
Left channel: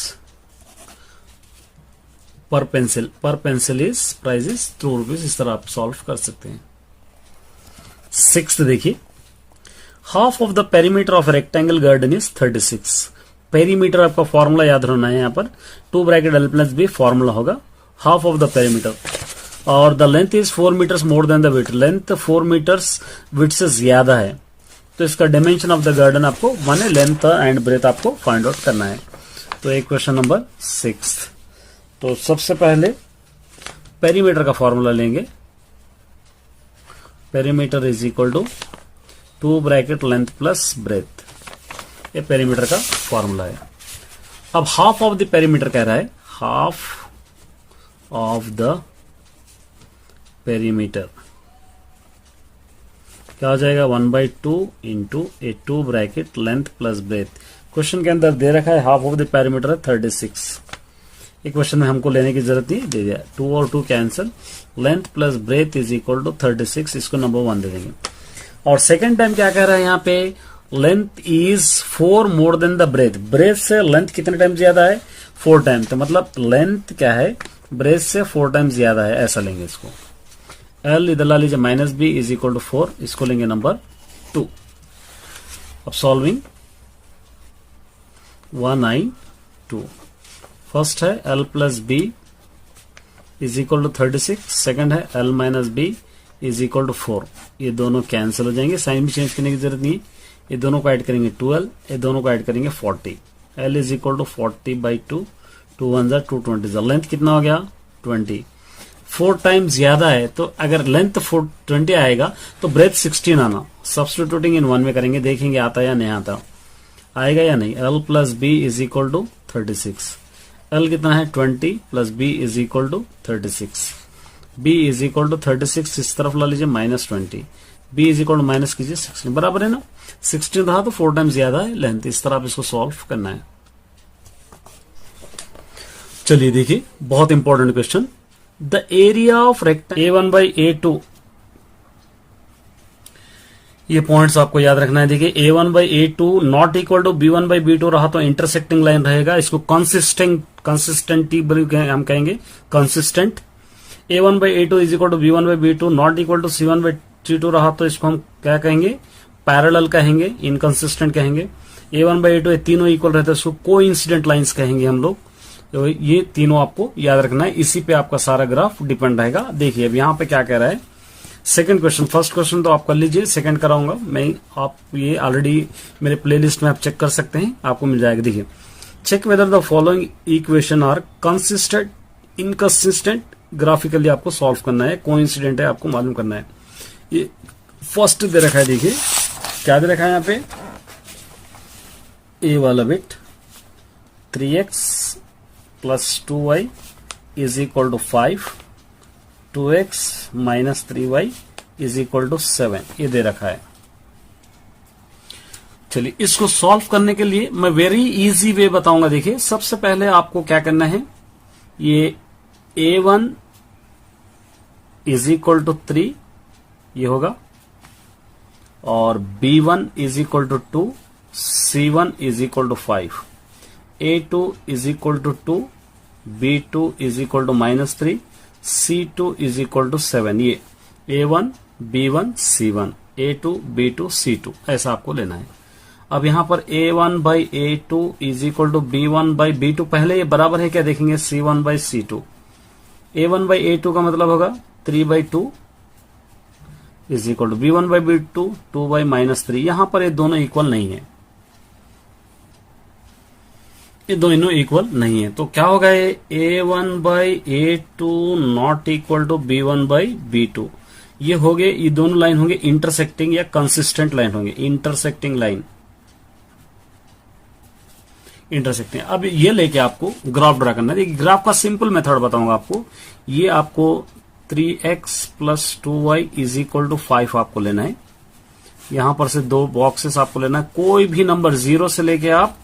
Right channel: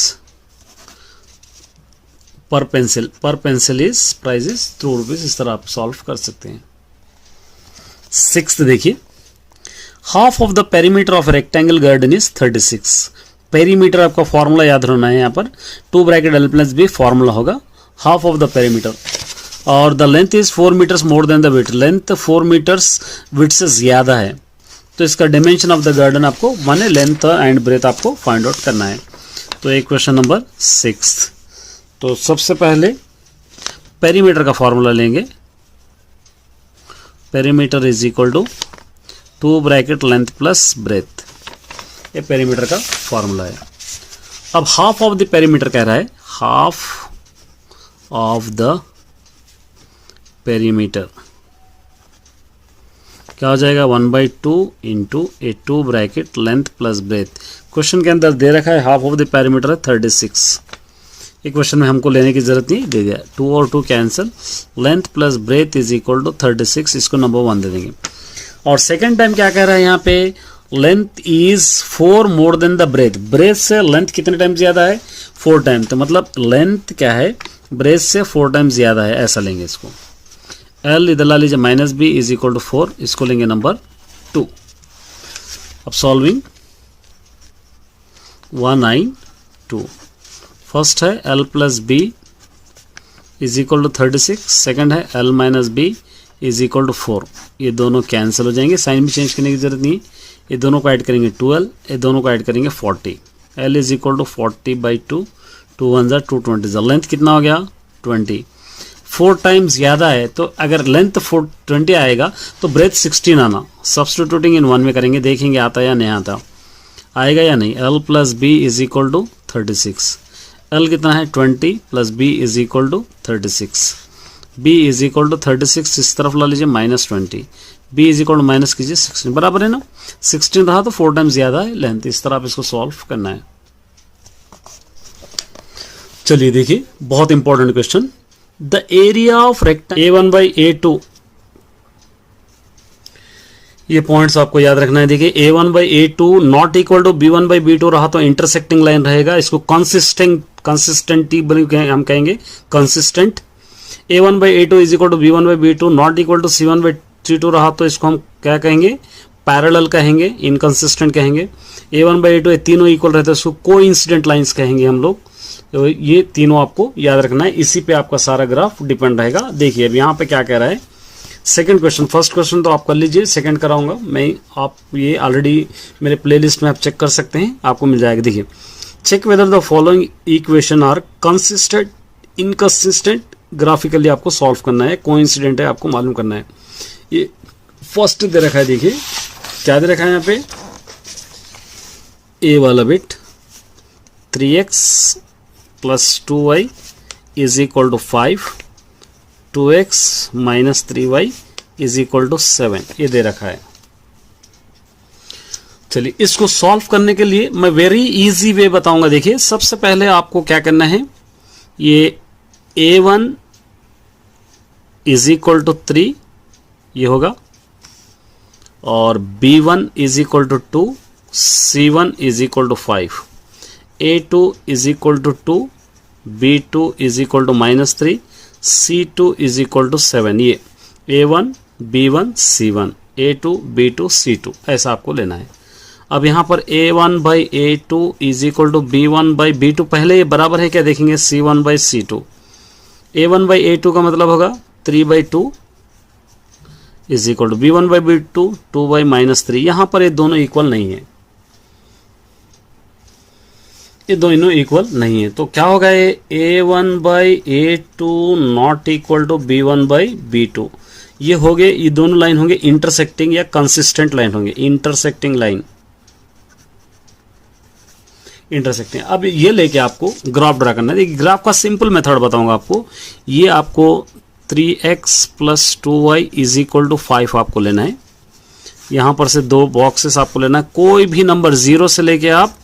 per pencil. Per pencil is price is 2 rupees. इस तरह आप सॉल्व कर सकते हैं। 6th देखिए, half of the perimeter of rectangle garden is 36। Perimeter आपका फॉर्मूला याद रहना है। यहाँ पर 2 ब्रैकेट L + B फॉर्मूला होगा हाफ ऑफ द पेरीमीटर, और the length is 4 metres more than the width. Length 4 metres width से ज्यादा है तो इसका डायमेंशन ऑफ द गार्डन आपको माने लेंथ एंड ब्रेथ आपको फाइंड आउट करना है। तो एक क्वेश्चन नंबर 6। तो सबसे पहले पेरीमीटर का फॉर्मूला लेंगे। Perimeter is equal to 2 bracket length plus breadth. ये पेरीमीटर का फॉर्मूला है। अब हाफ ऑफ द पेरीमीटर कह रहा है, हाफ ऑफ द पेरीमीटर क्या हो जाएगा 1/2 × a 2 bracket length plus breath. Question के अंदर दे रखा है हाफ ऑफ द पेरीमीटर है 36। ये क्वेश्चन में हमको लेने की जरूरत नहीं, दे दिया 2 और 2 cancel. Length plus breadth is equal to 36, इसको नंबर 1 दे देंगे। और सेकंड टाइम क्या कह रहा है यहाँ पे, length is 4 more than the breadth. Breadth से लेंथ कितने टाइम ज्यादा है, 4 टाइम, तो मतलब लेंथ क्या है, ब्रेथ से 4 टाइम ज़्यादा है, ऐसा लेंगे इसको। एल इधर ला लीजिए minus B is equal to 4, इसको लेंगे नंबर 2। अब सॉल्विंग 192, फर्स्ट है L plus B is equal to 36, second है L minus B is equal to 4। ये दोनों कैंसिल हो जाएंगे, साइन भी चेंज करने की जरूरत नहीं, ये दोनों को ऐड करेंगे 12, ये दोनों को ऐड करेंगे 40। एल इज इक्वल टू 40/2, 2 1 ज़ा 220, लेंथ कितना हो गया 20। 4 टाइम ज़्यादा है, तो अगर लेंथ 20 आएगा तो ब्रेथ 16 आना, सब्सटीट्यूटिंग इन 1 में करेंगे, देखेंगे आता या नहीं आता, आएगा या नहीं। L plus B is equal to 36, L कितना है 20 plus B is equal to 36, B is equal to 36, इस तरफ ला लीजिए -20, B is equal to minus कीजिए 16, बराबर है ना। 16 रहा तो 4 टाइम ज्यादा है लेंथ, इस तरह आप इसको सॉल्व करना है। चलिए देखिए बहुत important question, the area of rectangle A1/A2, ये पॉइंट्स आपको याद रखना है। देखिए A1/A2 not equal to B1/B2 रहा तो इंटरसेक्टिंग लाइन रहेगा, इसको कंसिस्टेंटी हम कहेंगे, consistent. A1/A2 is equal to B1/B2 not equal to C1/C2 रहा तो इसको हम क्या कहेंगे, पैरेलल कहेंगे, इनकंसिस्टेंट कहेंगे। A1/A2 ये तीनों इक्वल रहते हैं, इसको कोइंसिडेंट लाइंस कहेंगे हम लोग। तो ये तीनों आपको याद रखना है, इसी पे आपका सारा ग्राफ डिपेंड रहेगा। देखिए अब यहाँ पे क्या कह रहा है, सेकंड क्वेश्चन, फर्स्ट क्वेश्चन तो आप कर लीजिए, सेकंड कराऊंगा मैं, आप ये ऑलरेडी मेरे प्लेलिस्ट में आप चेक कर सकते हैं, आपको मिल जाएगा। देखिए check whether the following equation are consistent, inconsistent, graphically आपको सॉल्व करना है, कोइंसिडेंट है आपको मालूम करना है। ये फर्स्ट दे रखा है, देखिए क्या दे रखा है यहाँ पे, ए वाला bit 3x + 2y is equal to 5, 2x - 3y is equal to 7, ये दे रखा है। चलिए इसको सॉल्व करने के लिए मैं वेरी इजी वे बताऊंगा। देखिए सबसे पहले आपको क्या करना है, ये A1 इज इक्वल टू 3 ये होगा, और B1 is equal to 2, C1 is equal to 5, A2 is equal to 2, B2 is equal to -3, C2 is equal to 7। ये A1 B1 C1, A2 B2 C2 ऐसा आपको लेना है। अब यहाँ पर A1/A2 is equal to B1/B2, पहले ये बराबर है क्या देखेंगे, C1/C2। A1/A2 का मतलब होगा 3/2 इज इक्वल टू B1/B2 2/-3। यहां पर ये दोनों इक्वल नहीं है, ये दोनों इक्वल नहीं है, तो क्या होगा, ये A1/A2 not equal to B1/B2, ये हो गए, ये दोनों लाइन होंगे इंटरसेक्टिंग या कंसिस्टेंट लाइन होंगे, इंटरसेक्टिंग लाइन, इंटरसेक्टिंग। अब ये लेके आपको ग्राफ ड्रा करना है। देखिए ग्राफ का सिंपल मेथड बताऊंगा आपको, ये आपको 3x + 2y is equal to 5 आपको लेना है। यहां पर से 2 बॉक्सेस आपको लेना है, कोई भी नंबर 0 से लेके आप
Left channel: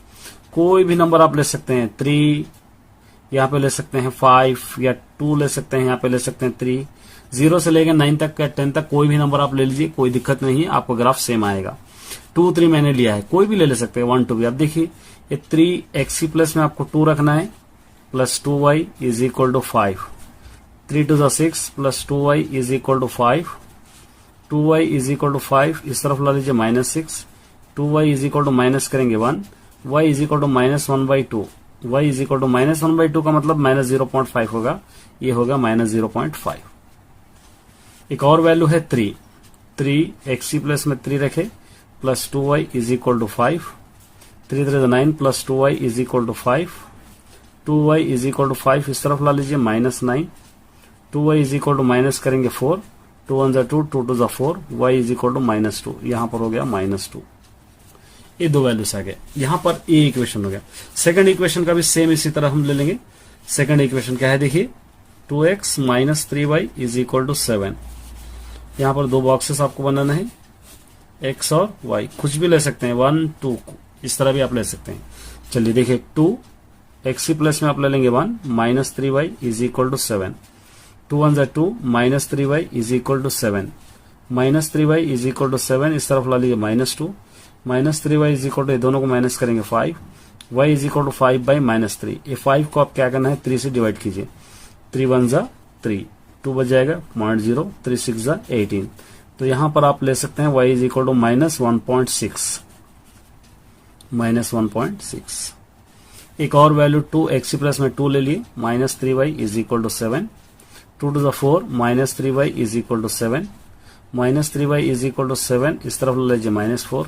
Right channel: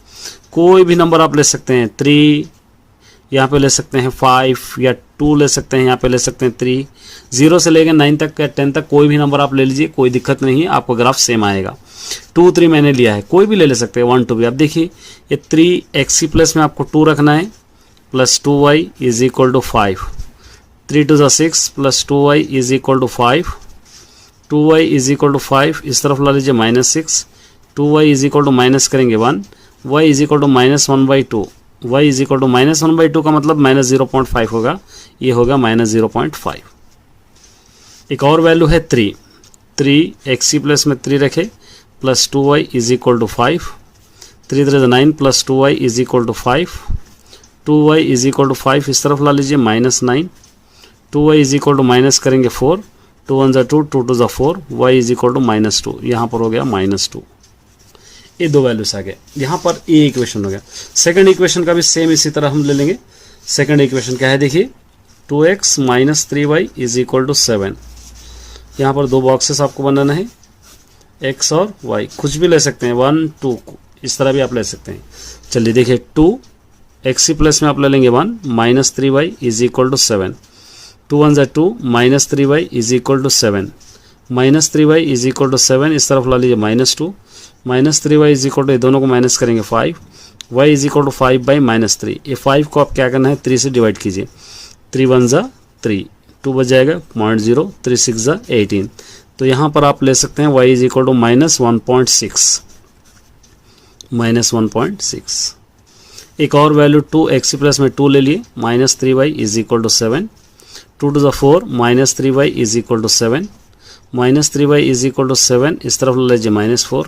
कोई भी नंबर आप ले सकते हैं, 3 यहाँ पे ले सकते हैं, 5 या 2 ले सकते हैं, यहाँ पे ले सकते हैं 3, 0 से लेके 9 तक या 10 तक कोई भी नंबर आप ले लीजिए, कोई दिक्कत नहीं है, आपको ग्राफ सेम आएगा। 2 3 मैंने लिया है, कोई भी ले सकते हैं, 1 2 भी। आप देखिए ये 3x प्लस में आपको 2 रखना है, plus 2y is equal to 5, 3 2 6 plus 2y is equal to 5, 2y is equal to 5, इस तरफ ला लीजिए -6, 2y is equal to minus करेंगे 1, y is equal to -1/2, y is equal to -1/2 का मतलब -0.5 होगा, ये होगा -0.5। एक और वैल्यू है 3x प्लस में 3 रखे, plus 2y is equal to 5, 3 3 9 plus 2y is equal to 5, 2y is equal to 5, इस तरफ ला लीजिए -9, 2y is equal to minus करेंगे 4, 2 1 = 2, 2 2 = 4, y इज इक्वल टू -2, यहाँ पर हो गया -2। ये 2 वैल्यूज आ गए, यहाँ पर ये इक्वेशन हो गया। सेकंड इक्वेशन का भी सेम इसी तरह हम ले लेंगे। सेकंड इक्वेशन क्या है, देखिए 2x - 3y is equal to 7। यहाँ पर 2 बॉक्सेस आपको बनाना है, x और y, कुछ भी ले सकते हैं, 1 2 इस तरह भी आप ले सकते हैं। चलिए देखिए 2x प्लस में आप ले लेंगे 1, -3y is equal to 7, 2 1 = 2, -3y is equal to 7, -3y is equal to 7, इस तरफ ला लीजिए -2, -3y इज इक्वल टू, दोनों को माइनस करेंगे 5, y इज इक्वल टू 5/-3। ये 5 को आप क्या करना है, 3 से डिवाइड कीजिए। 3 1 जा 3, 2 बच जाएगा 0.0, 3 6 जा 18। तो यहाँ पर आप ले सकते हैं y इज इक्वल टू -1.6, -1.6। एक और वैल्यू 2x प्लस में 2 ले लिए, -3y is equal to 7, 2 to the 4, -3y is equal to 7, -3y is equal to 7, इस तरफ ले लीजिए -4,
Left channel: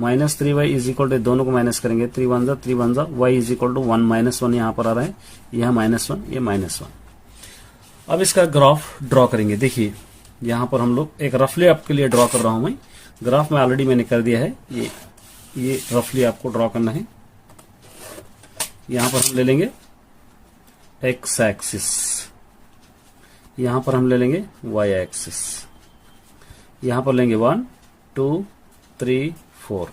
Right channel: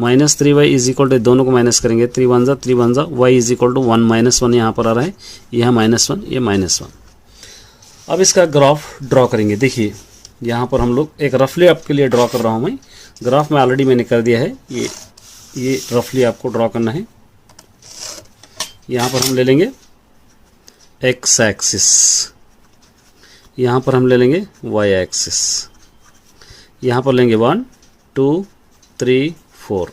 -3y इज इक्वल टू, दोनों को माइनस करेंगे, 3 1 जा 3 1 जा, y इज इक्वल टू 1 -1 यहाँ पर आ रहा है, यह -1, ये -1। अब इसका ग्राफ ड्रॉ करेंगे। देखिए यहाँ पर हम लोग एक रफली आपके लिए ड्रॉ कर रहा हूँ मैं, ग्राफ में ऑलरेडी मैंने कर दिया है, ये रफली आपको ड्रॉ करना है। यहाँ पर हम ले लेंगे x एक्सिस, यहाँ पर हम ले लेंगे y एक्सिस, यहाँ पर लेंगे 1 2 3 4,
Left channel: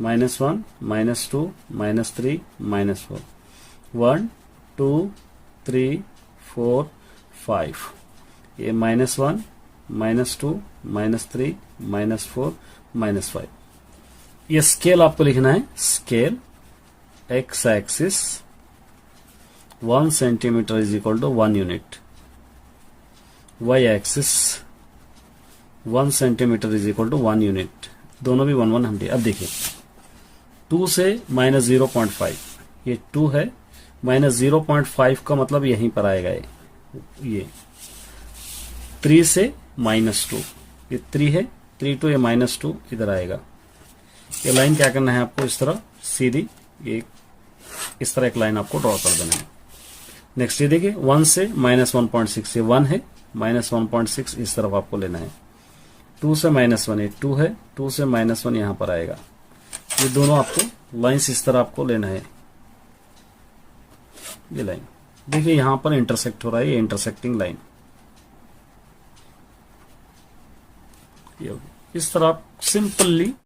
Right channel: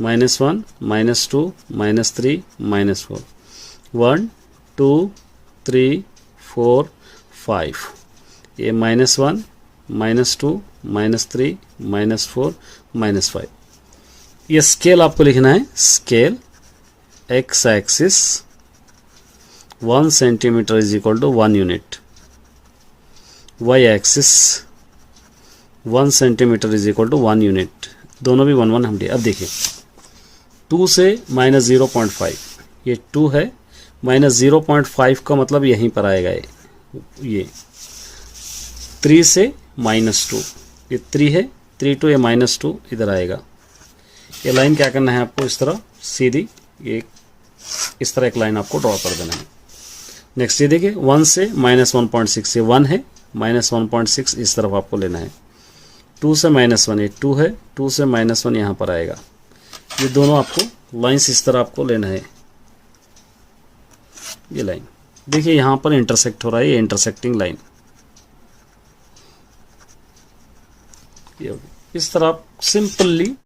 -1 -2 -3 -4, 1 2 3 4 5, ये -1 -2 -3 -4 -5। ये स्केल आपको लिखना है, scale x axis 1 centimetre is equal to 1 unit, y axis 1 centimetre is equal to 1 unit, दोनों भी 1 1 हम दिए। अब देखिए 2 से -0.5, ये 2 है, -0.5 का मतलब यहीं पर आएगा, ये 3 से -2, ये 3 है, 3 to ये -2 इधर आएगा। ये लाइन क्या करना है आपको, इस तरह सीधी, ये इस तरह एक लाइन आपको ड्रॉ कर देना है। नेक्स्ट ये देखिए 1 से -1.6, ये 1 है, -1.6 इस तरफ आपको लेना है। 2 से -1, ये 2 है, 2 से -1 यहाँ पर आएगा। ये दोनों आपको लाइन्स इस तरह आपको लेना है। ये लाइन देखिए यहाँ पर इंटरसेक्ट हो रहा है, ये इंटरसेक्टिंग लाइन, इस तरह आप सिंपली